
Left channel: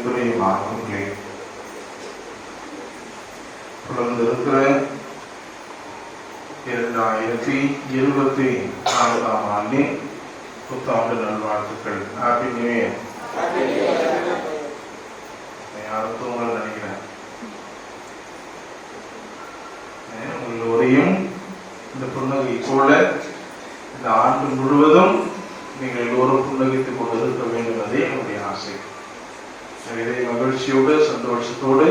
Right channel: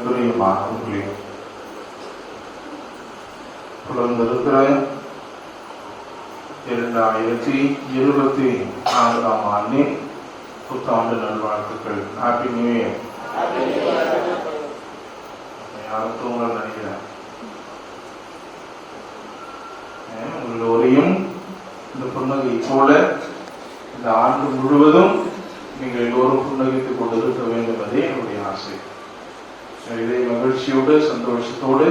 பிரியமானவர்களே, பிறந்திருக்கிற 2024ஆம் ஆண்டின் புத்தாண்டு நல்வாழ்த்துக்கள். Happy new year. யாரும் தூங்கல் நினைக்கிறேன். உங்களோரையும் இந்த புன்னகை போல இந்த ஆண்டு முழுவதும் நீங்கள் எல்லோரும் புன்னகைத்துக் கொண்டிருக்க வேண்டும் என்பதே என்னுடைய ஆசை. இறை மகிழ்ச்சியோடு சந்தோஷத்தோடு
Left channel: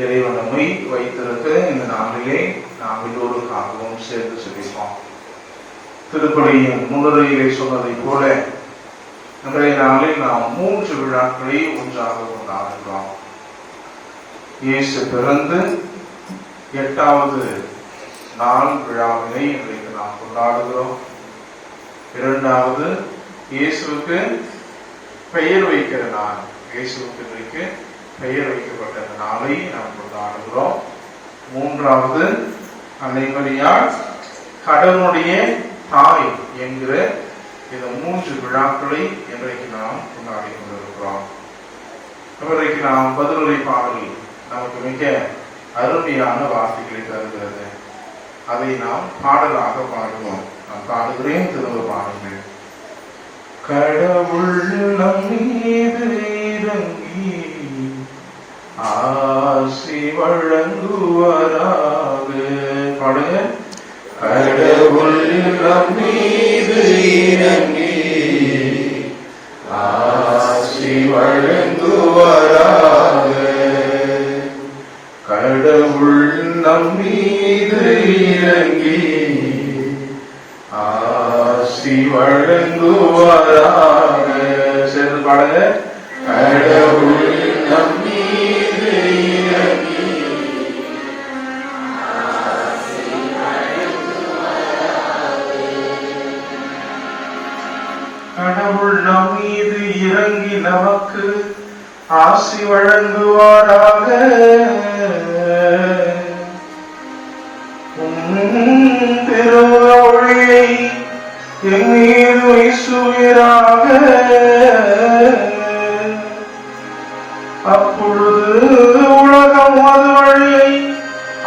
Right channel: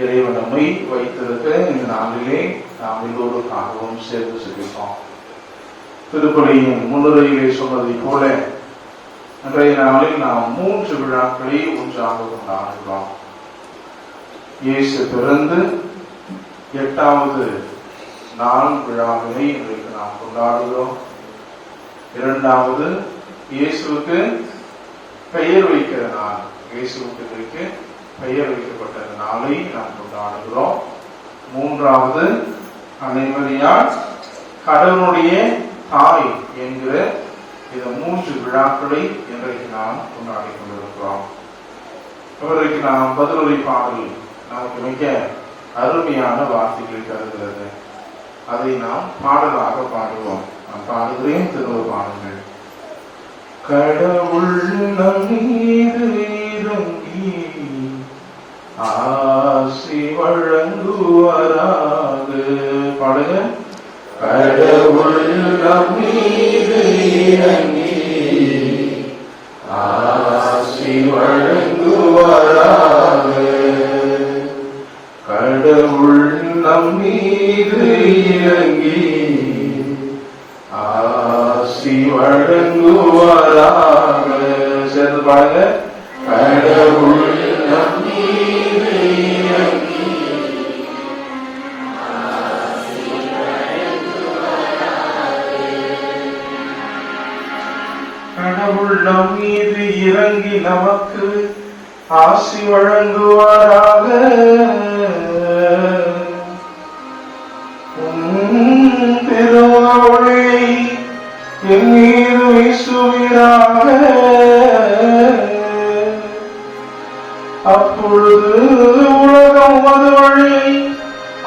இறைவன் நம்மை வைத்திருக்க இந்த நாளிலே நாம் எல்லோருக்காகவும் சேர்ந்து சிரிப்போம். திருப்பலியின் முன்னுரையிலே சொன்னதை போல இன்றைய நாளில் நாம் 3 விழாக்களை ஒன்றாக கொண்டாடுகிறோம். இயேசு பிறந்து 8வது நாள் விழாவினை இன்றைக்கு நாம் கொண்டாடுகிறோம். 2வது இயேசுவுக்கு பெயர் வைக்கிற நாள். இயேசுவுக்கு இன்றைக்கு பெயர் வைக்கப்பட்ட நாளை நாம் கொண்டாடுகிறோம். 3வது அன்னை மரியாள் கடவுளுடைய தாய் என்கிற இந்த 3 விழாக்களை இன்றைக்கு நாம் கொண்டாடி கொண்டிருக்கிறோம். இன்றைக்கு நாம் பதிலுரை பாடல் நமக்கு மிக அருமையான வார்த்தைகளை தருகிறது. அதை நாம் பாடலாக பாடுவோம். நான் பாடுகிறேன், திரும்ப பாடுங்கள். கடவுள் நம் மீது இறங்கி ஆசி வழங்குவாராக. பாடுங்க. கடவுள் நம் மீது இறங்கி ஆசி வழங்குவாராக. கடவுள் நம் மீது இறங்கி ஆசி வழங்குவாராக. சேர்ந்து பாடுங்க. கடவுள் நம் மீது இறங்கி கடவுள் நம் மீது இறங்கி நமக்கு ஆசி வழங்குவாராக. திருவொளியை என் மீது வீசுவீராக. அப்பொழுது உலகம் அது வழியை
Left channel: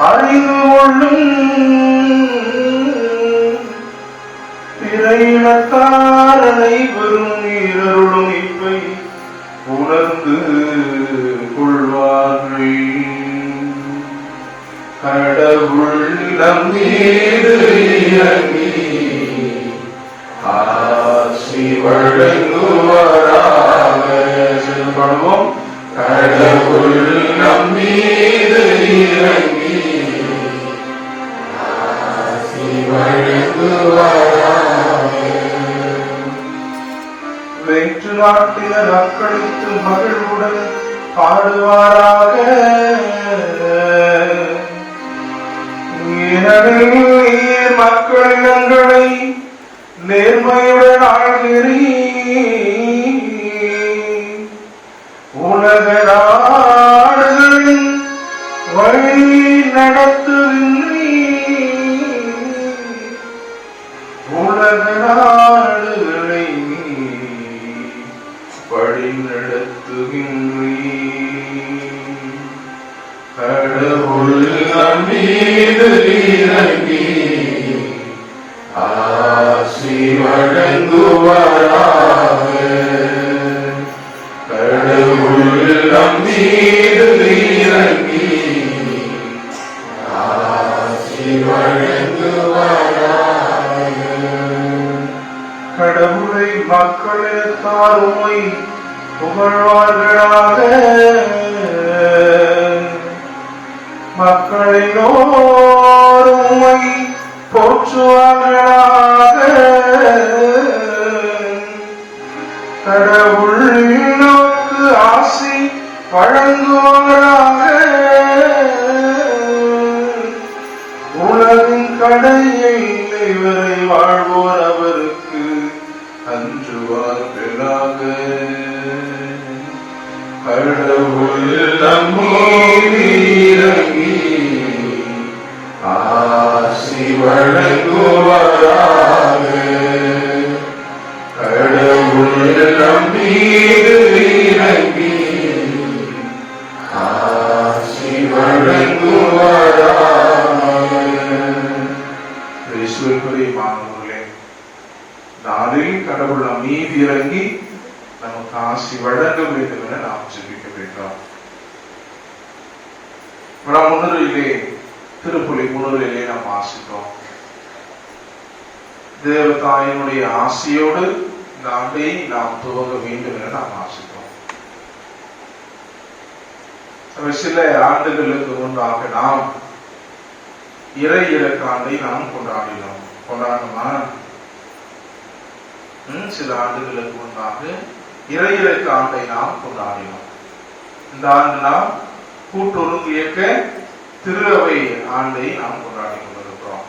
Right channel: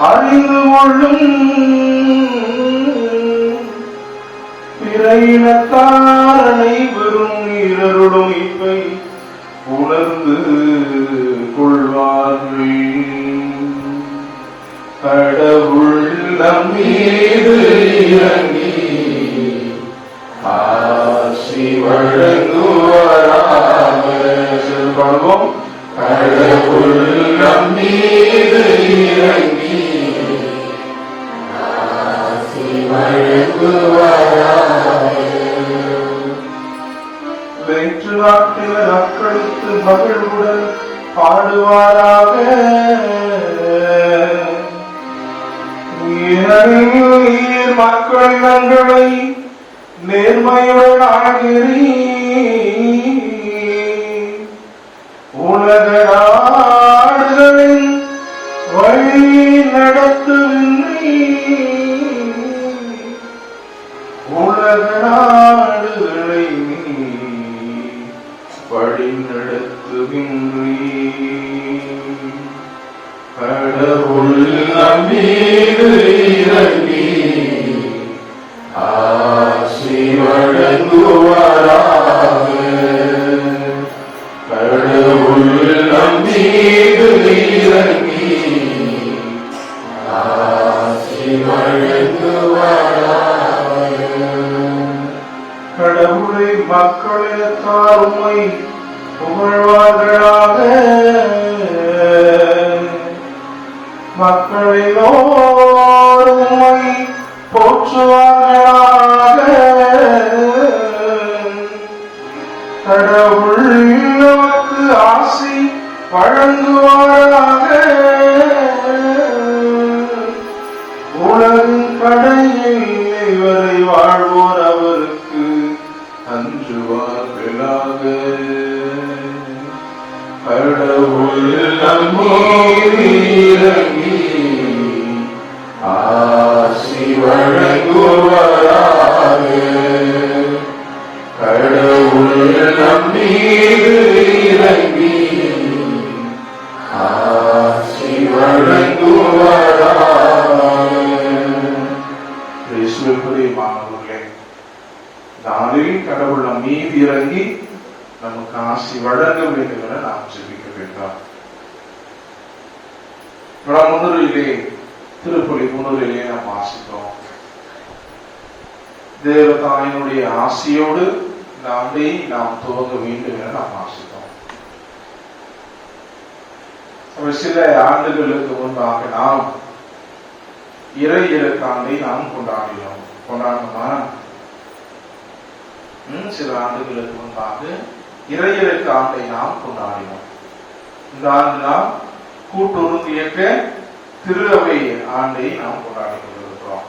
அறிந்து கொள்ளும். பிற இனத்தார் அனைவரும் இருளும் இப்பை உணர்ந்து கொள்வார்கள். கடவுள் நம் மீது இறங்கி ஆசி வழங்குவாராக. பாடுவோம். கடவுள் நம் மீது இறங்கி ஆசி வழங்குவாராக. வேற்று நாட்டினர் அக்களித்து மகிழ்வுடன் பாடுவாராக. ஏனெனில் மக்கள் இனங்களை நேர்மையுடன் ஆகிறீர். உலக நாடுகளின் வழி நடத்துகின்றீர். உலக நாடுகளை வழி நடத்துகின்றீர். கடவுள் மீது இறங்கி ஆசி வழங்குவாராக. கடவுள் மீது இறங்கி ஆசி வழங்குவாராக. கடவுளை மக்களினத்தார் உம்மை புகழ்வார்களாக. மக்களினோர் உம்மை போற்றுவார்களாக. கடவுள் நமக்கு ஆசி வழங்குவாராக. உலகின் கடையை வரை வாழ்வோர் அவருக்கு அஞ்சுவார்களாக. கடவுள் நம்மீது இறங்கி ஆசி வழங்குவாராக. கடவுள் நம்மீது இறங்கி ஆசி வழங்குவாராக. இயேசுவுக்குரிய மாணவர்களே, நாளில் கடவுள் நம் மீது இறங்கி நமக்கு ஆசி வழங்க வேண்டும் என நாம் ஜெபிக்க வேண்டும். முன்னுரையிலே திருப்பலி முன்னுரையிலே நாம் வாசித்தோம். தேவதாயினுடைய ஆசியோடு இந்த ஆண்டை நாம் துவங்க வேண்டும் என நாம் வாசித்தோம். சில ஆண்டுகளுக்கு முன்பாக நாம் இறை இறக்காண்டை நாம் கொண்டாடணுமா? சில ஆண்டுகளுக்கு முன்பாக இறை இறக்க ஆண்டை நாம் கொண்டாடினோம். இந்த ஆண்டு நாம் கூட்டுறவு இயக்க திரு அவை ஆண்டை நாம் கொண்டாடி கொண்டிருக்கிறோம்.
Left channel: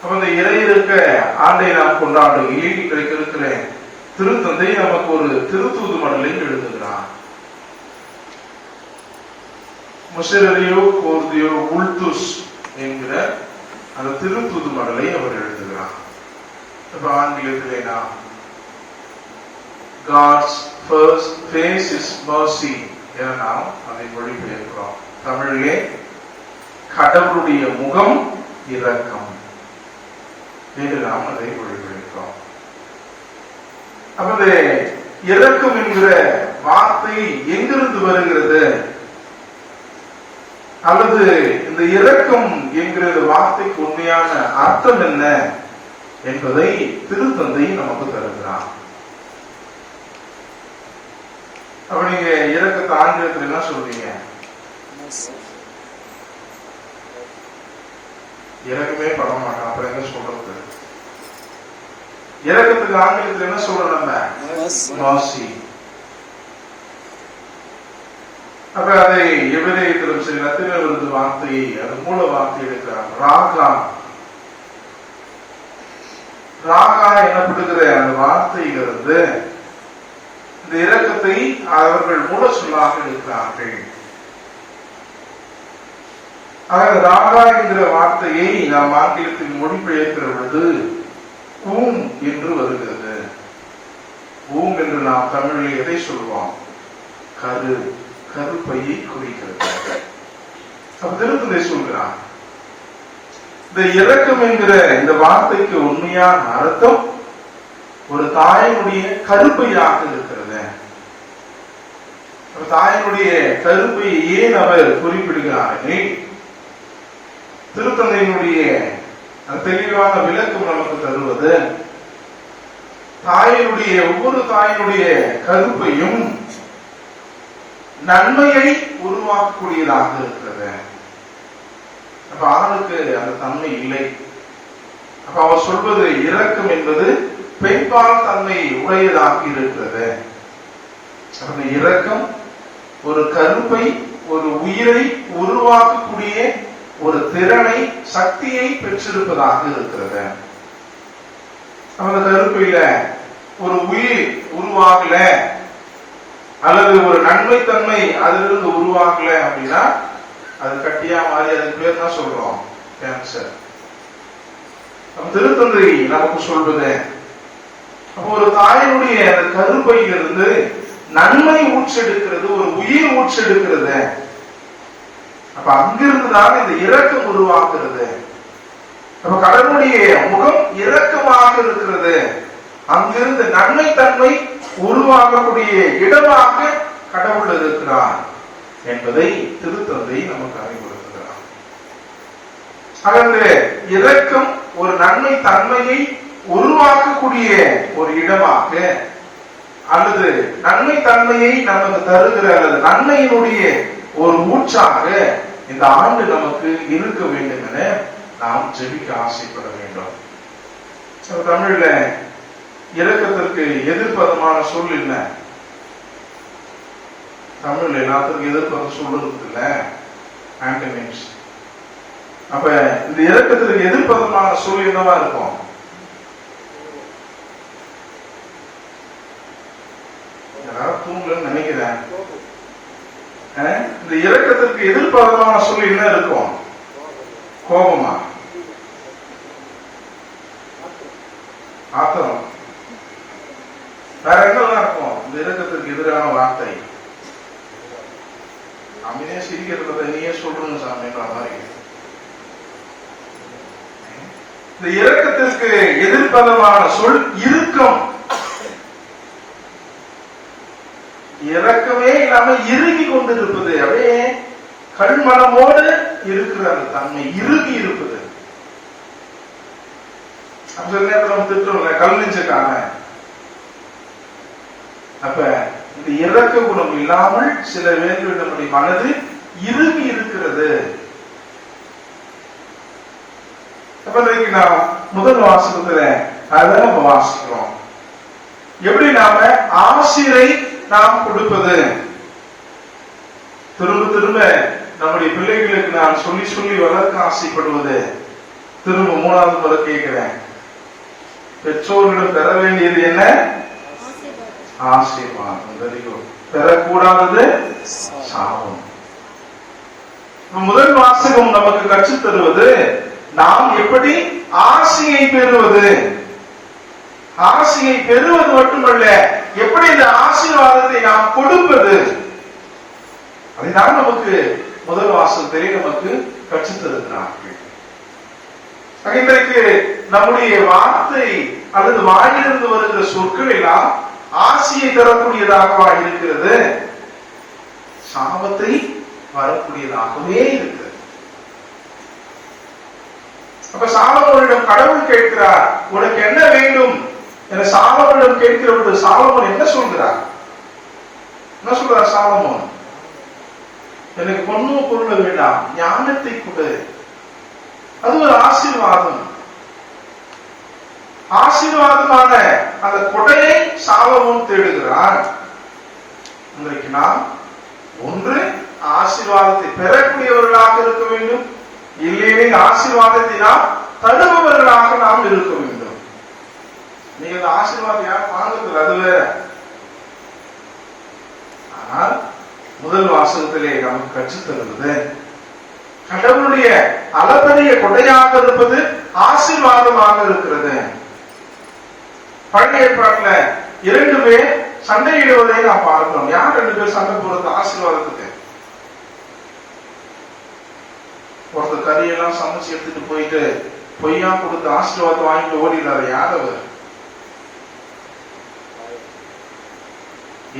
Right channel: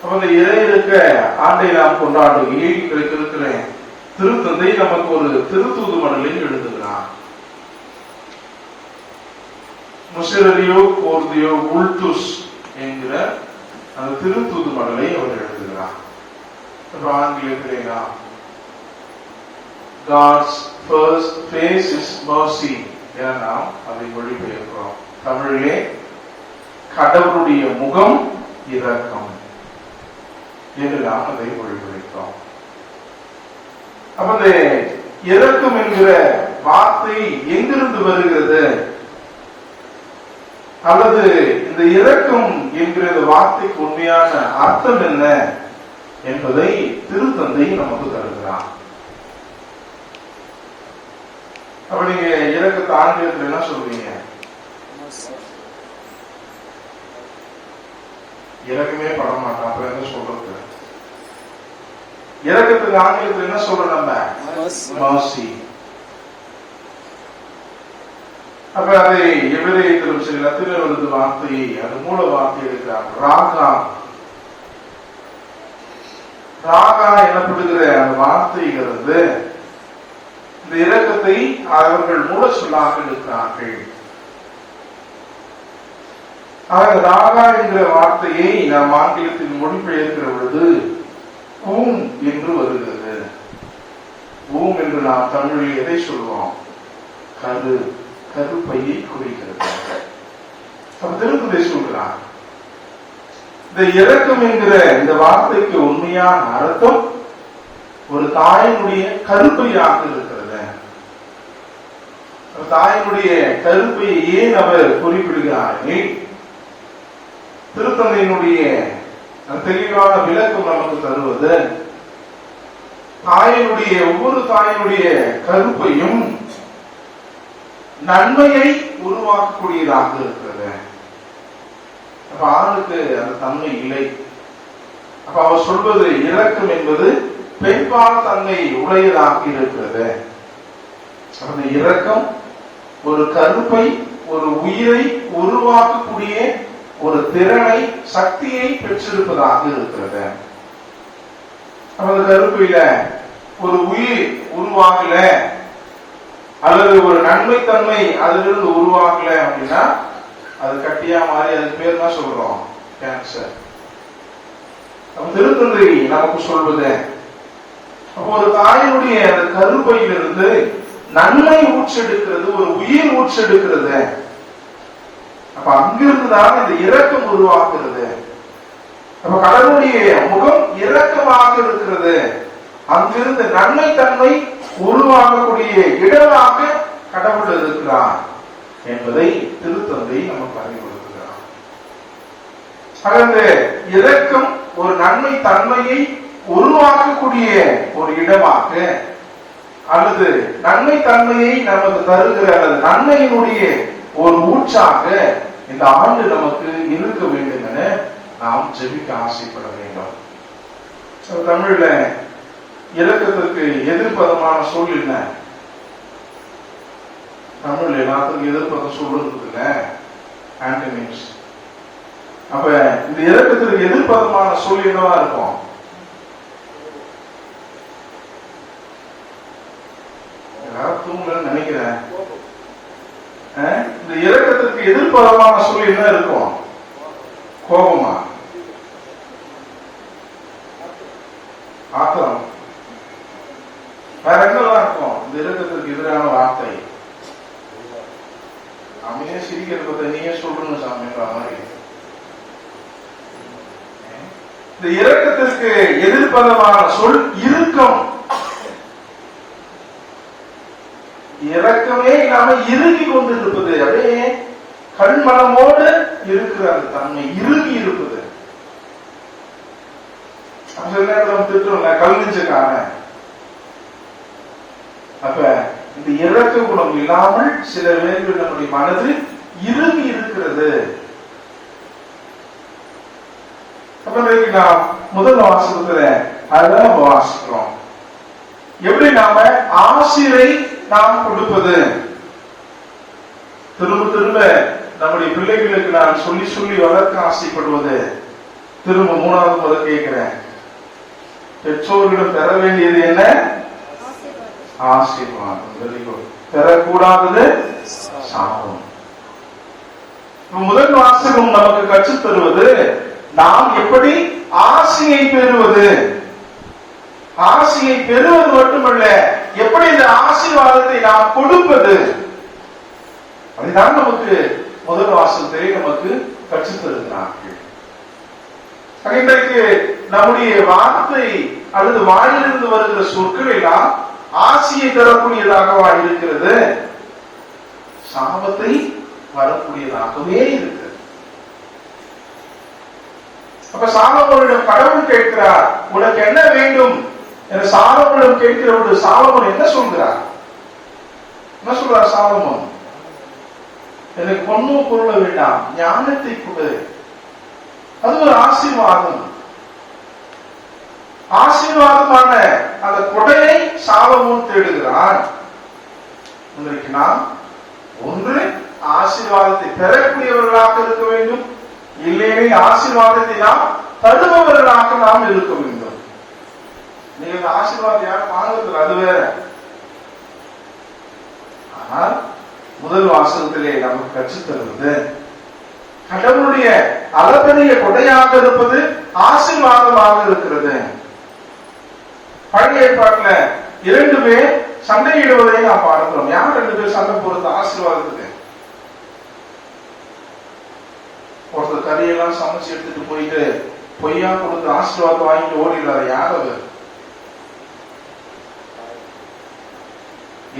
அப்ப இந்த இறை இறக்க ஆண்டை நாம் கொண்டாடுகையில் இருக்கிற திருத்தந்தை நமக்கு ஒரு திருத்தூது மடலை எழுதுகிறார். முஷரியோ கோர்தியோ உல்துஸ் என்கிற அந்த திருத்தூது மடலை அவர் எழுதுகிறார். ஆங்கிலத்திலே நாம் God's first face is mercy என நாம் அதை மொழிபெயர்க்கிறோம். தமிழிலே கடவுளுடைய முகம் இரக்கம் என்று நாம் அதை மொழிபெயர்க்கிறோம். அப்ப இந்த இரக்கம் என்கிற வார்த்தை எங்கிருந்து வருகிறது, அல்லது இந்த இரக்கம் என்கிற வார்த்தைக்கு உண்மையான அர்த்தம் என்ன என்பதை திருத்தந்தை நமக்கு தருகிறார். அப்ப நீங்க இரக்கத்தை ஆங்கிலத்தில் என்ன சொல்றீங்க? இறக்கமே பட மாட்டோம். அப்ப என்ன சொல்றது? இரக்கத்துக்கு ஆங்கிலத்தில் என்ன சொல்றோம்? நம்ம mercy. அப்ப அதை எபிரேயத்திலும் சரி லத்தீனில் வருது வார்த்தையை, அது மூல வார்த்தை எடுக்கிறாங்க. ராகா எனப்படுகிற அந்த வார்த்தைகிறது இந்த இரக்கத்தை அவர்கள் மூல சொல்லாக இருக்கிறார்கள். ராகா என்கிற வார்த்தையை நாம் ஆங்கிலத்தில் மொழிபெயர்க்கிற பொழுது ஊம் என்று வருகிறது. ஊம் என்று நாம் தமிழில் எதை சொல்வோம்? கருப்பையை குறிக்கிறது. அப்ப திருத்தந்தை சொல்கிறார், இந்த இரக்கம் என்கிற இந்த வார்த்தைக்கு உண்மையான அர்த்தம் ஒரு தாயினுடைய கருப்பையாக இருக்கிறது. தாயினுடைய கருப்பையை ஏன் அவர் குறிப்பிடுகிறார்கள்? திருத்தந்தையினுடைய தெளிவான விளக்கம் நமக்கு தருவது, ஒவ்வொரு தாயினுடைய கருப்பையும் நன்மையை உருவாக்கக்கூடியதாக இருக்கிறது. அப்ப ஆணுக்கு அந்த தன்மை இல்லை. அப்ப அவர் சொல்வது இரக்கம் என்பது பெண்பால் தன்மை உடையதாக இருக்கிறது. அந்த இரக்கம் ஒரு கருப்பை, ஒரு உயிரை உருவாக்கக்கூடிய ஒரு திறனை, சக்தியை பெற்றிருப்பதாக இருக்கிறது. அந்த கருப்பையில ஒரு உயிர் உருவாகல அல்லது ஒரு நன்மைத்தன்மை அதிலிருந்து உருவாகல அப்படின்னா அது கட்டியா மாறி அதுக்கு பேர் தான் சொல்றோம் கேன்சர். திருத்தந்தை நமக்கு சொல்வது, அப்போ ஒரு தாயினுடைய அந்த கருப்பையிலிருந்து நன்மை ஊற்றெடுக்கிறது, ஒரு உயிர் ஊற்றெடுக்கிறது. அப்ப அங்கிருந்துதான் இந்த இரக்கம் உருவாக்குறது. அப்ப கடவுளுடைய முகம் இரக்கமாக இருக்கிறது. அங்கிருந்து நன்மை தன்மை உருவாகக்கூடிய இடமாக கடவுள் இருக்கிறார் என்பதை திருத்தந்தை நமக்கு அறிவுறுத்துகிறார். அந்த இரக்கம் ஒரு நன்மை தன்மையை உருவாக்கக்கூடிய ஒரு இடமாக அல்லது நன்மை தன்மையை நமக்கு தருகிற அல்லது நன்மையினுடைய ஒரு ஊற்றாக இந்த ஆண்டு நமக்கு இருக்க வேண்டும் என நாம் ஜெபிக்க ஆசைப்பட வேண்டும். தமிழ்ல இரக்கத்திற்கு எதிர்ப்பதமான சொல் என்ன? தமிழ் எல்லாத்துக்கும் எதிர்ப்பதம் சொல்றது இல்ல, ஆன்டனிம்ஸ். அப்ப இந்த இரக்கத்திற்கு எதிர்ப்பதமான சொல் என்னவா இருக்கும்? தூங்கலன்னு நினைக்கிறேன். இந்த இரக்கத்திற்கு எதிர்ப்பதமான சொல் என்ன இருக்கும்? கோபமா? ஆத்திரம்? வேற எங்கெல்லாம் இருக்கும் இந்த இரக்கத்திற்கு எதிரான வார்த்தை? அமைதியா சிரிக்கிறத நீயே சொல்றணும் சாமின்ற மாதிரி. இந்த இரக்கத்திற்கு எதிர்ப்பதமான சொல் இறுக்கம். இரக்கமே இல்லாம இறுகி கொண்டிருப்பது, அப்படியே கண்மனமோடு இருக்கிற அந்த தன்மை இறுகி இருப்பது. சில நேரத்தில் திட்டுறோம்ல, கல் நெஞ்சுக்கான. அப்ப இந்த இரக்க குணம் இல்லாமல் சில வேர்கள் நம்முடைய மனது இறுகி இருக்கிறது. அப்ப நாம் முதல் வாசகத்துல அதான் நம்ம வாசிக்கிறோம். எப்படி நாம ஆசிரை நாம் கொடுப்பது, திரும்ப திரும்ப நம்முடைய பிள்ளைகளுக்கு நான் சொல்லி சொல்லி வளர்க்க ஆசைப்படுவது. திரும்ப மூணாவது முறை கேட்கிறேன், பெற்றோர்களிடம் பெற வேண்டியது என்ன? ஆசீர்வாதம். பெறக்கூடாதது சாபம். முதல் வாசகம் நமக்கு கற்றுத் தருவது நாம் எப்படி ஆசியை பெறுவது. ஆசியை பெறுவது மட்டுமல்ல, எப்படி இந்த ஆசீர்வாதத்தை நாம் கொடுப்பது, அதுதான் நமக்கு முதல் வாசகத்திலே நமக்கு கற்றுத் தருகிறார்கள். இன்றைக்கு நம்முடைய வார்த்தை அல்லது வாயிலிருந்து வருகிற சொற்கள் எல்லாம் ஆசியை தரக்கூடியதாகவா இருக்கிறது? சாபத்தை வரக்கூடியதாகவே இருக்கிறது. அப்ப சாலமோனிடம் கடவுள் கேட்கிறார், உனக்கு என்ன வேண்டும் என சாலமோனிடம் கேட்கிற பொழுது சாலமோன் என்ன சொல்கிறார்? என்ன சொல்றார் சாலமோன்? எனக்கு பொண்ணும் பொருள் வேண்டாம், ஞானத்தை கொடு. அது ஒரு ஆசீர்வாதம். ஆசீர்வாதமான அந்த கொடையை சாலமோன் தேடுகிறார். இன்றைக்கு நாம் ஒன்று ஆசீர்வாதத்தை பெறக்கூடியவர்களாக இருக்க வேண்டும், இல்லையே ஆசீர்வாதத்தை நாம் தருபவர்களாக நாம் இருக்க வேண்டும். நீங்க ஆசீர்வாதம் யாரும் வாங்குறது அது வேற. ஆனால் முதல் வாசகத்திலே நமக்கு கற்றுத் தருவது கடவுளுடைய அளப்பரிய கொடையாக இருப்பது ஆசீர்வாதமாக இருக்கிறது. பழைய ஏற்பாட்டுல 2 பேர் சண்டையிடுவதை நாம் பார்க்கிறோம். யார் 2 பேர் சண்டை போறது ஆசீர்வாதத்துக்கு? ஒருத்தர் கறியெல்லாம் சமைச்சு எடுத்துட்டு போயிட்டு பொய்யா கொடுத்து ஆசீர்வாதத்தை வாங்கிட்டு ஓடிடுறாரு. யார் அவர்?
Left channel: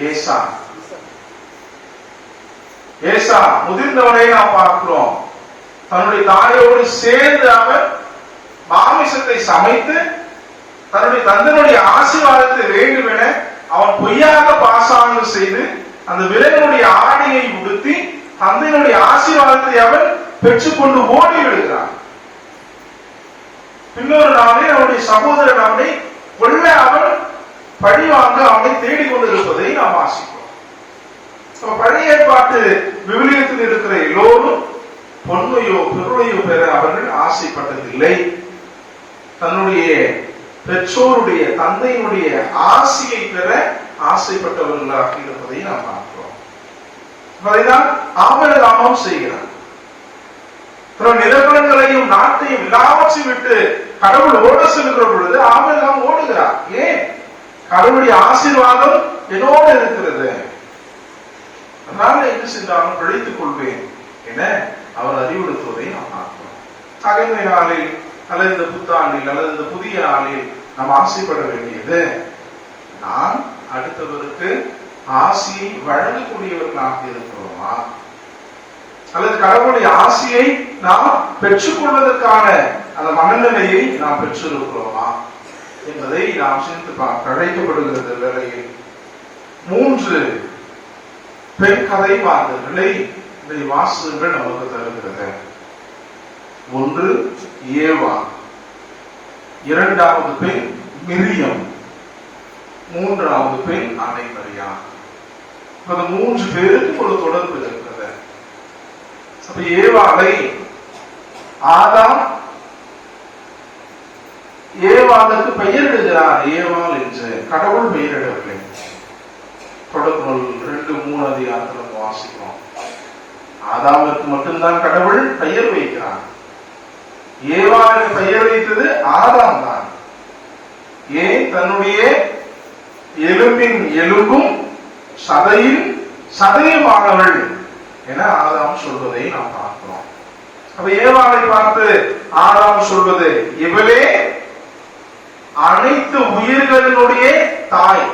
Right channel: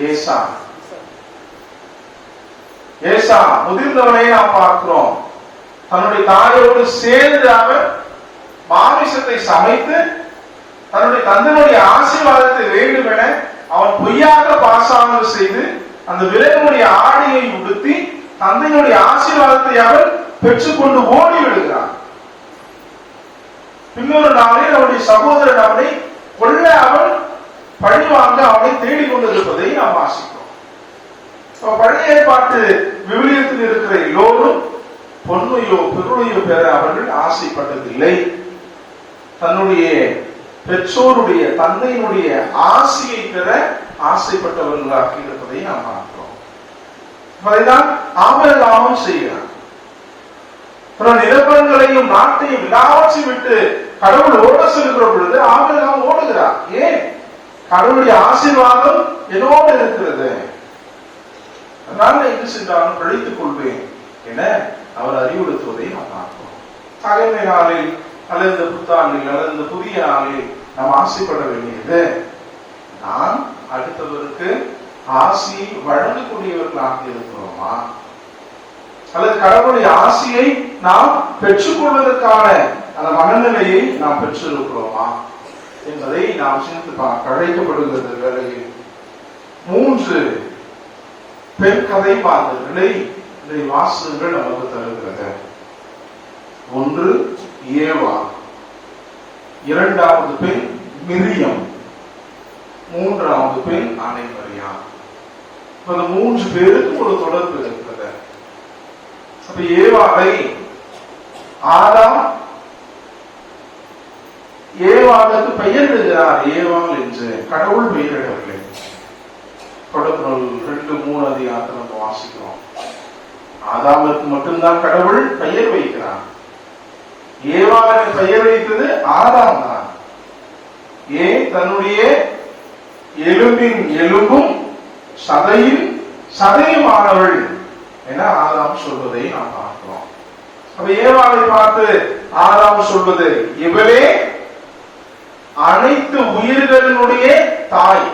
ஏசா. ஏசா முதிர்ந்தவனை நாம் பார்க்கிறோம். தன்னுடைய தாயோடு சேர்ந்து அவர் மாமிசத்தை சமைத்து தன்னுடைய தந்தையுடைய ஆசீர்வாதத்தை வேண்டும் என அவன் பொய்யாக பாசாங்கம் செய்து அந்த விரைவுடைய ஆடையை உடுத்தி தந்தையுடைய ஆசீர்வாதத்தை அவன் பெற்றுக்கொண்டு ஓடி விடுகிறான். இன்னொரு நாளே அவனுடைய சகோதரன் அவனை கொல்ல அவன் பழிவாங்க அவனை தேடிக்கொண்டிருப்பதை நாம் வாசிக்கிறோம். பழைய ஏற்பாட்டு விவிலியத்தில் இருக்கிற எல்லோரும் பொன்மையோ பொருளையோ பெற அவர்கள் ஆசைப்பட்டதில்லை. தன்னுடைய பெற்றோருடைய தந்தையினுடைய ஆசையை பெற ஆசைப்பட்டவர்களாக இருப்பதை நாம் பார்க்கிறோம். அதைதான் ஆபிரகாமும் செய்கிறார். நிலவரங்களையும் நாட்டையும் எல்லாவற்றையும் விட்டு கடவுள் ஓட செல்கிற பொழுது ஆபிரகாம் ஓடுகிறார். ஏன்? கடவுளுடைய ஆசீர்வாதம் என்னோடு இருக்கிறது, அதனால என்ன செய்தாலும் பிழைத்துக் கொள்வேன் என அவர் அறிவுறுத்துவதை நாம் பார்க்கிறோம். அகமை நாளில் அல்லது இந்த புத்தாண்டில் அல்லது இந்த புதிய நாளில் நாம் ஆசைப்பட வேண்டியது, நான் அடுத்தவருக்கு ஆசையை வழங்கக்கூடியவர்களாக இருக்கிறோமா, அல்லது கடவுளுடைய ஆசையை நாம் பெற்றுக் கொள்வதற்கான அந்த மனநிலையை நாம் பெற்றிருக்கிறோமா என்பதை நாம் சிந்தித்து பார்க்க அழைக்கப்படுகிறது. வேளையில் 3 பெண் கதை பாடல்களை வாசகங்கள் நமக்கு தருகிறது. ஒன்று ஏவா, இரண்டாவது பெண் மிரியம், மூன்றாவது பெண் அன்னை மரியா. 3 பேருக்கு ஒரு தொடர்பு இருக்கிறது. அப்ப ஏவாளை ஆதாம் ஏவாளுக்கு பெயரிடுகிறார். ஏவாள் என்று கடவுள் பெயரிடவில்லை. தொடர்புகள் 2-3 அதிகாரத்தில் நம்ம வாசிக்கிறோம். ஆதாமுக்கு மட்டும்தான் கடவுள் பெயர் வைக்கிறார். ஏவாளுக்கு பெயர் வைத்தது ஆதாம் தான். ஏன்? தன்னுடைய எலும்பின் எலும்பும் சதையின் சதையுமானவள் என ஆதாம் சொல்வதை நாம் பார்க்கிறோம். அப்ப ஏவாளை பார்த்து ஆதாம் சொல்வது, இவளே அனைத்து உயிர்களினுடைய தாய்.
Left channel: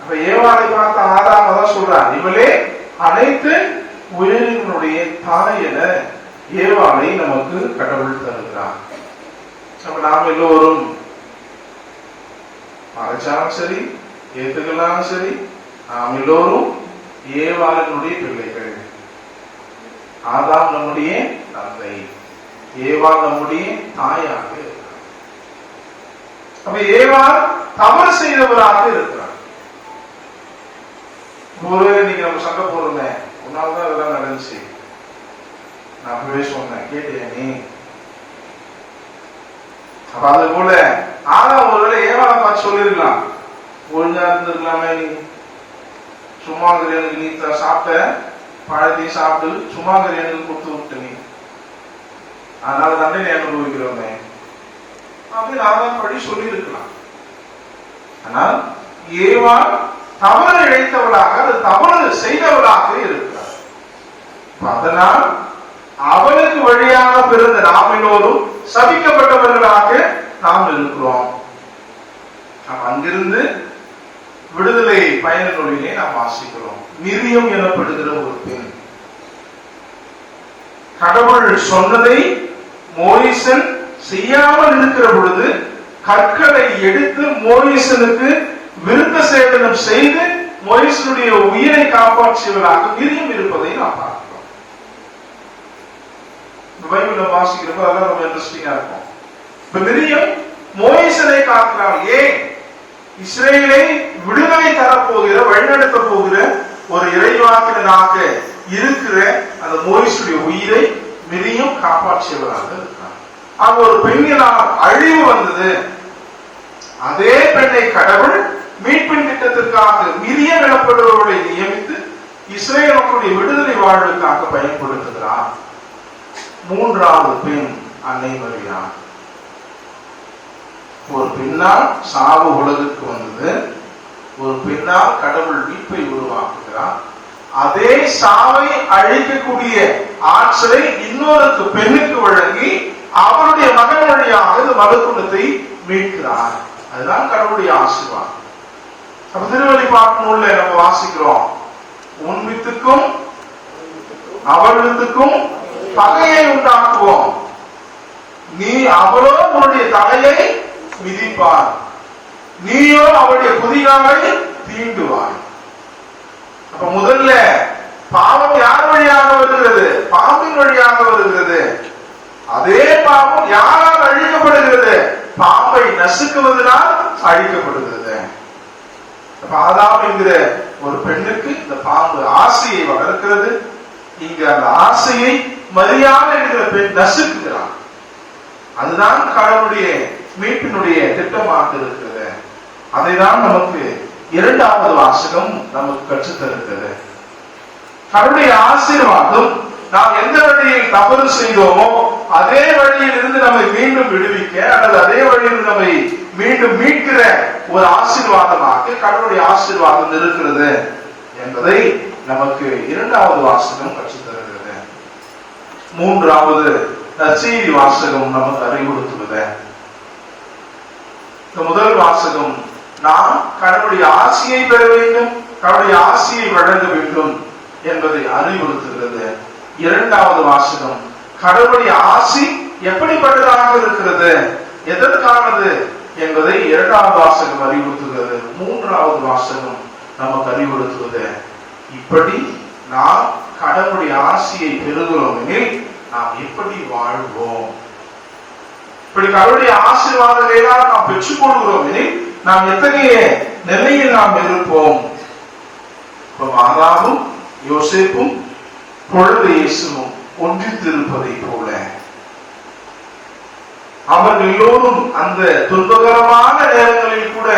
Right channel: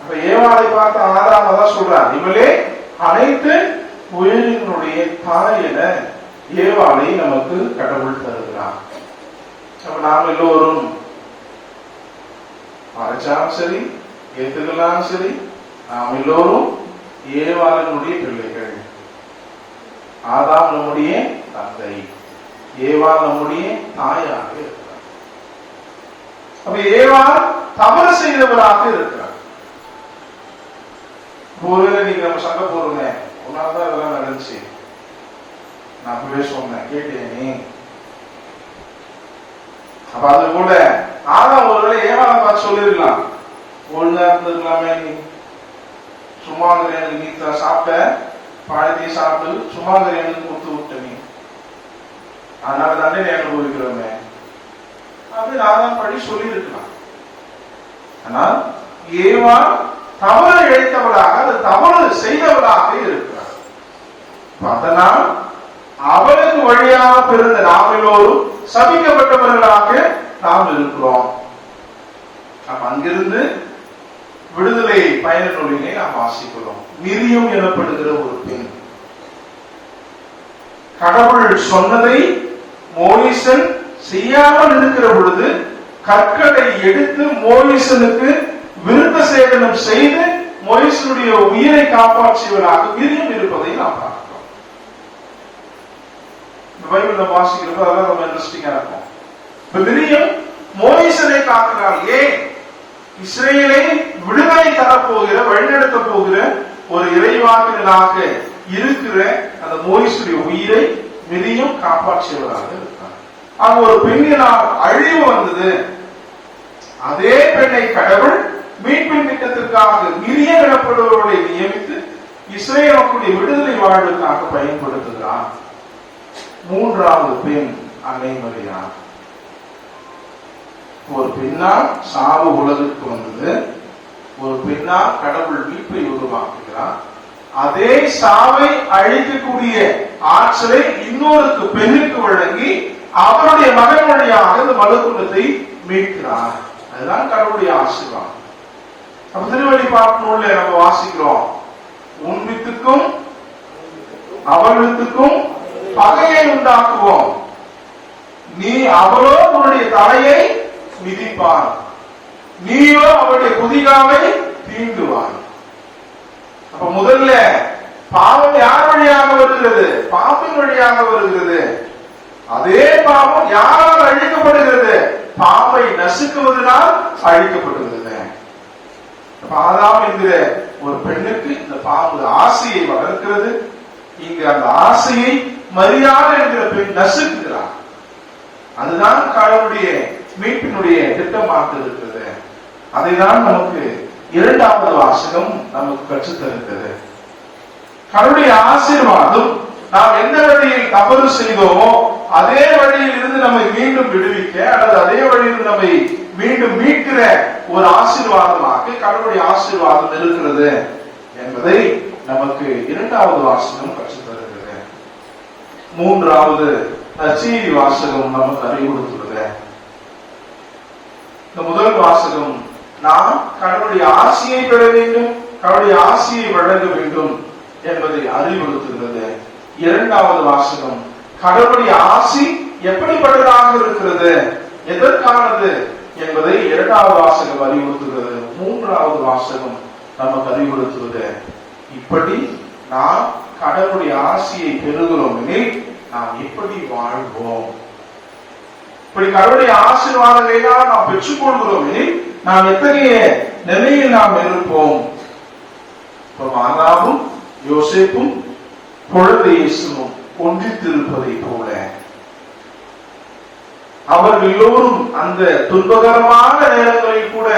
அப்ப ஏவாளை பார்த்து ஆதாம் தான் சொல்றார், இவளே அனைத்து உயிரினுடைய தாய் என ஏவாளை நமக்கு கடவுள் தருகிறார். அப்ப நாம் எல்லோரும் மறைச்சாலும் சரி ஏத்துக்கலாலும் சரி, நாம் எல்லோரும் ஏவாளினுடைய பிள்ளைகள். ஆதாம் நம்முடைய தந்தை, ஏவா நம்முடைய தாயாக இருக்கிறார். அப்ப ஏவா தவறு செய்தவராக இருக்கிறார். நீங்க நம்ம சண்டை போடுங்க, ஒன்னால்தான் இதெல்லாம் நடந்துச்சு, நான் அப்பவே சொன்னேன், கேட்டியா நீ? அப்ப அது போல ஆதாம் ஒருவேளை ஏவாளை பார்த்து சொல்லிருக்கலாம், ஒழுங்கா இருந்திருக்கலாமே, நீ சும்மா நீ சாப்பிட்ட பழத்தை சாப்பிட்டு சும்மா கொடுத்து விட்ட நீ, அதனால தண்டனை அனுபவிக்கிறோமே அப்படின்னு ஆதாம் படி சொல்லி இருக்கலாம். ஆனால் ஏவா தவறு இழைத்தவளாக, அது தவறு செய்தவளாக இருக்கிறார். அதனால் அவளுக்கு வழியாக பிறந்த நாம் எல்லோரும் சபிக்கப்பட்டவர்களாக நாம் இருக்கிறோம். அங்கிருந்து விடுதலை பயண நூலிலே நாம் வாசிக்கிறோம். மிரியம் எனப்படுகிற ஒரு பெண், கடவுள் சொன்னதை மோயிசன் செய்யாமல் இருக்கிற பொழுது கற்களை எடுத்து மோயிசனுக்கு விருத்த சேதனம் செய்து மோயிசனுடைய உயிரை காப்பாற்றியவராக மிரியம் இருப்பதை நாம் பார்க்கிறோம். பைபிள்ல வாசிக்கிறப்ப அதெல்லாம் ரொம்ப இன்ட்ரெஸ்டிங்கா இருக்கும். இப்ப மிரியம் மோயிசனை காக்கிறாள். ஏன்? இஸ்ரேலை விடுதலை தரப்போகிற, வழிநடத்த போகிற ஒரு இறைவாக்கினராக இருக்கிற அந்த மோயிசுடைய உயிரை மிரியம் காப்பாற்றியவராக இருக்கிறார். அங்க ஒரு பெண்ணினால் அழிவு வந்தது. அதே பெண்ணை கடவுள் மீட்பின் திட்டத்திற்காக மிரியம் எனப்படுபவர்களை நியமித்து இஸ்ரேல் மக்களுடைய விடுதலை வாழ்வுக்காக பயன்படுத்துகிறார். மூன்றாவது பெண் அன்னை மரியா. ஒரு பெண்ணால் சாவு உலகுக்கு வந்தது, ஒரு பெண்ணால் கடவுள் மீட்பை உருவாக்குகிறார். அதே சாவை அழிக்கக்கூடிய ஆற்றலை இன்னொரு பெண்ணுக்கு வழங்கி அவருடைய மகன் வழியாக இந்த மகத்துவத்தை மீட்கிறார். அதுதான் கடவுளுடைய ஆசீர்வாதம். திருவெளிப்பாட்டு நூல்ல நம்ம வாசிக்கிறோம், உன் வித்துக்கும் அவள் வித்துக்கும் பகையை உண்டாக்குவோம், நீ அவளோ உன்னுடைய தலையை மிதிப்பார், நீயோ அவருடைய குதிகாலை தீண்டுவார். அப்ப முதல்ல பாவம் யார் வழியாக வருகிறது? பாம்பின் வழியாக வருகிறது. அதே பாவம் யாரால் அழிக்கப்படுகிறது? பாம்பை நசுக்குவதனால் அழிக்கப்படுகிறது. ஆதாம் என்கிற ஒரு பெண்ணுக்கு இந்த பாம்பு ஆசையை வளர்க்கிறது. இங்கு அந்த ஆசையை மரியாதை என்கிற பெண் நசுக்குகிறார். அதுதான் கடவுளுடைய மீட்பினுடைய திட்டமாக இருக்கிறது. அதைதான் நமக்கு இரண்டாவது வாசகம் நமக்கு கற்றுத்தருகிறது. கடவுளுடைய ஆசீர்வாதம் நாம் எந்த வழியில் தவறு செய்தோமோ அதே வழியில் இருந்து நம்மை மீண்டும் விடுவிக்க அல்லது அதே வழியில் நம்மை மீண்டும் மீட்கிற ஒரு ஆசீர்வாதமாக கடவுளுடைய ஆசீர்வாதம் இருக்கிறது என்பதை நமக்கு இரண்டாவது வாசகம் கற்றுத்தருகிறது. மூன்றாவது நற்செய்தி வாசகம் நமக்கு அறிவுறுத்துவது. இந்த முதல் வாசகம் நாம் கடவுளுடைய ஆசியை பெற வேண்டும், கடவுளுடைய ஆசியை வழங்க வேண்டும் என்பதை அறிவுறுத்துகிறது. இரண்டாவது வாசகம் கடவுளுடைய ஆசி எப்படிப்பட்டதாக இருக்கிறது, எதற்கானது என்பதை இரண்டாவது வாசகம் அறிவுறுத்துகிறது. மூன்றாவது வாசகம் நமக்கு அறிவுறுத்துவது இப்படி நாம் கடவுளுடைய ஆசியை பெறுகிறோம் எனில் நாம் எப்படி வாழ்வோம், இப்படி கடவுளுடைய ஆசீர்வாதங்களை நாம் பெற்றுக் கொள்கிறோம் எனில் நாம் எத்தகைய நிலையில் நாம் இருப்போம். மாதாவும் யோசேப்பும் குழந்தை இயேசுவும் ஒன்றித்திருப்பதை போல அவர்கள் எல்லோரும் அந்த துன்பகரமான நேரங்களில் கூட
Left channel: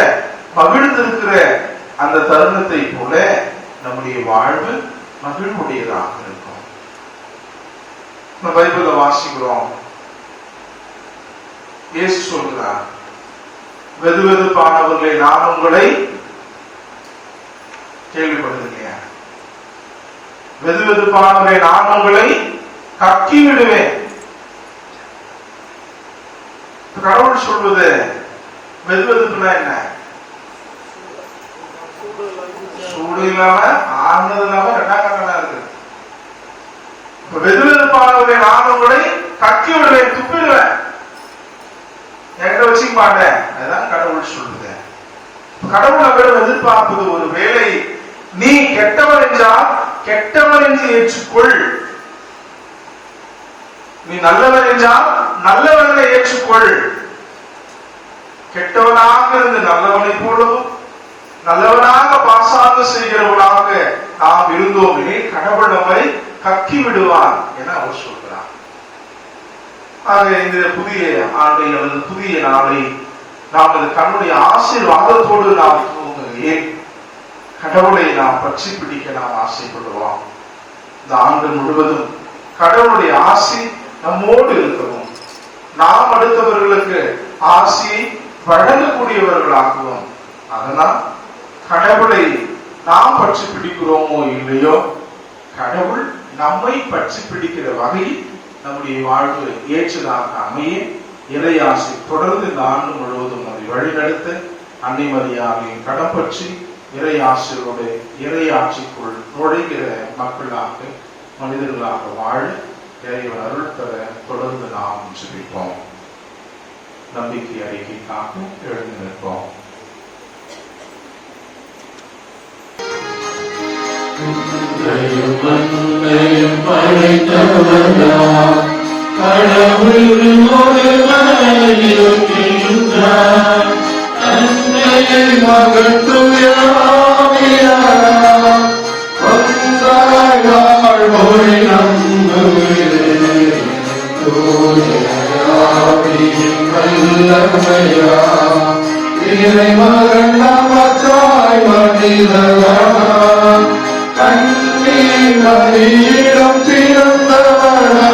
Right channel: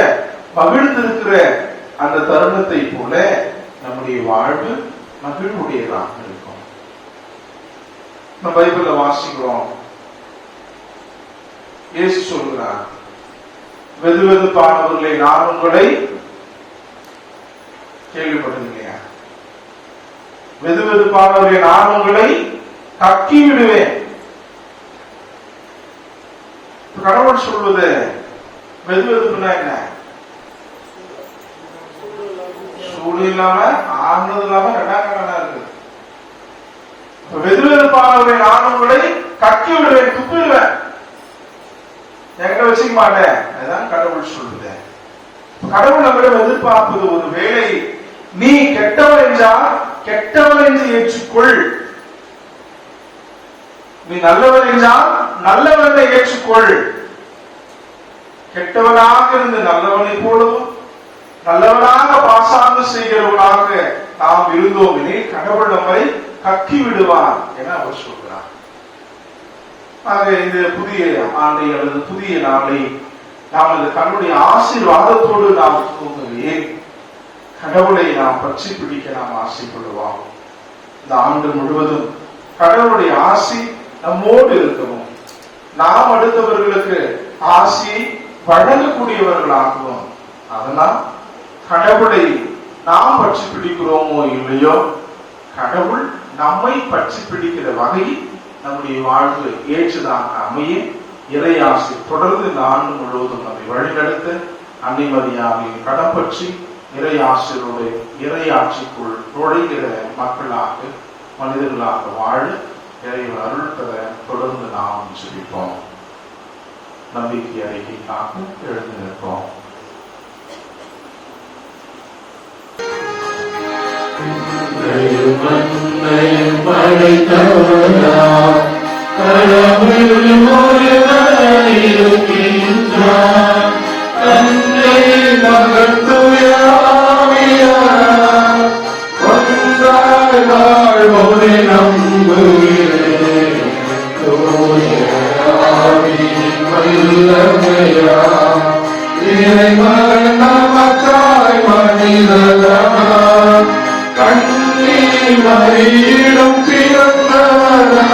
மகிழ்ந்திருக்கிற அந்த தருணத்தை போல நம்முடைய வாழ்வு மகிழ்வுடையதாக இருக்கும். நம்ம பைபிள்ல வாசிக்கிறோம், இயேசு சொல்கிறார், வெதுவெதுப்பானவர்களை நான் உங்களை கேள்விப்பட்டிருக்கேன், வெதுவெதுப்பானவர்களை நான் உங்களை கக்கி விடுவேன். கடவுள் சொல்வது வெதுவெதுப்புனா என்ன? சூடு இல்லாம ஆனது இல்லாம ரெண்டாம் இருக்கு. வெதுவெதுப்பானவர்களை நான் உங்களை கக்கி விடுவேன், துப்பிடுவேன், எங்க வச்சுக்க மாட்டேன். அதுதான் கடவுள் சொல்லுது. கடவுள் நம்மிடம் எதிர்பார்ப்பது ஒரு வேளை நீ கெட்டவன் என்றால் கெட்டவன் என்று ஏற்றுக்கொள், நீ நல்லவன் என்றால் நல்லவனை ஏற்றுக்கொள். கெட்டவனாக இருந்து நல்லவனை போலவும் நல்லவனாக பாசாங்க செய்கிறவனாக நாம் இருந்தோம் எனில் கடவுள் நம்மை கக்கி விடுவார் என அவர் சொல்கிறார். ஆக இந்த புதிய ஆண்டை அல்லது புதிய நாளை நாம் இந்த கடவுளுடைய ஆசீர்வாதத்தோடு நாம் ஏன் கடவுளை நாம் பற்றி பிடிக்க நாம் ஆசைப்படுவோம். இந்த ஆண்டு முழுவதும் கடவுளுடைய ஆசி நம்மோடு இருக்கவும், நாம் அடுத்தவர்களுக்கு ஆசியை வழங்கக்கூடியவர்களாகவும், அதனால் கடவுளை நாம் பற்றி பிடிக்கிறோமோ இல்லையோ கடவுள் நம்மை பற்றி பிடிக்கிற வகையில் நம்முடைய வாழ்வு ஏற்றதாக அமைய இறையாசி தொடர்ந்து இந்த ஆண்டு முழுவதும் நம்மை வழிநடத்த அன்னைமரியாதையை கடம்பற்றி இறையாசியோடு இறையாட்சிக்குள் நுழைகிற மக்களாக மனிதர்களாக வாழ இறைவன் அருள் பெற தொடர்ந்து நாம் ஜெபிப்போம். நம்பிக்கை அறிக்கைக்காக எழுந்திருப்போம். மரியிடம் பிறந்தவரா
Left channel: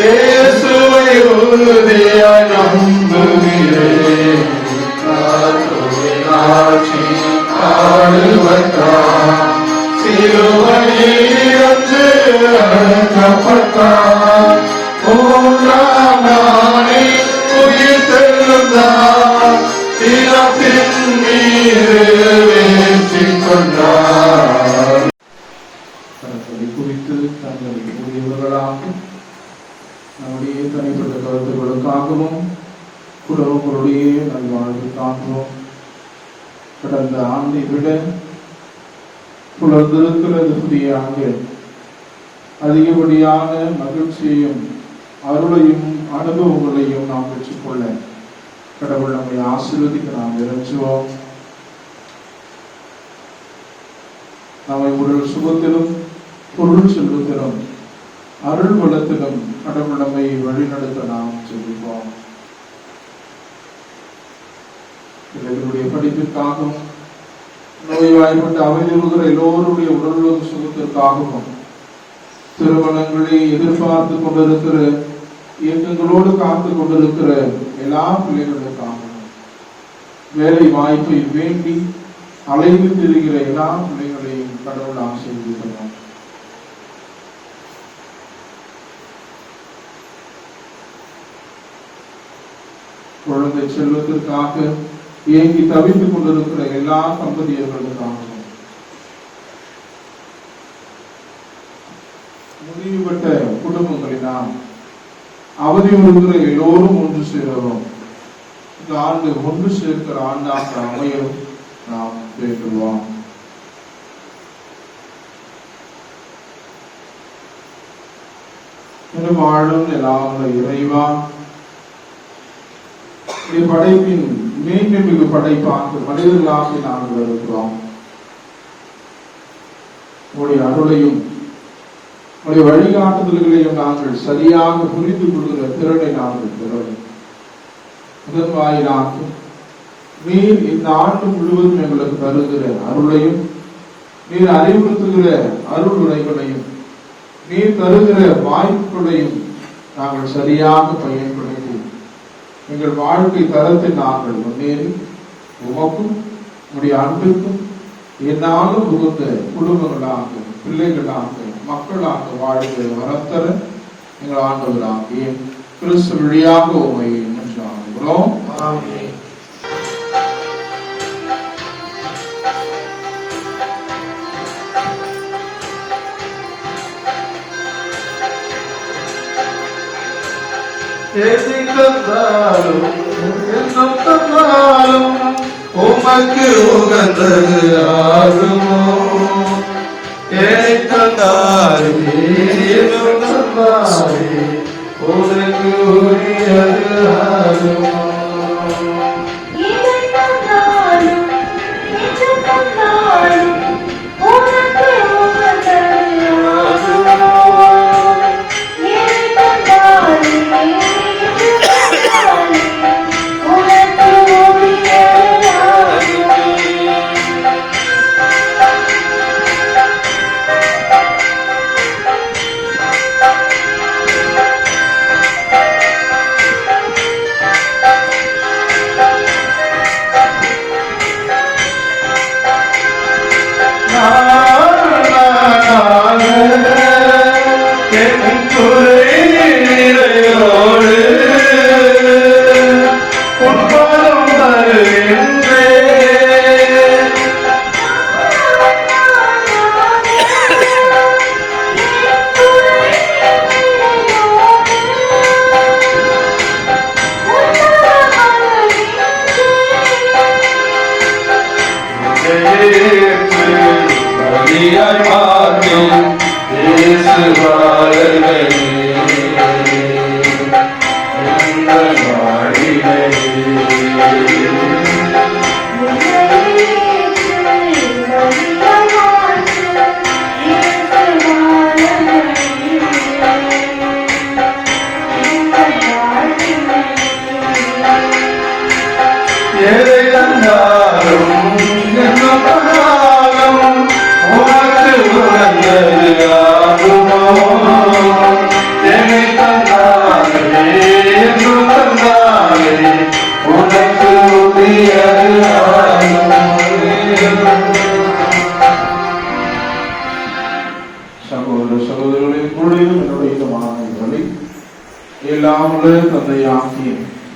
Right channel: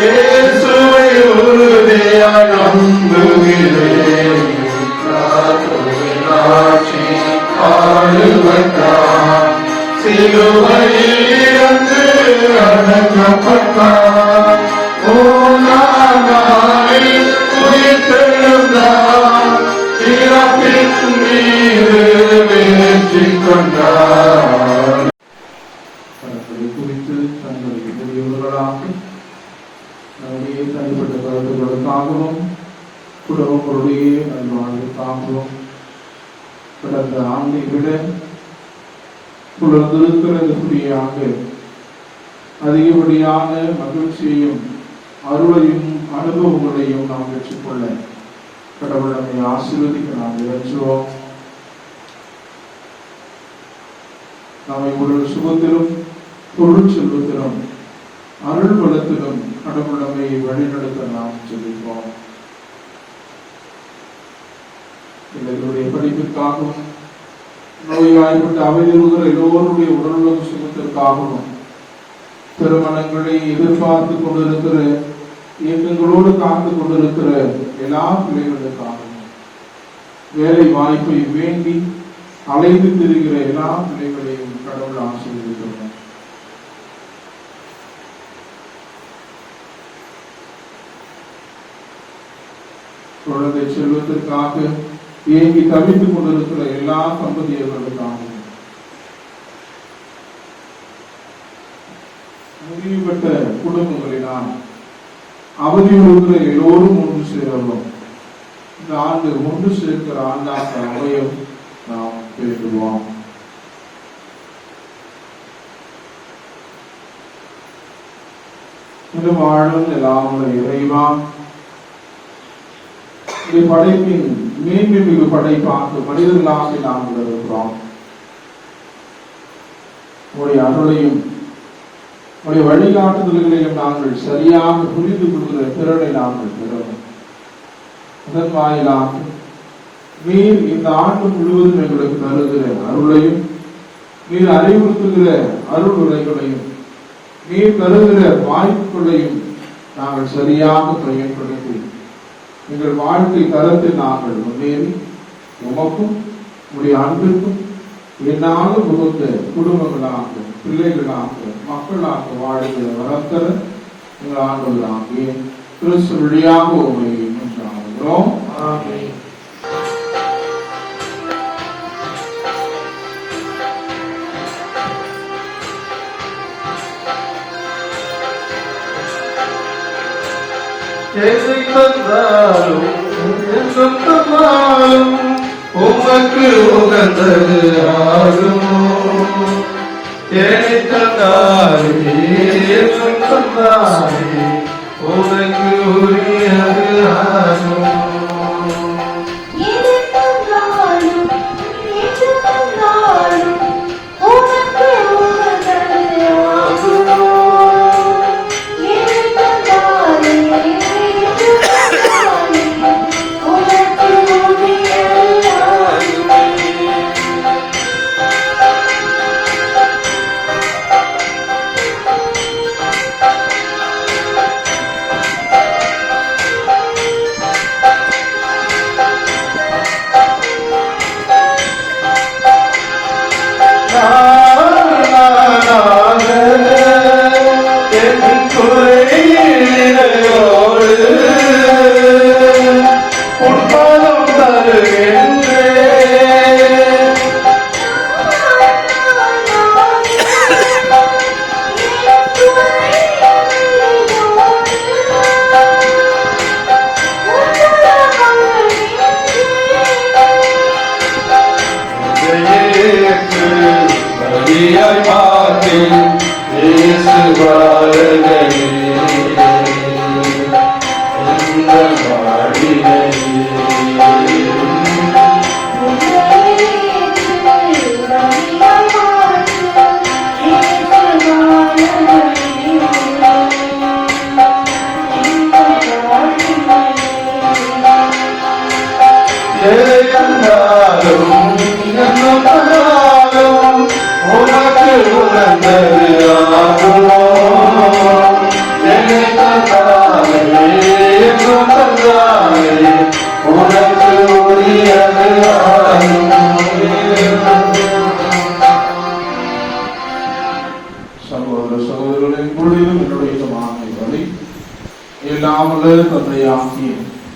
இயேசுவை உறுதியாய் நம்புகிறேன். ஆட்சி ஆளுவதாம் சிலுவையில் இருந்து அடக்கப்பட்டார். மூன்றாம் நாளில் உயிர்த்தெழுந்தார். இறப்பின் மீது வெற்றி கொண்டார். குறித்து தங்களை உரியவர்களாக நம்முடைய தனிப்பட்ட கருத்துக்களுக்காகவும் குடும்பங்களுடைய நல்வாழ்வுக்காகவும் கடந்த ஆண்டை விட புலர்ந்திருக்கிறது புதிய ஆண்டு அதிகப்படியான மகிழ்ச்சியையும் அருளையும் அனுபவங்களையும் நாம் பெற்றுக்கொள்ள கடவுள் நம்மை ஆசீர்வதிக்க நாம் இறைஞ்சுவோம். நம்மை உடல் சுகத்திலும் பொருள் செல்வத்திலும் அருள் வளத்திலும் கடவுள் நம்மை வழிநடத்த நாம் ஜெபிப்போம். பிள்ளைகளுடைய படிப்பிற்காகவும் நோய்வாய்ப்பட்ட அவையிலுகிற எல்லோருடைய உடலுள்ள சுகத்திற்காகவும் திருமணங்களை எதிர்பார்த்து கொண்டிருக்கிற இயக்கங்களோடு காத்து கொண்டிருக்கிற எல்லா பிள்ளைகளுக்காகவும் வேலை வாய்ப்பை வேண்டி அலைந்து திரிகிற எல்லா பிள்ளைகளையும் கடவுள் ஆசீர்வதிக்கிறார். குழந்தை செல்வத்திற்காக ஏங்கி தவித்துக் கொண்டிருக்கிற எல்லா தம்பதியர்களுக்காகவும் முடிவுபட்ட குடும்பங்களினால் அவதியுறுகிற எல்லோரும் ஒன்று சேரவும் இந்த ஆண்டு ஒன்று சேர்க்கிற ஆண்டாக அமையும் நாம் வேண்டுவோம். வாழும் எல்லாம் இறைவா, படைப்பின் மேன்மிகு படைப்பாக மனிதர்களாக நாங்கள் இருக்கிறோம். உடைய அருளையும் உடைய வழிகாட்டுதல்களையும் நாங்கள் சரியாக புரிந்து கொள்கிற திறனை நாங்கள் பெறவும் அதன் வாயிலாக நீர் இந்த ஆண்டு முழுவதும் எங்களுக்கு தருகிற அருளையும் நீர் அறிவுறுத்துகிற அருள் உரைகளையும் நீர் தருகிற வாய்ப்புகளையும் நாங்கள் சரியாக பயன்படுத்தி எங்கள் வாழ்க்கை தரத்தில் நாங்கள் முன்னேறி உமக்கும் உடைய அன்பிற்கும் என்னாலும் உகந்த குடும்பங்களாக பிள்ளைகளாக மக்களாக வாழ்கிற வரத்தர எங்கள் ஆண்டவராகிய கிறிஸ்து வழியாக உண்மை மன்றாடுகிறோம். எதை தந்தாலும் எண்ணம் தந்தாலும் உமக்கு உகந்தது ஆகுமோ? எதை தந்தாலே எண்ணம் தந்தாலே உமக்கு உரியது ஆகுமோ?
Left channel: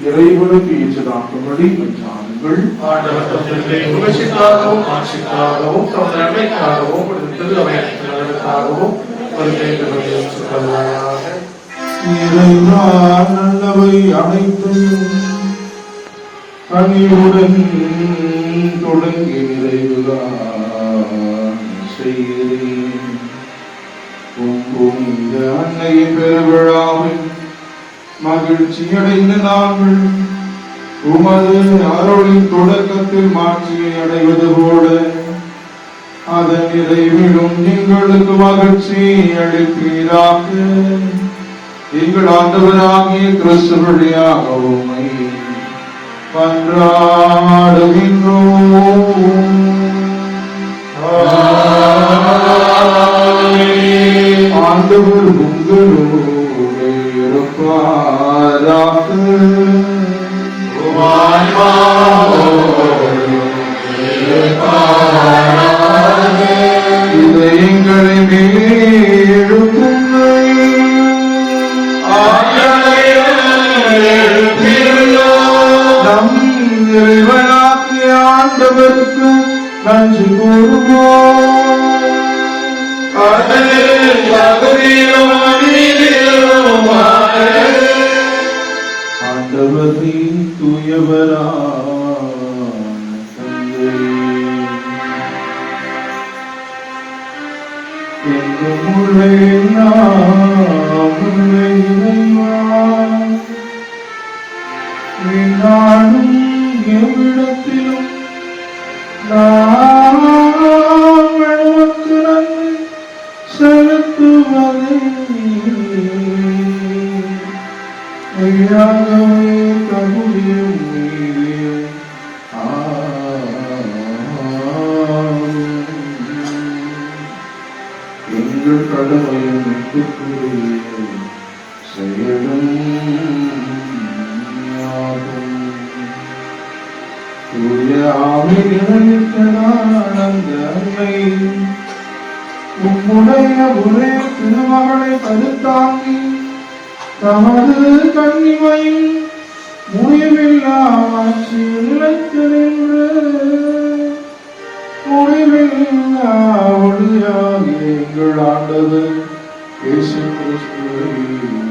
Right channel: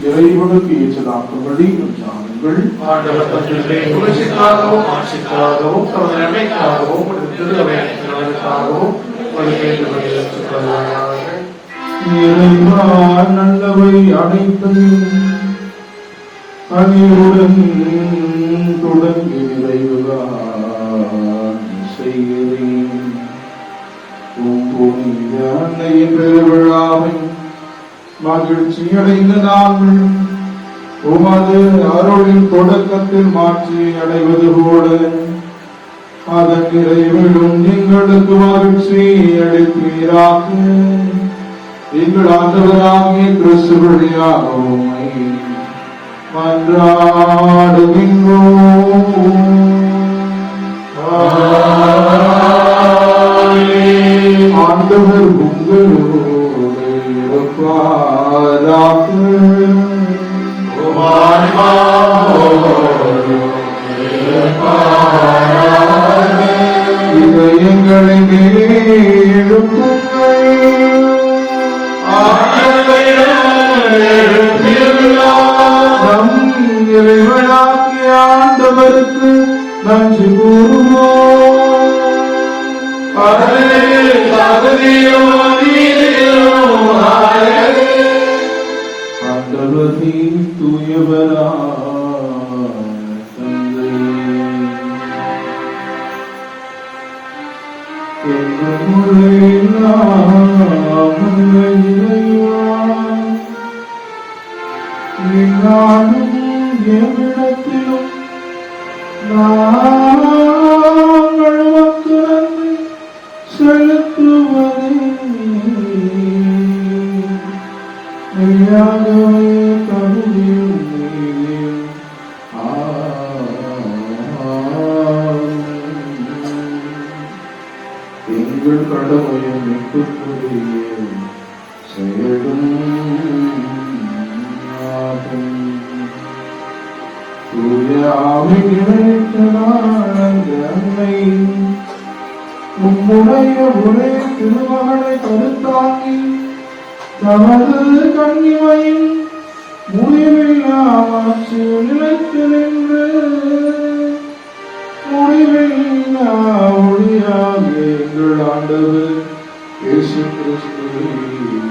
இறைவனுக்கு ஏற்றதாக்கும்படி என்றார்கள். ஆண்டவர் தந்தை புகழ்ச்சிக்காகவும் ஆட்சிக்காகவும் தமது நன்மைக்காகவும் திரு அவைக்காகவும் இறைவா நல்லவை அனைத்தையும் கனிவுடன் தொடங்கி நிறைவுதான் செய்கிறேன். புனித அன்னையின் பெருவிழாவில் மகிழ்ச்சி அடைந்த நாங்கள் உமது அருளின் தொடக்கத்தில் மாட்சியை அடைவது போல அதன் நிறைவிலும் எங்களுக்கு மகிழ்ச்சி அளிப்பீராக. எங்கள் ஆண்டவராகிய கிறிஸ்து வழியாக உம்மை மன்றாடுகின்றோம். ஆண்டவர் உங்களோடு இருப்பாராக. இதை எங்களை நம் இறைவனாகிய ஆண்டவருக்கு நன்றி கூறுவோம். ஆண்டவரே தூயவரான தந்தை, என்றும் உரை நாம் உம்மை இறைவா, எந்நாளும் எவ்விடத்திலும் நாங்கள் உமக்கு நன்றி செலுத்துவதே மெய்யாகவே தகுதியும் நீரே. எங்கள் கடமையும் விட்டுக்குரிய செயலும் ஆகும். தூய ஆவியினால் அந்த அன்னை உம்முடைய ஒரே திருமகளை கருத்தாங்கி தமது கண்ணிமையும் முடிவில்லாமல் நிலைத்து நின்று முடிவில்லா ஒளியாகிய எங்கள் ஆண்டவர் இயேசு கிறிஸ்துவை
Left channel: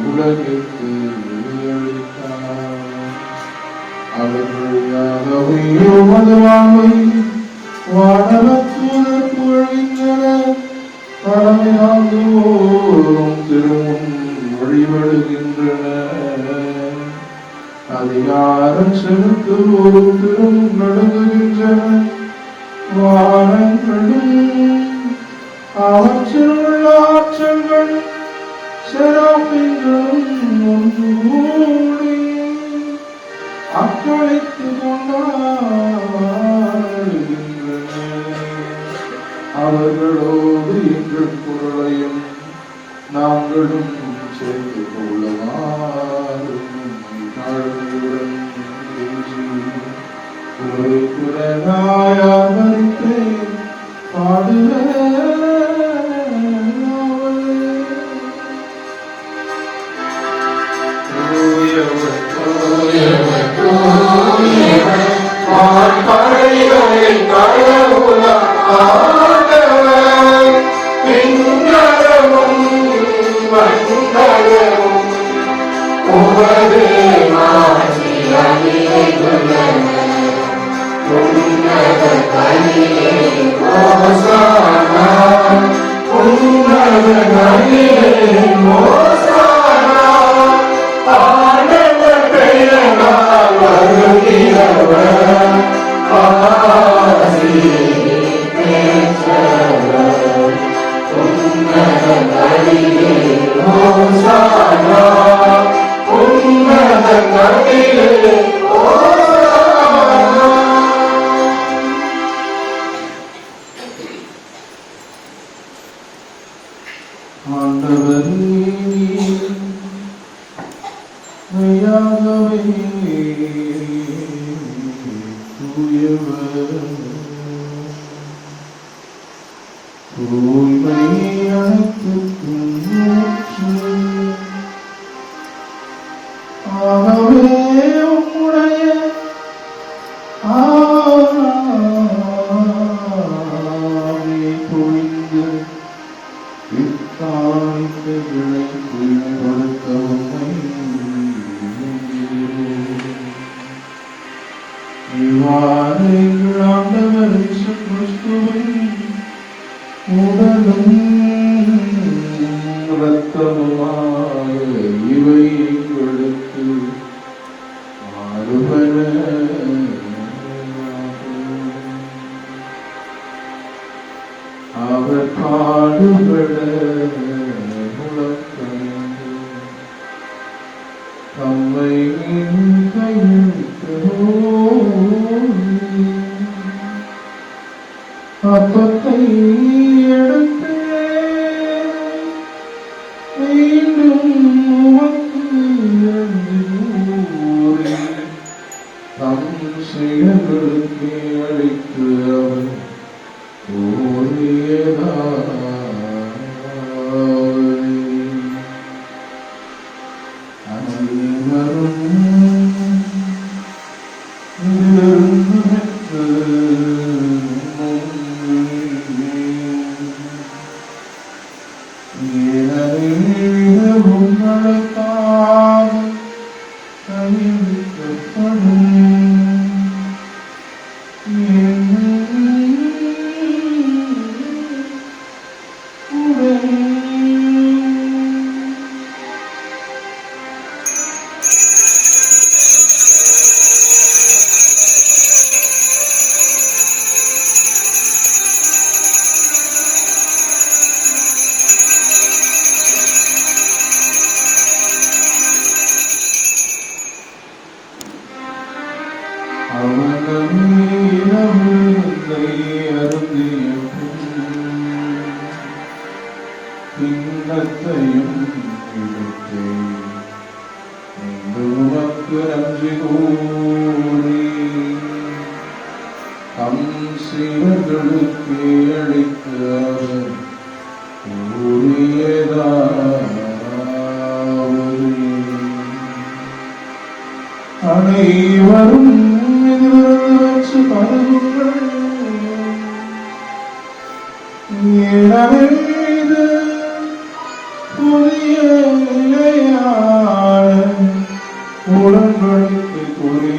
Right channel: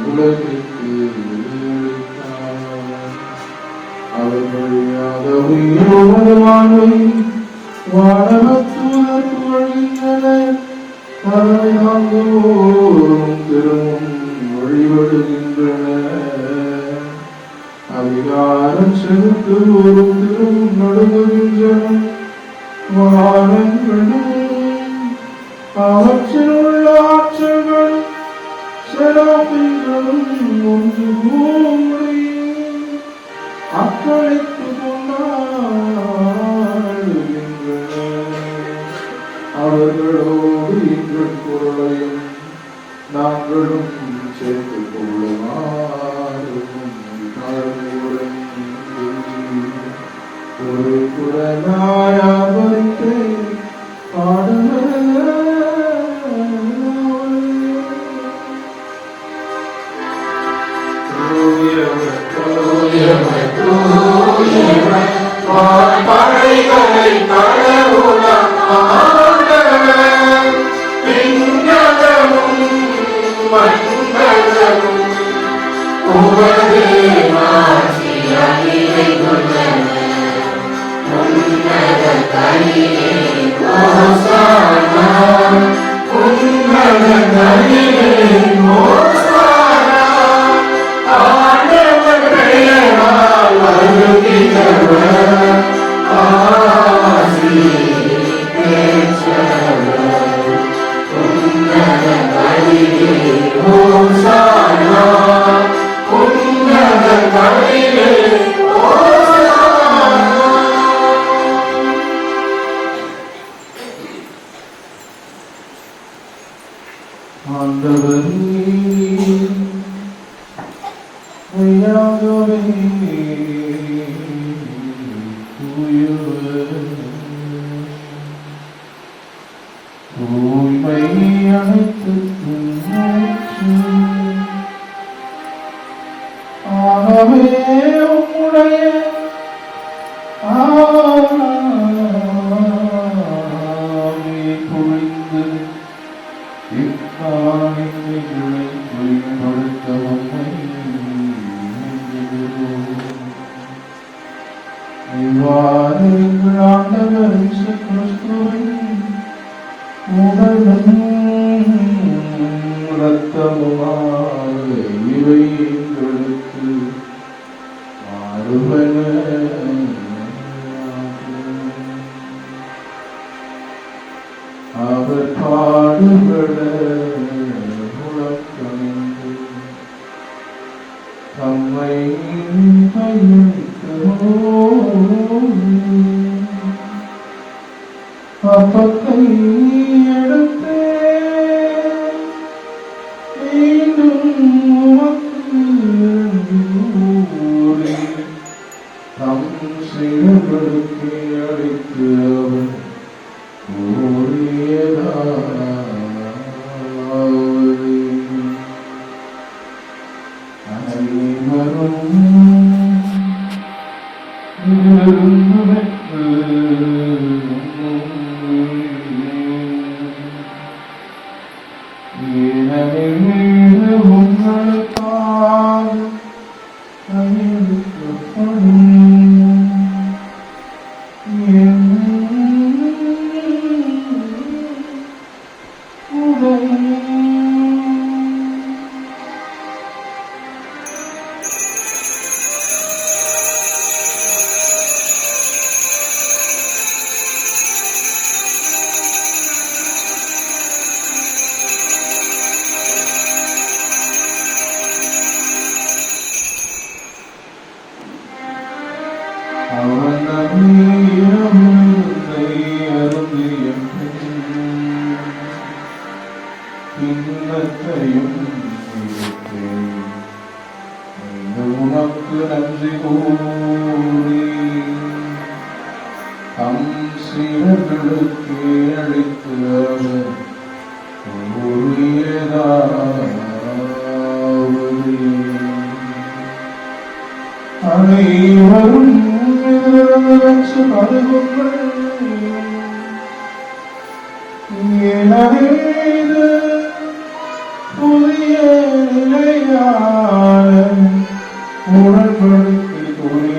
உலகிற்கு வெளியளித்தார். அவர் வழியாக உமது வாழ்வை வாழவற்றுவதற்கு புகழ்கின்றனர். பறவை காந்தோறும் திரும்பும் வழிபடுகின்றனர். அதிகாரம் செலுத்துவோரும் திரும்பும் நடுங்குகின்றனர். வானங்களும் அவற்றில் உள்ள ஆற்றல்களும் செராபின்களும் ஒன்று கூடி அக்களித்து கொண்டாடுகின்றனர். அவர்களோடு எங்கள் குரலையும் நாங்களும் சேர்த்துக் கொள்ளவாறு தாழ்மையுடன் குரலாயாவரித்து பாடுவர். இவை எங்களுக்கு மாறுபட அவர் பாடுபட முழக்கமிட்டு தம்மை அப்பத்தை எடுத்து மீண்டும் உமக்கு நன்றி தம் செயல்களுக்கு அழைத்து அவர் உமக்கு நன்றி கூறி தம் சீடர்களுக்கு அளித்து அவர் அனைவரும் வச்சு பருகுங்கள் புதிய உடன்படிக்கைக்குரிய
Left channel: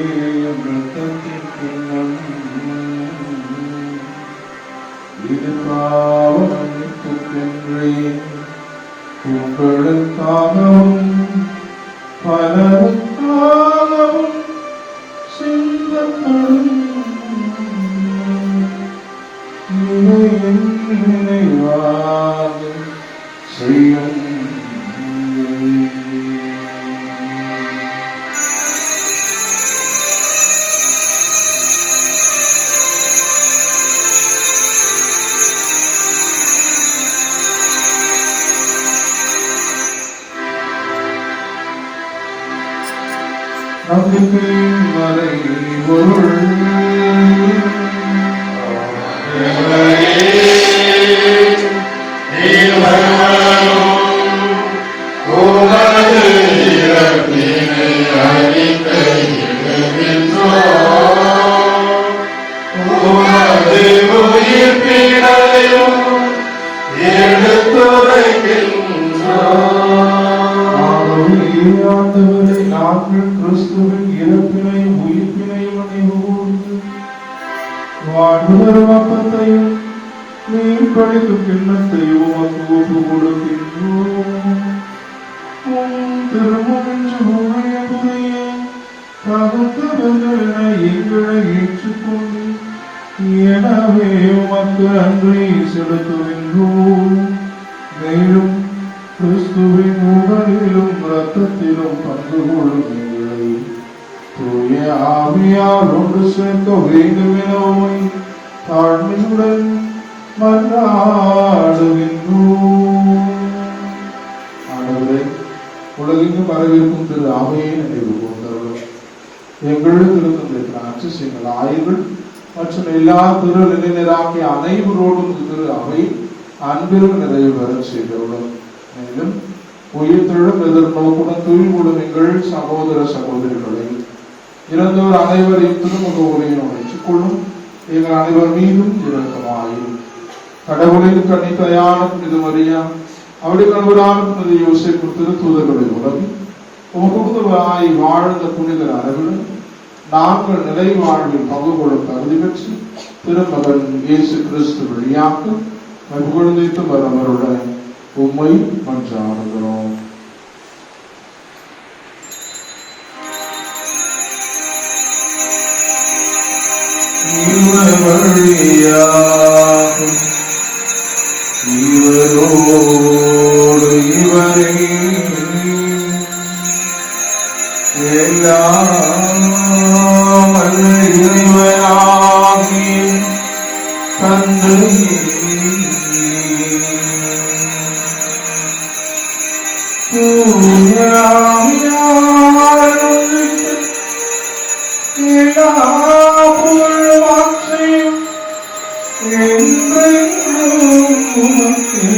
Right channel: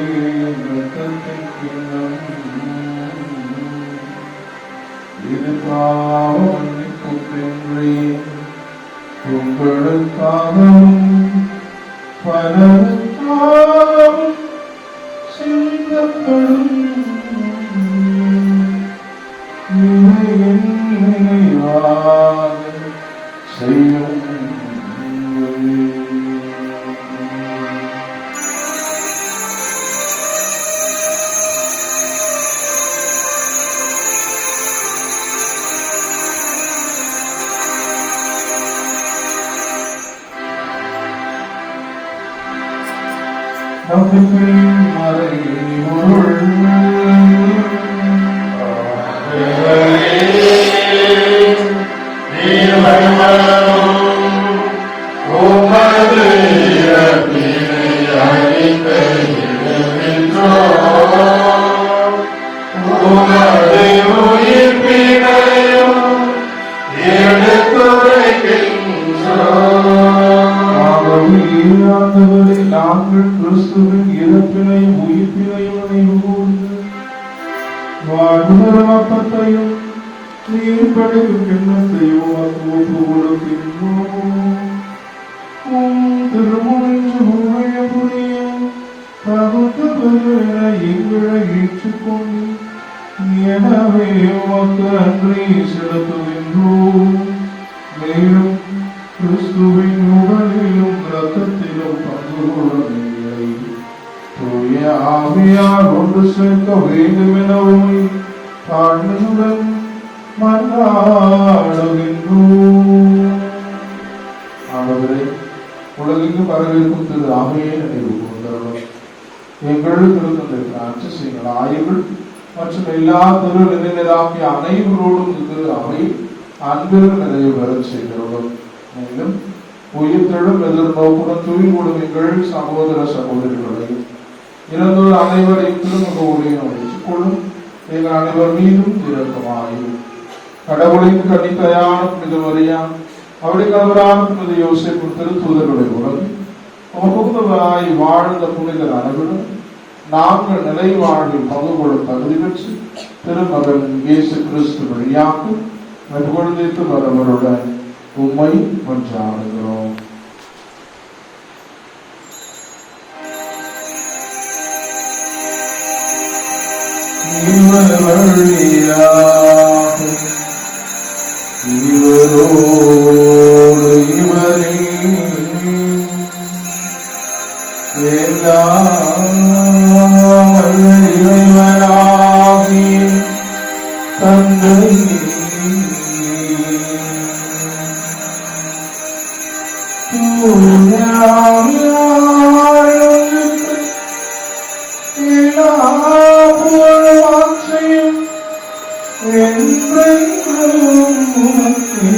இது பாவ மன்னிப்புக்கென்றே உங்களுக்காகவும் பலருக்காகவும் சிந்தப்படும் நினைவாக செய்யும். நம்பிக்கையின் மறைபொருள் நாங்கள் கிறிஸ்துவின் இறப்பினையும் உயிர்ப்பினையும் நினைவுகூர்ந்து வாழ்தரும் அப்பத்தையும் நீர் படைக்கும் கிண்ணத்தையும் ஒப்பு கொடுக்கின்றோம். திருமணம் புரிய தகுந்தவர்கள் என எங்களை ஏற்றுக்கொண்டு எனவே உமக்கு நன்றி செலுத்துகின்றோம். மேலும் கிறிஸ்துவின் உடலிலும் இரத்தத்திலும் பங்கு கொள்ளும் எங்களை தூய ஆவியால் ஒன்று சேர்க்க வேண்டும் என உம்மை தாழ்மையுடன் மன்றாடுகின்றோம். ஆண்டவரே, உலகெங்கும் பரவிருக்கும் திரு அவையை நினைவு கூர்ந்தவர் எங்களுக்கு இருந்த ஆட்சி செய்யுங்கள். ஆய்வுகள் மற்றும் எல்லா திரு நிலைஞராகிய அனைவரோடும் திரு அவை அன்பில் நிறைவு பெறச் செய்தவர்கள். மேலும் உயிர்த்தெழும் எதிர்நோக்குடன் தூய்மையுடன் எங்கள் சகோதர சகோதரிகளை இறந்தோர் அனைவரையும் திருமுக ஊழியம் வைத்துக் கொள்ளும். எங்கள் அனைவர் மீதும் இரக்கமாயும் கடவுளின் கன்னிக்கையான புனித மரியா அவருடைய கணவரான புனித யோசேப்பு திருத்தூதர்களை உலகி உமக்குதவாய் வாழ்ந்த புனிதர் அனைவரும் நாங்கள் நிலை வாழ்வில் பங்கு கொள்ள தகுதி பெற்று திருமகன் இயேசு கிறிஸ்து வழியாக எப்பொழுதைத்து வரவருடன் உம்மை மன்றாடுகிறோம். இவரோடு இவரே எல்லாம் வல்ல இறைவனாகிய தந்தை எல்லா புகழ்வாட்சியும் என்றென்றும் உமக்கே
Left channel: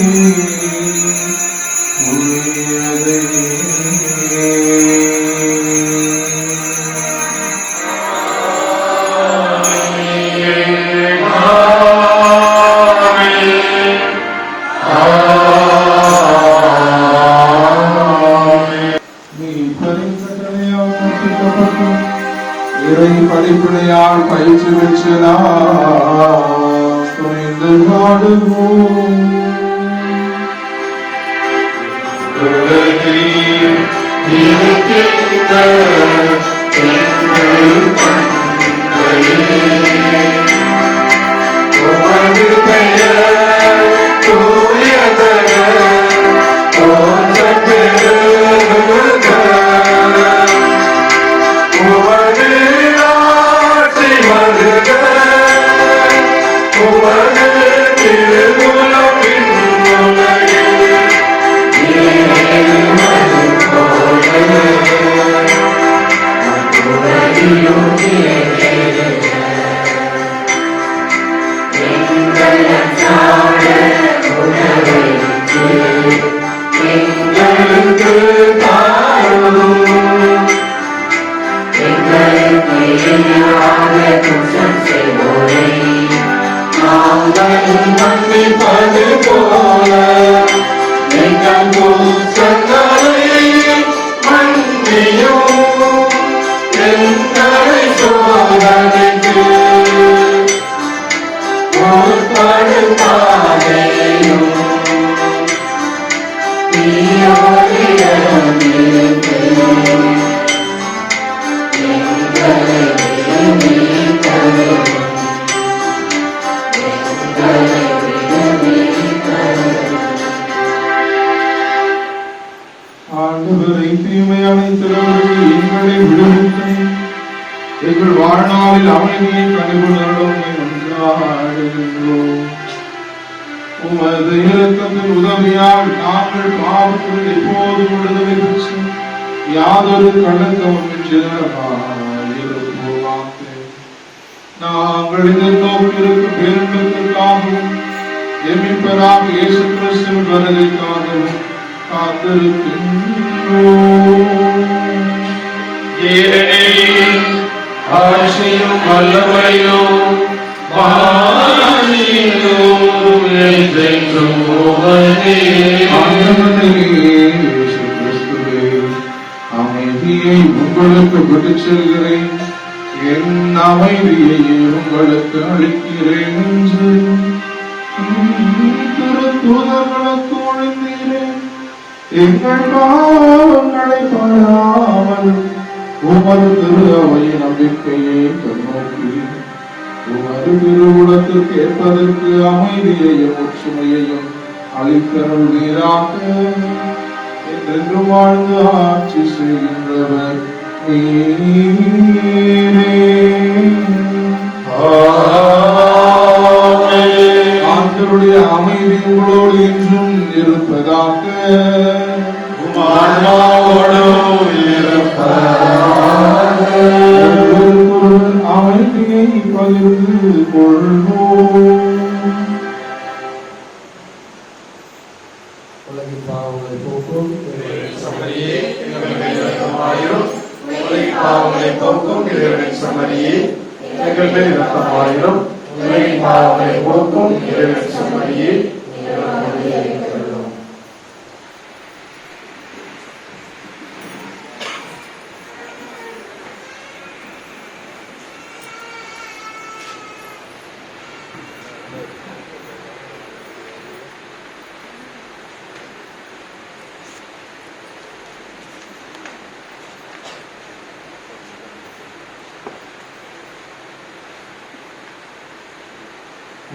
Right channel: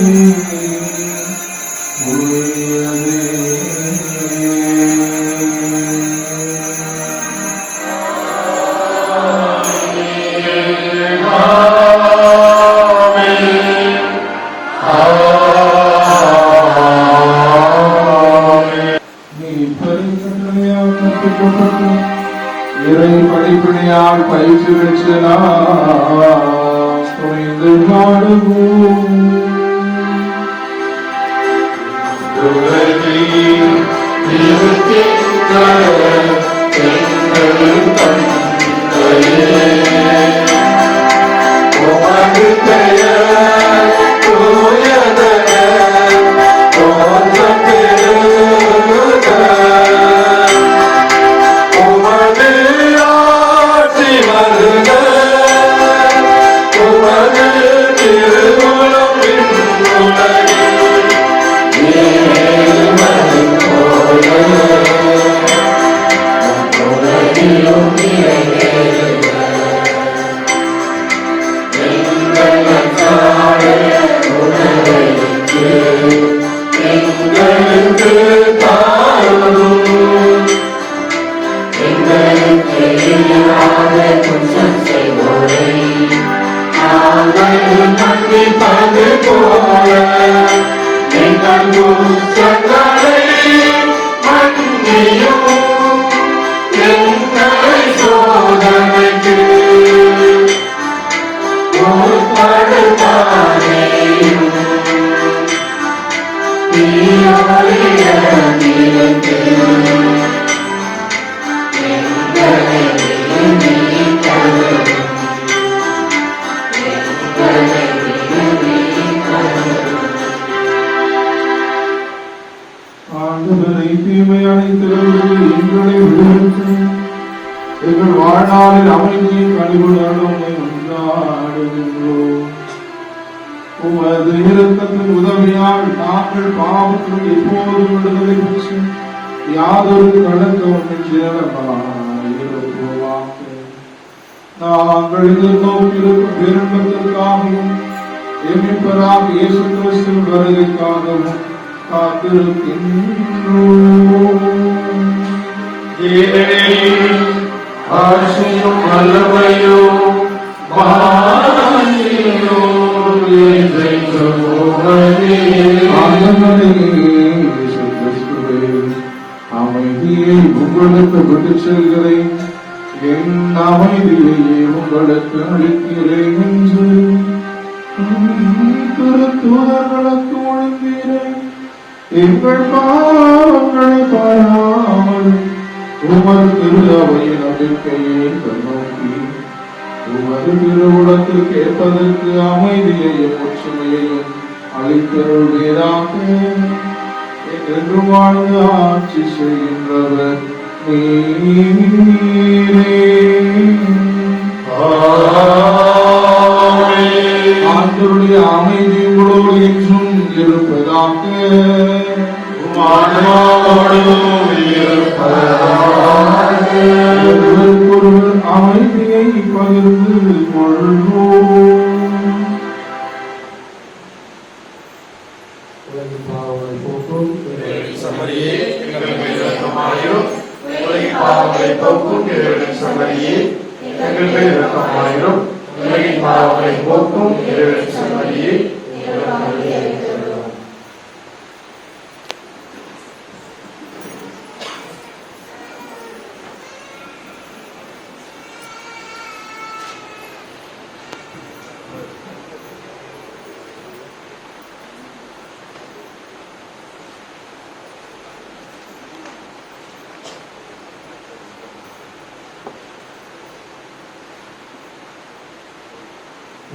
உரியதே. இறை படிப்பினையால் பயிற்சி பெற்று நாம் துணிந்து நாடுவோம். ஆண்டவரை தீமையான திறவுகளை எங்களை விடுவித்து எங்கள் வாழ்நாளில் அமைதியை கண்டுகொள்ளும் உமது இரக்கத்தின் உதவியால் நாங்கள் பாவத்தில் எப்போதும் விடுதலை பெற்று யாதொரு கலக்கமின்றி இருப்போமாக. நாங்கள் எதிர்நோக்கியிருக்கும் பேரின்பத்திற்காகவும் எம்மிப்பராக இயேசு கிறிஸ்துவின் வருகைக்காகவும் ஆட்சியும் வல்லமையும் அமைதியை உங்களுக்கு விட்டுச் செல்கிறேன், என் அமைதியை உங்களுக்கு அளிக்கிறேன் என்று தூதர்களுக்கு ஒழிந்தீரேன். எங்கள் பாவங்களை பாராமல் உமது திரு அவையின் நம்பிக்கையை கண்ணோக்கி உமது திருவுலத்தில் கேட்பதற்கு அமைதியையும் ஒற்றுமையையும் அளித்தருள்வீராக. என்று வாழ்ந்து ஆட்சி செய்கின்றவர் நீரே. ஆண்டவருடைய அமைதி உங்களோடு என்றும் இருப்பதாக. அமைதியை பகிர்ந்து கொள்வோம்.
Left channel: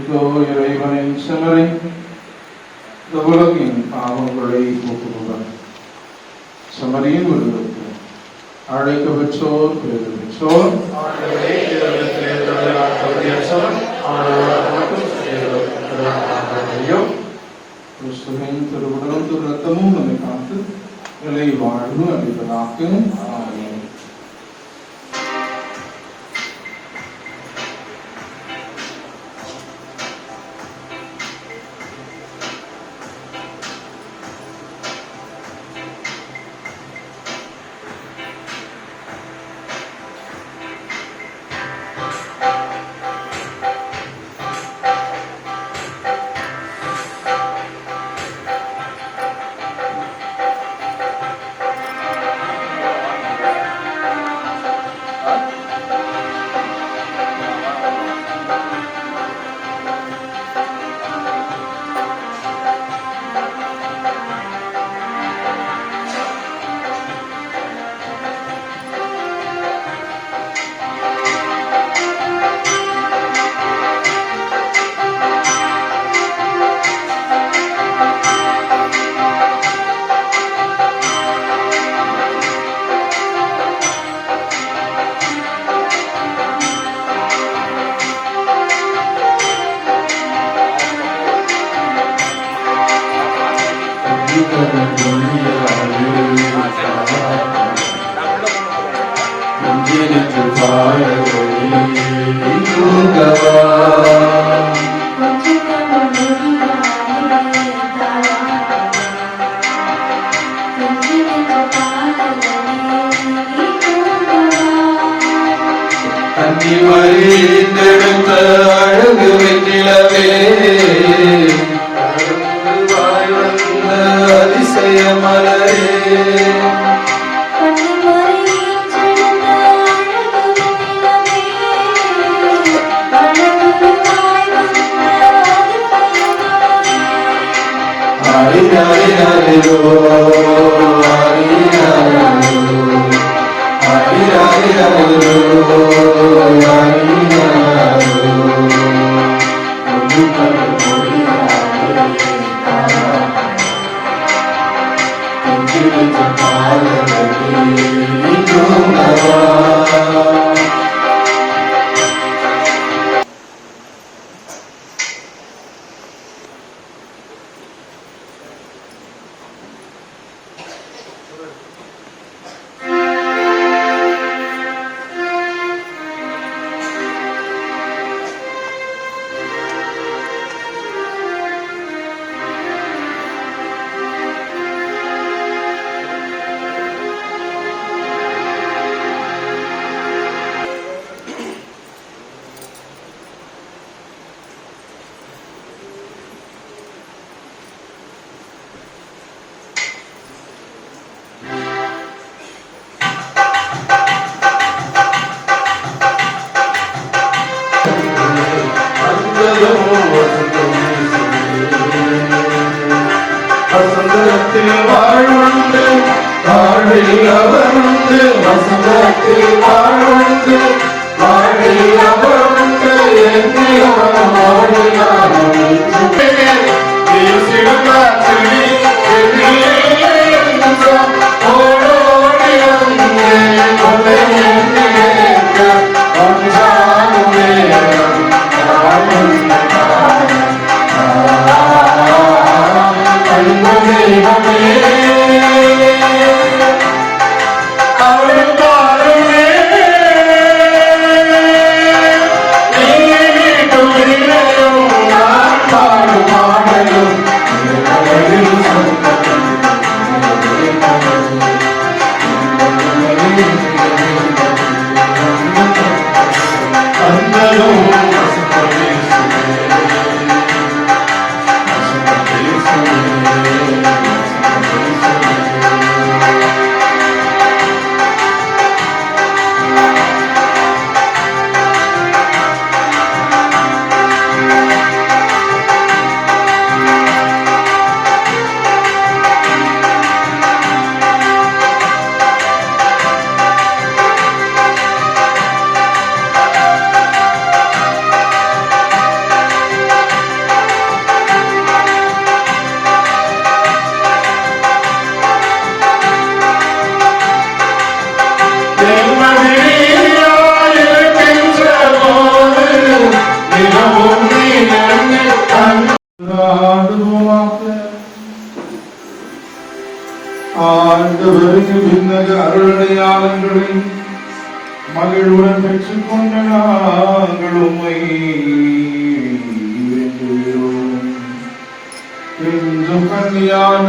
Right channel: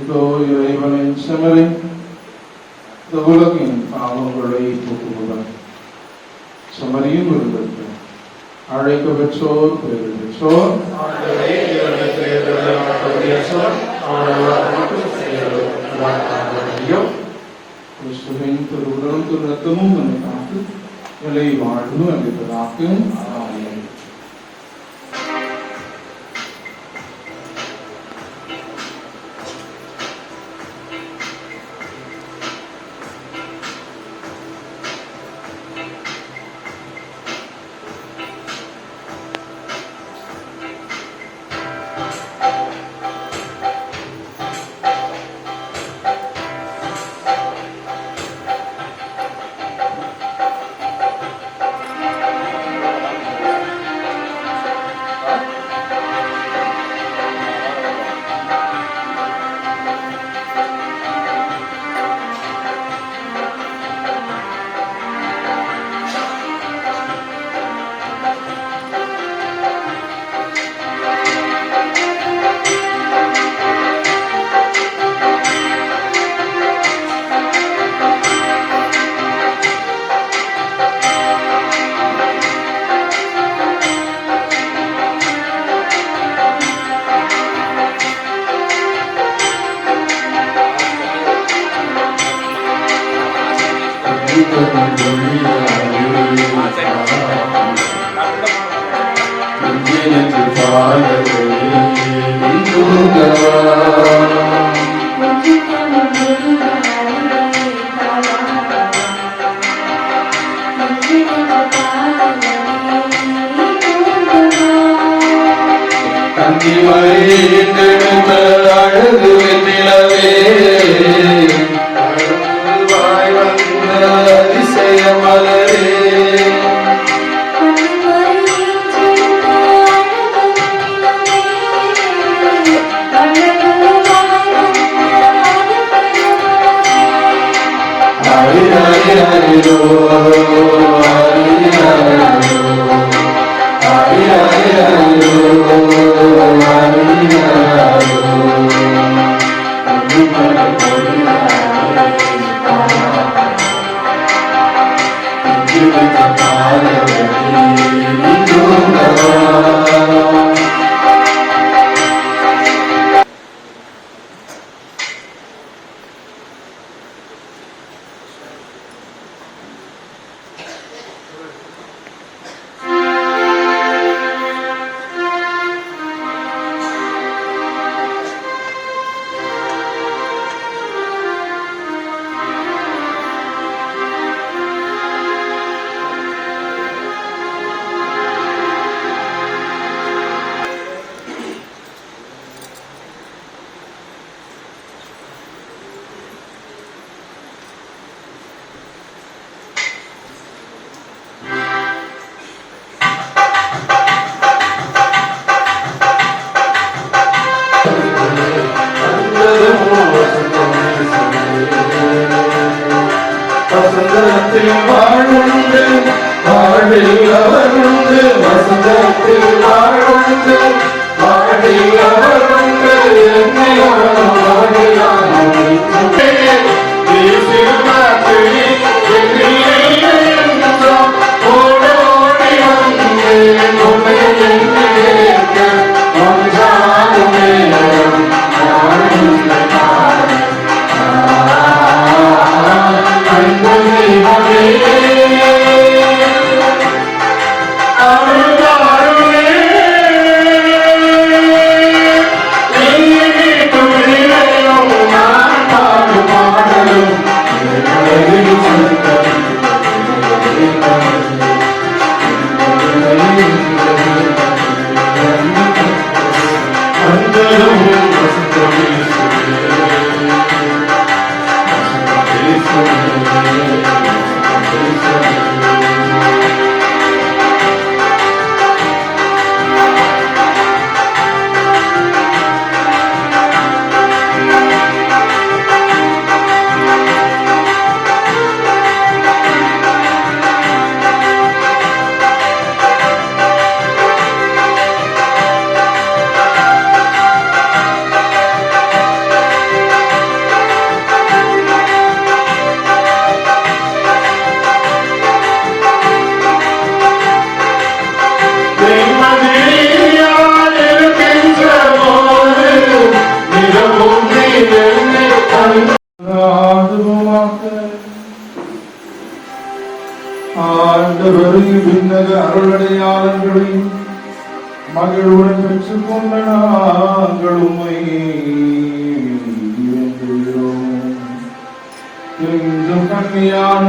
இதோ இறைவனின் செமரி இந்த உலகின் பாவங்களை போக்குபவர். சமரியின் விருதுக்கு அழைக்க பெற்றோர் பேரு பெற்றோர். கிறிஸ்துவின் திருவுடலும் திரு ரத்தமும் நம்மை காத்து விலை வாழ்வு அளிப்பதாக்கு. ஆமென். அழகு வெற்றிலவே அதிசய மலரே ஹரி ஹரி ஹரிரோ ஹரி ஹரிரோ ஹரி ஹரி ஹரிரோ ஹரி ஹரிரோ வசந்தத்தில் வாழ்வுண்டு வாழ்வில் அவர் உண்டு வசந்தத்தில் வாழ்வுண்டு வாழ்வில் அவர் உண்டு என்னிலும் வாழ்விலானும் ஓடோடி வந்து ஒன்றாகுமே அருள் ஆண்டவருக்கு விண்ணக அருளடையாளங்களை மகிழ்வுடன் பெற்றுக் கொண்ட நாங்கள் உம்மை வேண்டுகிறோம். என்றும் கன்னியான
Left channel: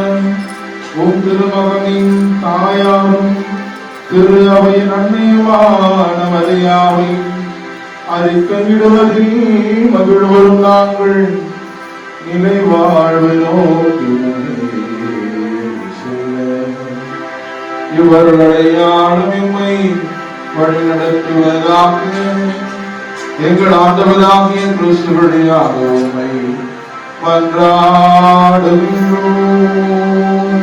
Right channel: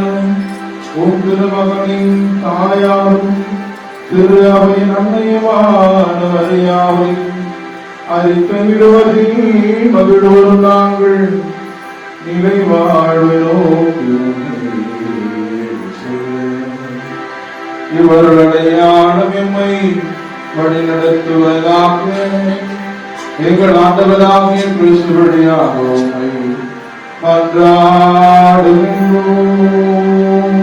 உம் திருமகனின் தாயாரும் திரு அவையின் அன்னையுமான மரியாவை அறிக்கையிடுவதில் மகிழ்வரும் நாங்கள் நிலை வாழ்வு நோக்கி இவர்களுடையாளும் எம்மை வழி நடத்துவதாக எங்கள் ஆண்டவராகிய கிறிஸ்துவடியாக உம்மை மன்றாடுகின்றோம்.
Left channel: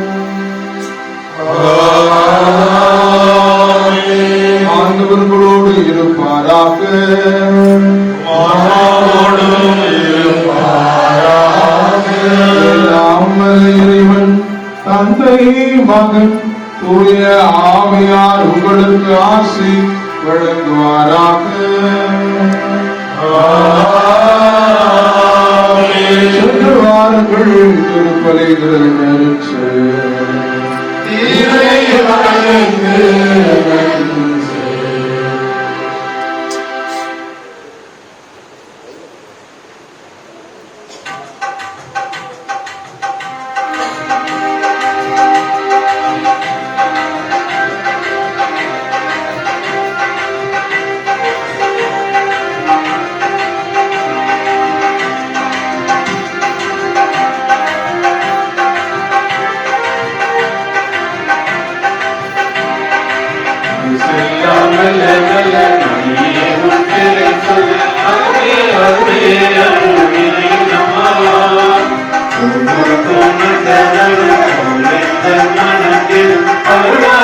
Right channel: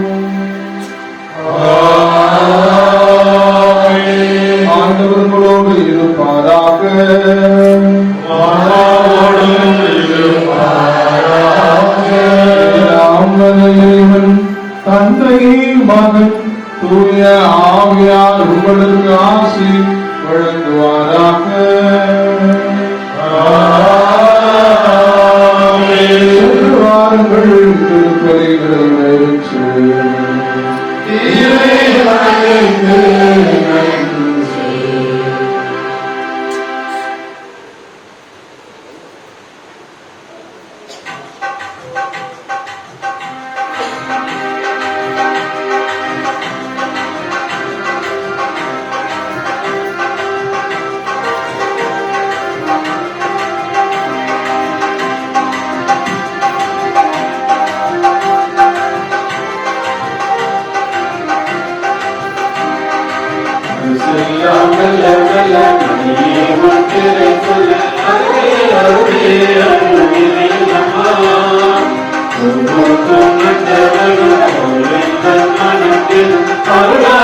ஆண்டவர்களோடு இருப்பாராக. எல்லாம் வல்ல இறைவன் தந்தை மகன் தூய ஆவியார் உங்களுக்கு ஆசி வழங்குவாராக. சென்று வாருங்கள், திருப்பலிகளை நிறைவேற்று. அருளா